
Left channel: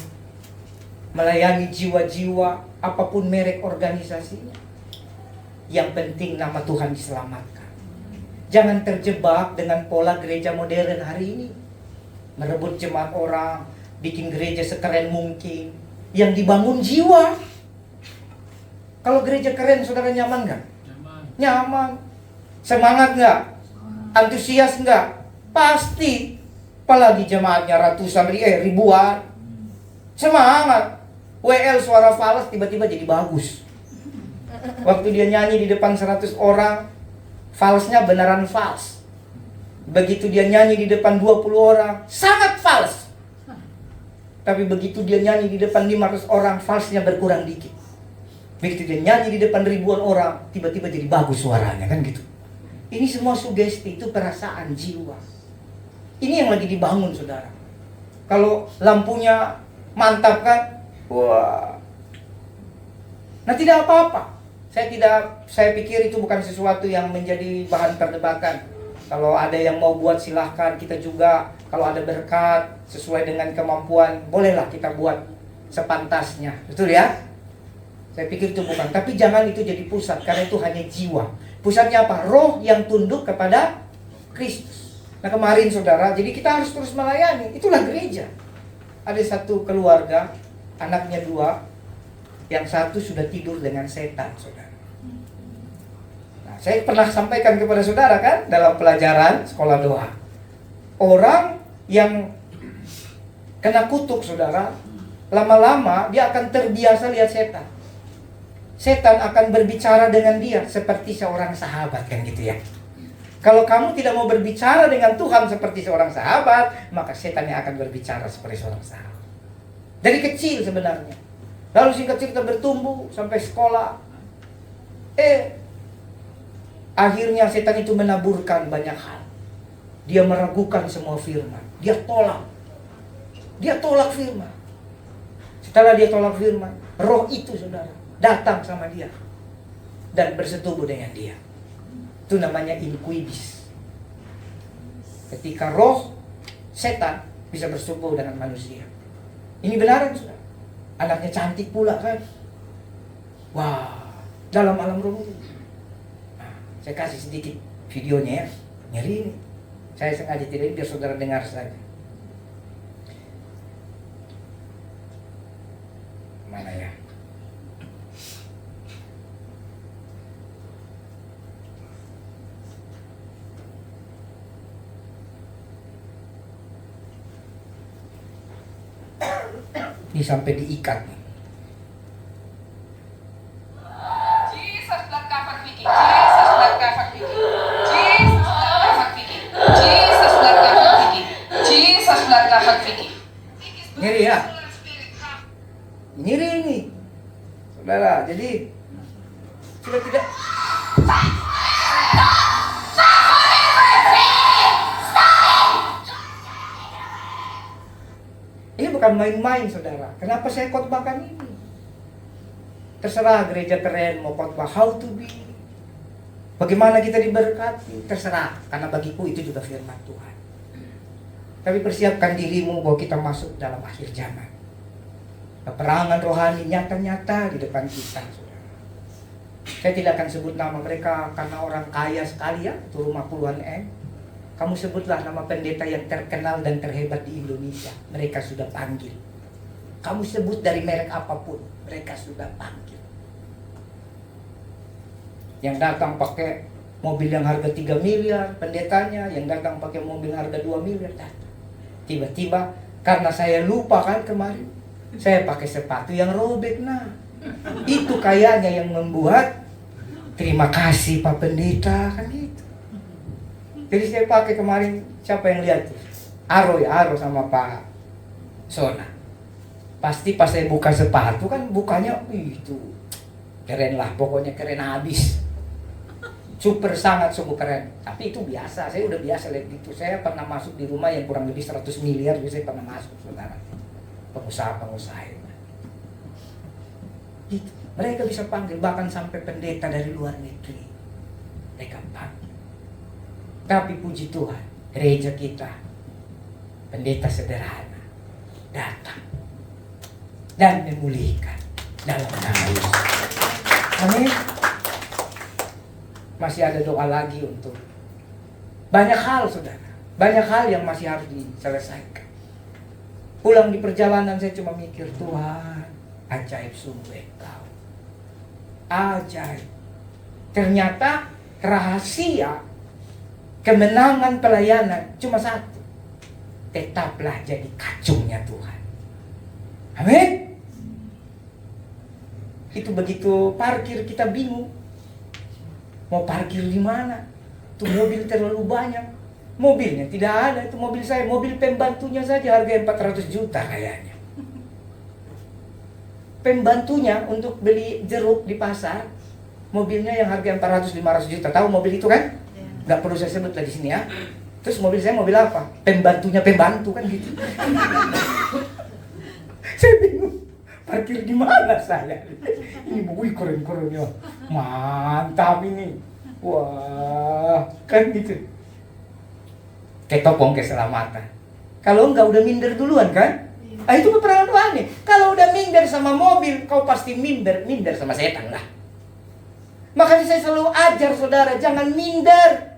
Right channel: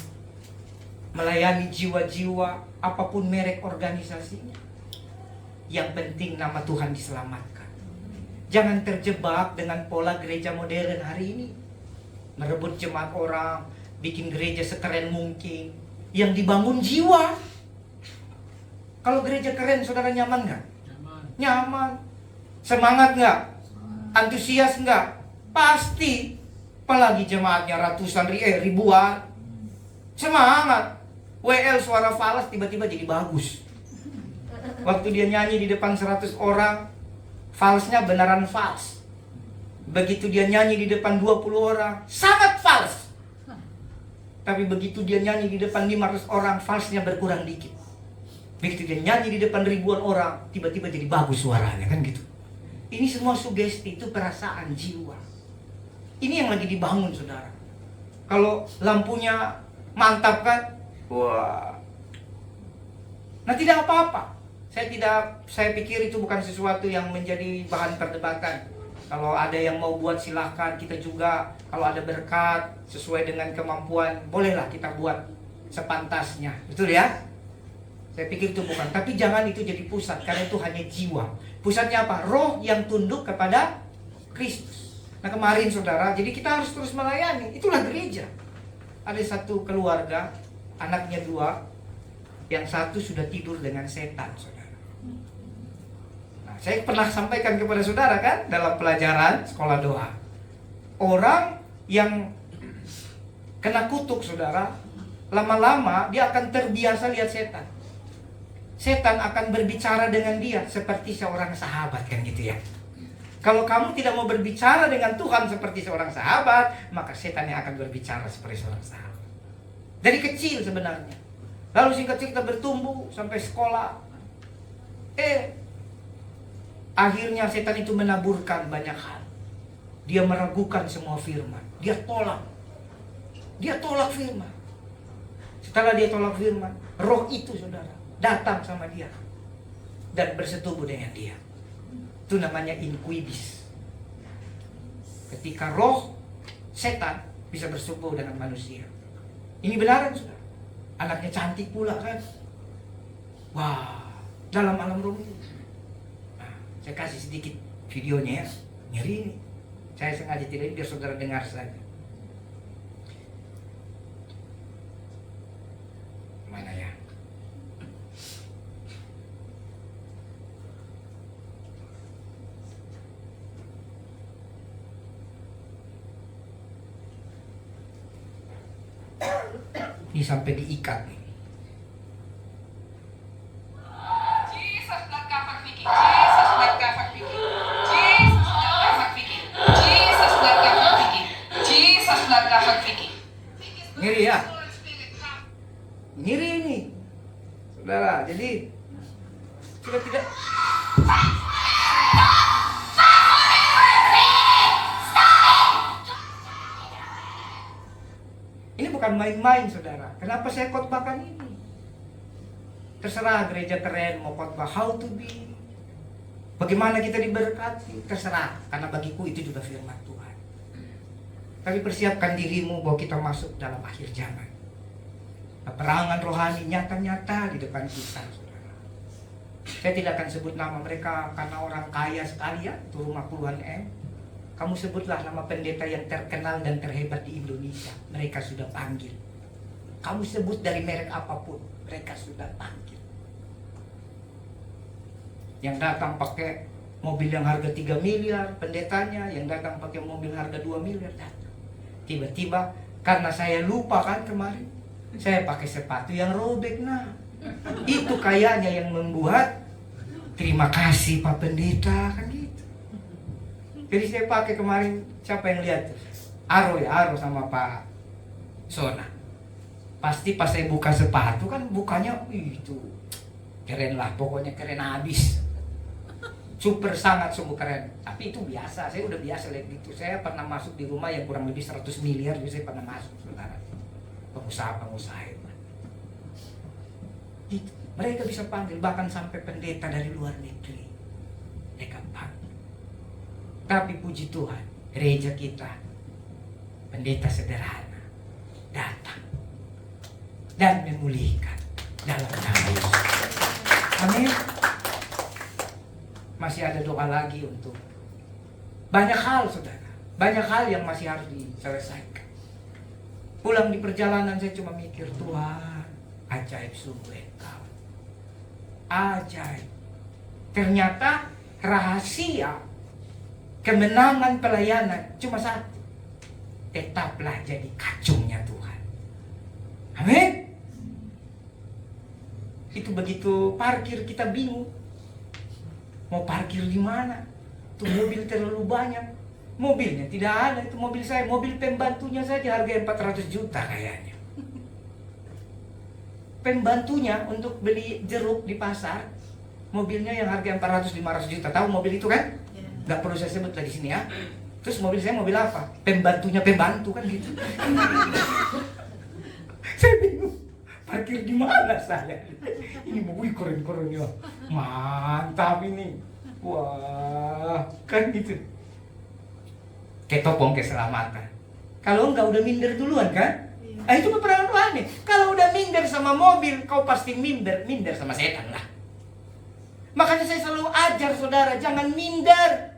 jiwa-jiwa, apapun merek organisasinya. Yang penting nama Tuhan diselamatkan. Jangan terjebak dengan pola gereja modern hari ini. Merebut jemaat orang, bikin gereja sekeren mungkin. Yang dibangun jiwa. Kalau gereja keren, saudara nyaman gak? Nyaman. Semangat gak? Antusias gak? Pasti. Apalagi jemaatnya ratusan ribuan. Semangat. WL suara falas tiba-tiba jadi bagus. Waktu dia nyanyi di depan 100 orang, falsnya beneran fals. Begitu dia nyanyi di depan 20 orang, sangat fals. Tapi begitu dia nyanyi di depan 500 orang, falsnya berkurang dikit. Begitu dia nyanyi di depan ribuan orang, tiba-tiba jadi bagus suaranya, kan gitu. Ini semua sugesti, itu perasaan jiwa. Ini yang lagi dibangun, saudara. Kalau lampunya mantap kan, wah. Nah, tidak apa-apa. Saya pikir itu bukan sesuatu yang menjadi bahan perdebatan. Kalau ada yang mau buat silahkan, kita juga kalau ada berkat sesuai dengan kemampuan, bolehlah kita buat sepantasnya. Betul ya? Saya pikir itu bukan. Tapi jangan itu jadi pusat, karena itu hanya jiwa. Pusatnya apa? Roh yang tunduk kepada Kristus. Nah kemarin saudara, jadi kita harus terus melayani. Itulah gereja. Ada satu keluarga, anaknya 2, yang satu sudah tidur dengan setan, saudara. Nah, saya pernah sampaikan kepada saudara kan, dalam pelajaran sekolah doa. Orang yang kena kutuk, saudara, lama-lama dia akan terbiasa lihat setan. Setan akan berbicara dengan dia seperti seorang sahabat, kan gitu ya. Kalau kamu tidak mau berbicara dengan Tuhan seperti seorang sahabat, maka setan yang akan berbicara seperti seorang sahabat. Dari kecil sebenarnya. Lalu singkat cerita bertumbuh sampai sekolah. Akhirnya setan itu menaburkan banyak hal. Dia meragukan semua firman. Dia tolak firman. Setelah dia tolak firman, roh itu saudara datang sama dia dan bersetubuh dengan dia. Itu namanya inquibus. Ketika roh setan bisa bersetubuh dengan manusia. Ini benaran saudara. Anaknya cantik pula kan. Wah, dalam alam roh itu. Nah, saya kasih sedikit videonya ya. Ngeri ini. Saya sengaja tidak biar saudara dengar saja. Mana ya? Ini sampai diikat nih. Ngeri ya? Ngeri ini, saudara. Jadi sudah tidak. Ini bukan main-main saudara. Kenapa saya khotbahkan ini? Terserah gereja keren mau khotbah how to be. Bagaimana kita diberkati, terserah. Karena bagiku itu juga firman Tuhan. Tapi persiapkan dirimu bahwa kita masuk dalam akhir zaman. Peperangan rohani nyata-nyata di depan kita, saudara. Saya tidak akan sebut nama mereka karena orang kaya sekali ya, itu rumah puluhan M. Kamu sebutlah nama pendeta yang terkenal dan terhebat di Indonesia. Mereka sudah panggil. Kamu sebut dari merek apapun, mereka sudah panggil. Yang datang pakai mobil yang harga 3 miliar, pendetanya. Yang datang pakai mobil harga 2 miliar, datang. Tiba-tiba, karena saya lupa kan kemarin, saya pakai sepatu yang robek. Nah, itu kayaknya yang membuat terima kasih Pak Pendeta, kan gitu. Jadi saya pakai kemarin, siapa yang lihat tuh? Aro sama Pak Sona. Pasti pas saya buka sepatu kan bukanya itu keren lah, pokoknya keren habis. Super sangat sungguh keren. Tapi itu biasa, saya udah biasa lihat itu. Saya pernah masuk di rumah yang kurang lebih 100 miliar, jadi saya pernah masuk, saudara. Pengusaha itu. Gitu. Mereka bisa panggil bahkan sampai pendeta dari luar negeri. Mereka panggil. Tapi puji Tuhan, gereja kita, pendeta sederhana, datang dan memulihkan dalam nama Yesus. Amin. Masih ada doa lagi untuk banyak hal, saudara. Banyak hal yang masih harus diselesaikan. Pulang di perjalanan saya cuma mikir, Tuhan, ajaib sungguh Engkau. Ajaib. Ternyata rahasia kemenangan pelayanan cuma satu. Tetaplah jadi kacungnya Tuhan. Amin. Itu begitu parkir kita bingung. Mau parkir di mana? Tuh mobil terlalu banyak. Mobilnya tidak ada, itu mobil saya, mobil pembantunya saja harga 400 juta kayaknya. Pembantunya untuk beli jeruk di pasar, mobilnya yang harga 400-500 juta. Tahu mobil itu kan? Nggak perlu saya sebut lagi sini ya. Terus mobil saya mobil apa? Pembantunya pembantu kan gitu. Saya bingung. Parkir di mana saya? Ini wih keren-keren ya. Mantap ini. Wah, kan gitu. Ketopong keselamatan. Kalau enggak udah minder duluan kan? Ah, itu peperangan rohani. Kalau udah minder sama mobil, kau pasti minder sama setan lah. Makanya saya selalu ajar saudara, jangan minder.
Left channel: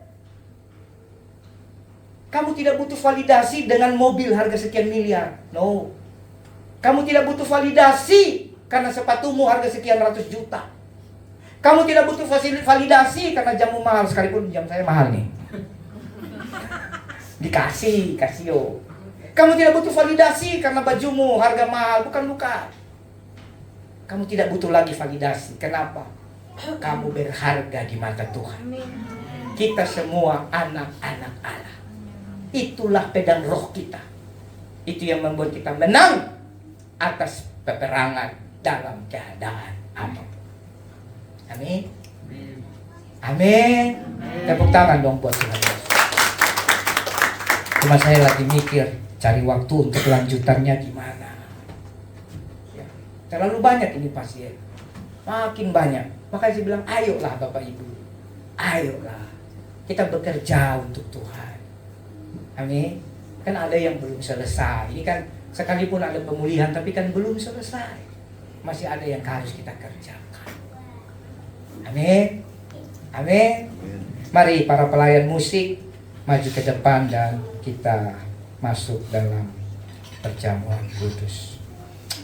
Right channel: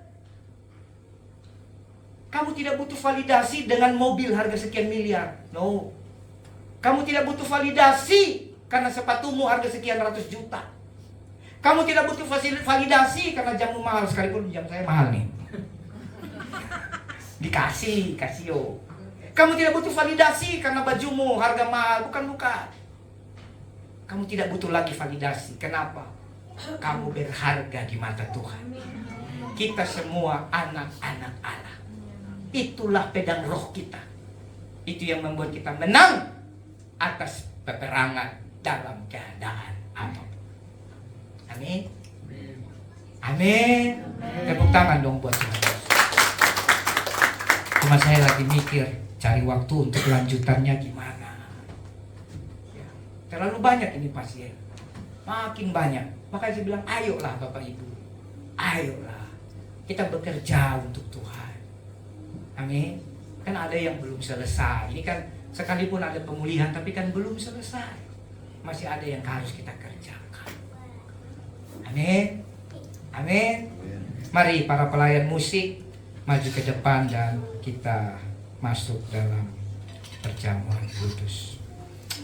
Kamu tidak butuh validasi dengan mobil harga sekian miliar. No. Kamu tidak butuh validasi karena sepatumu harga sekian ratus juta. Kamu tidak butuh validasi karena jamu mahal, sekalipun jam saya mahal nih. Dikasih yo. Kamu tidak butuh validasi karena bajumu harga mahal, bukan. Kamu tidak butuh lagi validasi. Kenapa? Kamu berharga di mata Tuhan. Kita semua anak-anak Allah. Itulah pedang roh kita. Itu yang membuat kita menang atas peperangan dalam keadaan apapun. Amin. Amin. Tepuk tangan dong buat Tuhan. Cuma saya lagi mikir cari waktu untuk lanjutannya gimana. Ya, terlalu banyak ini pasien. Makin banyak. Makanya saya bilang ayolah Bapak Ibu. Ayolah. Kita bekerja untuk Tuhan. Amin. Kan ada yang belum selesai. Ini kan sekalipun ada pemulihan tapi kan belum selesai. Masih ada yang harus kita kerjakan. Amin. Amin. Mari para pelayan musik maju ke depan dan kita masuk dalam perjamuan kudus.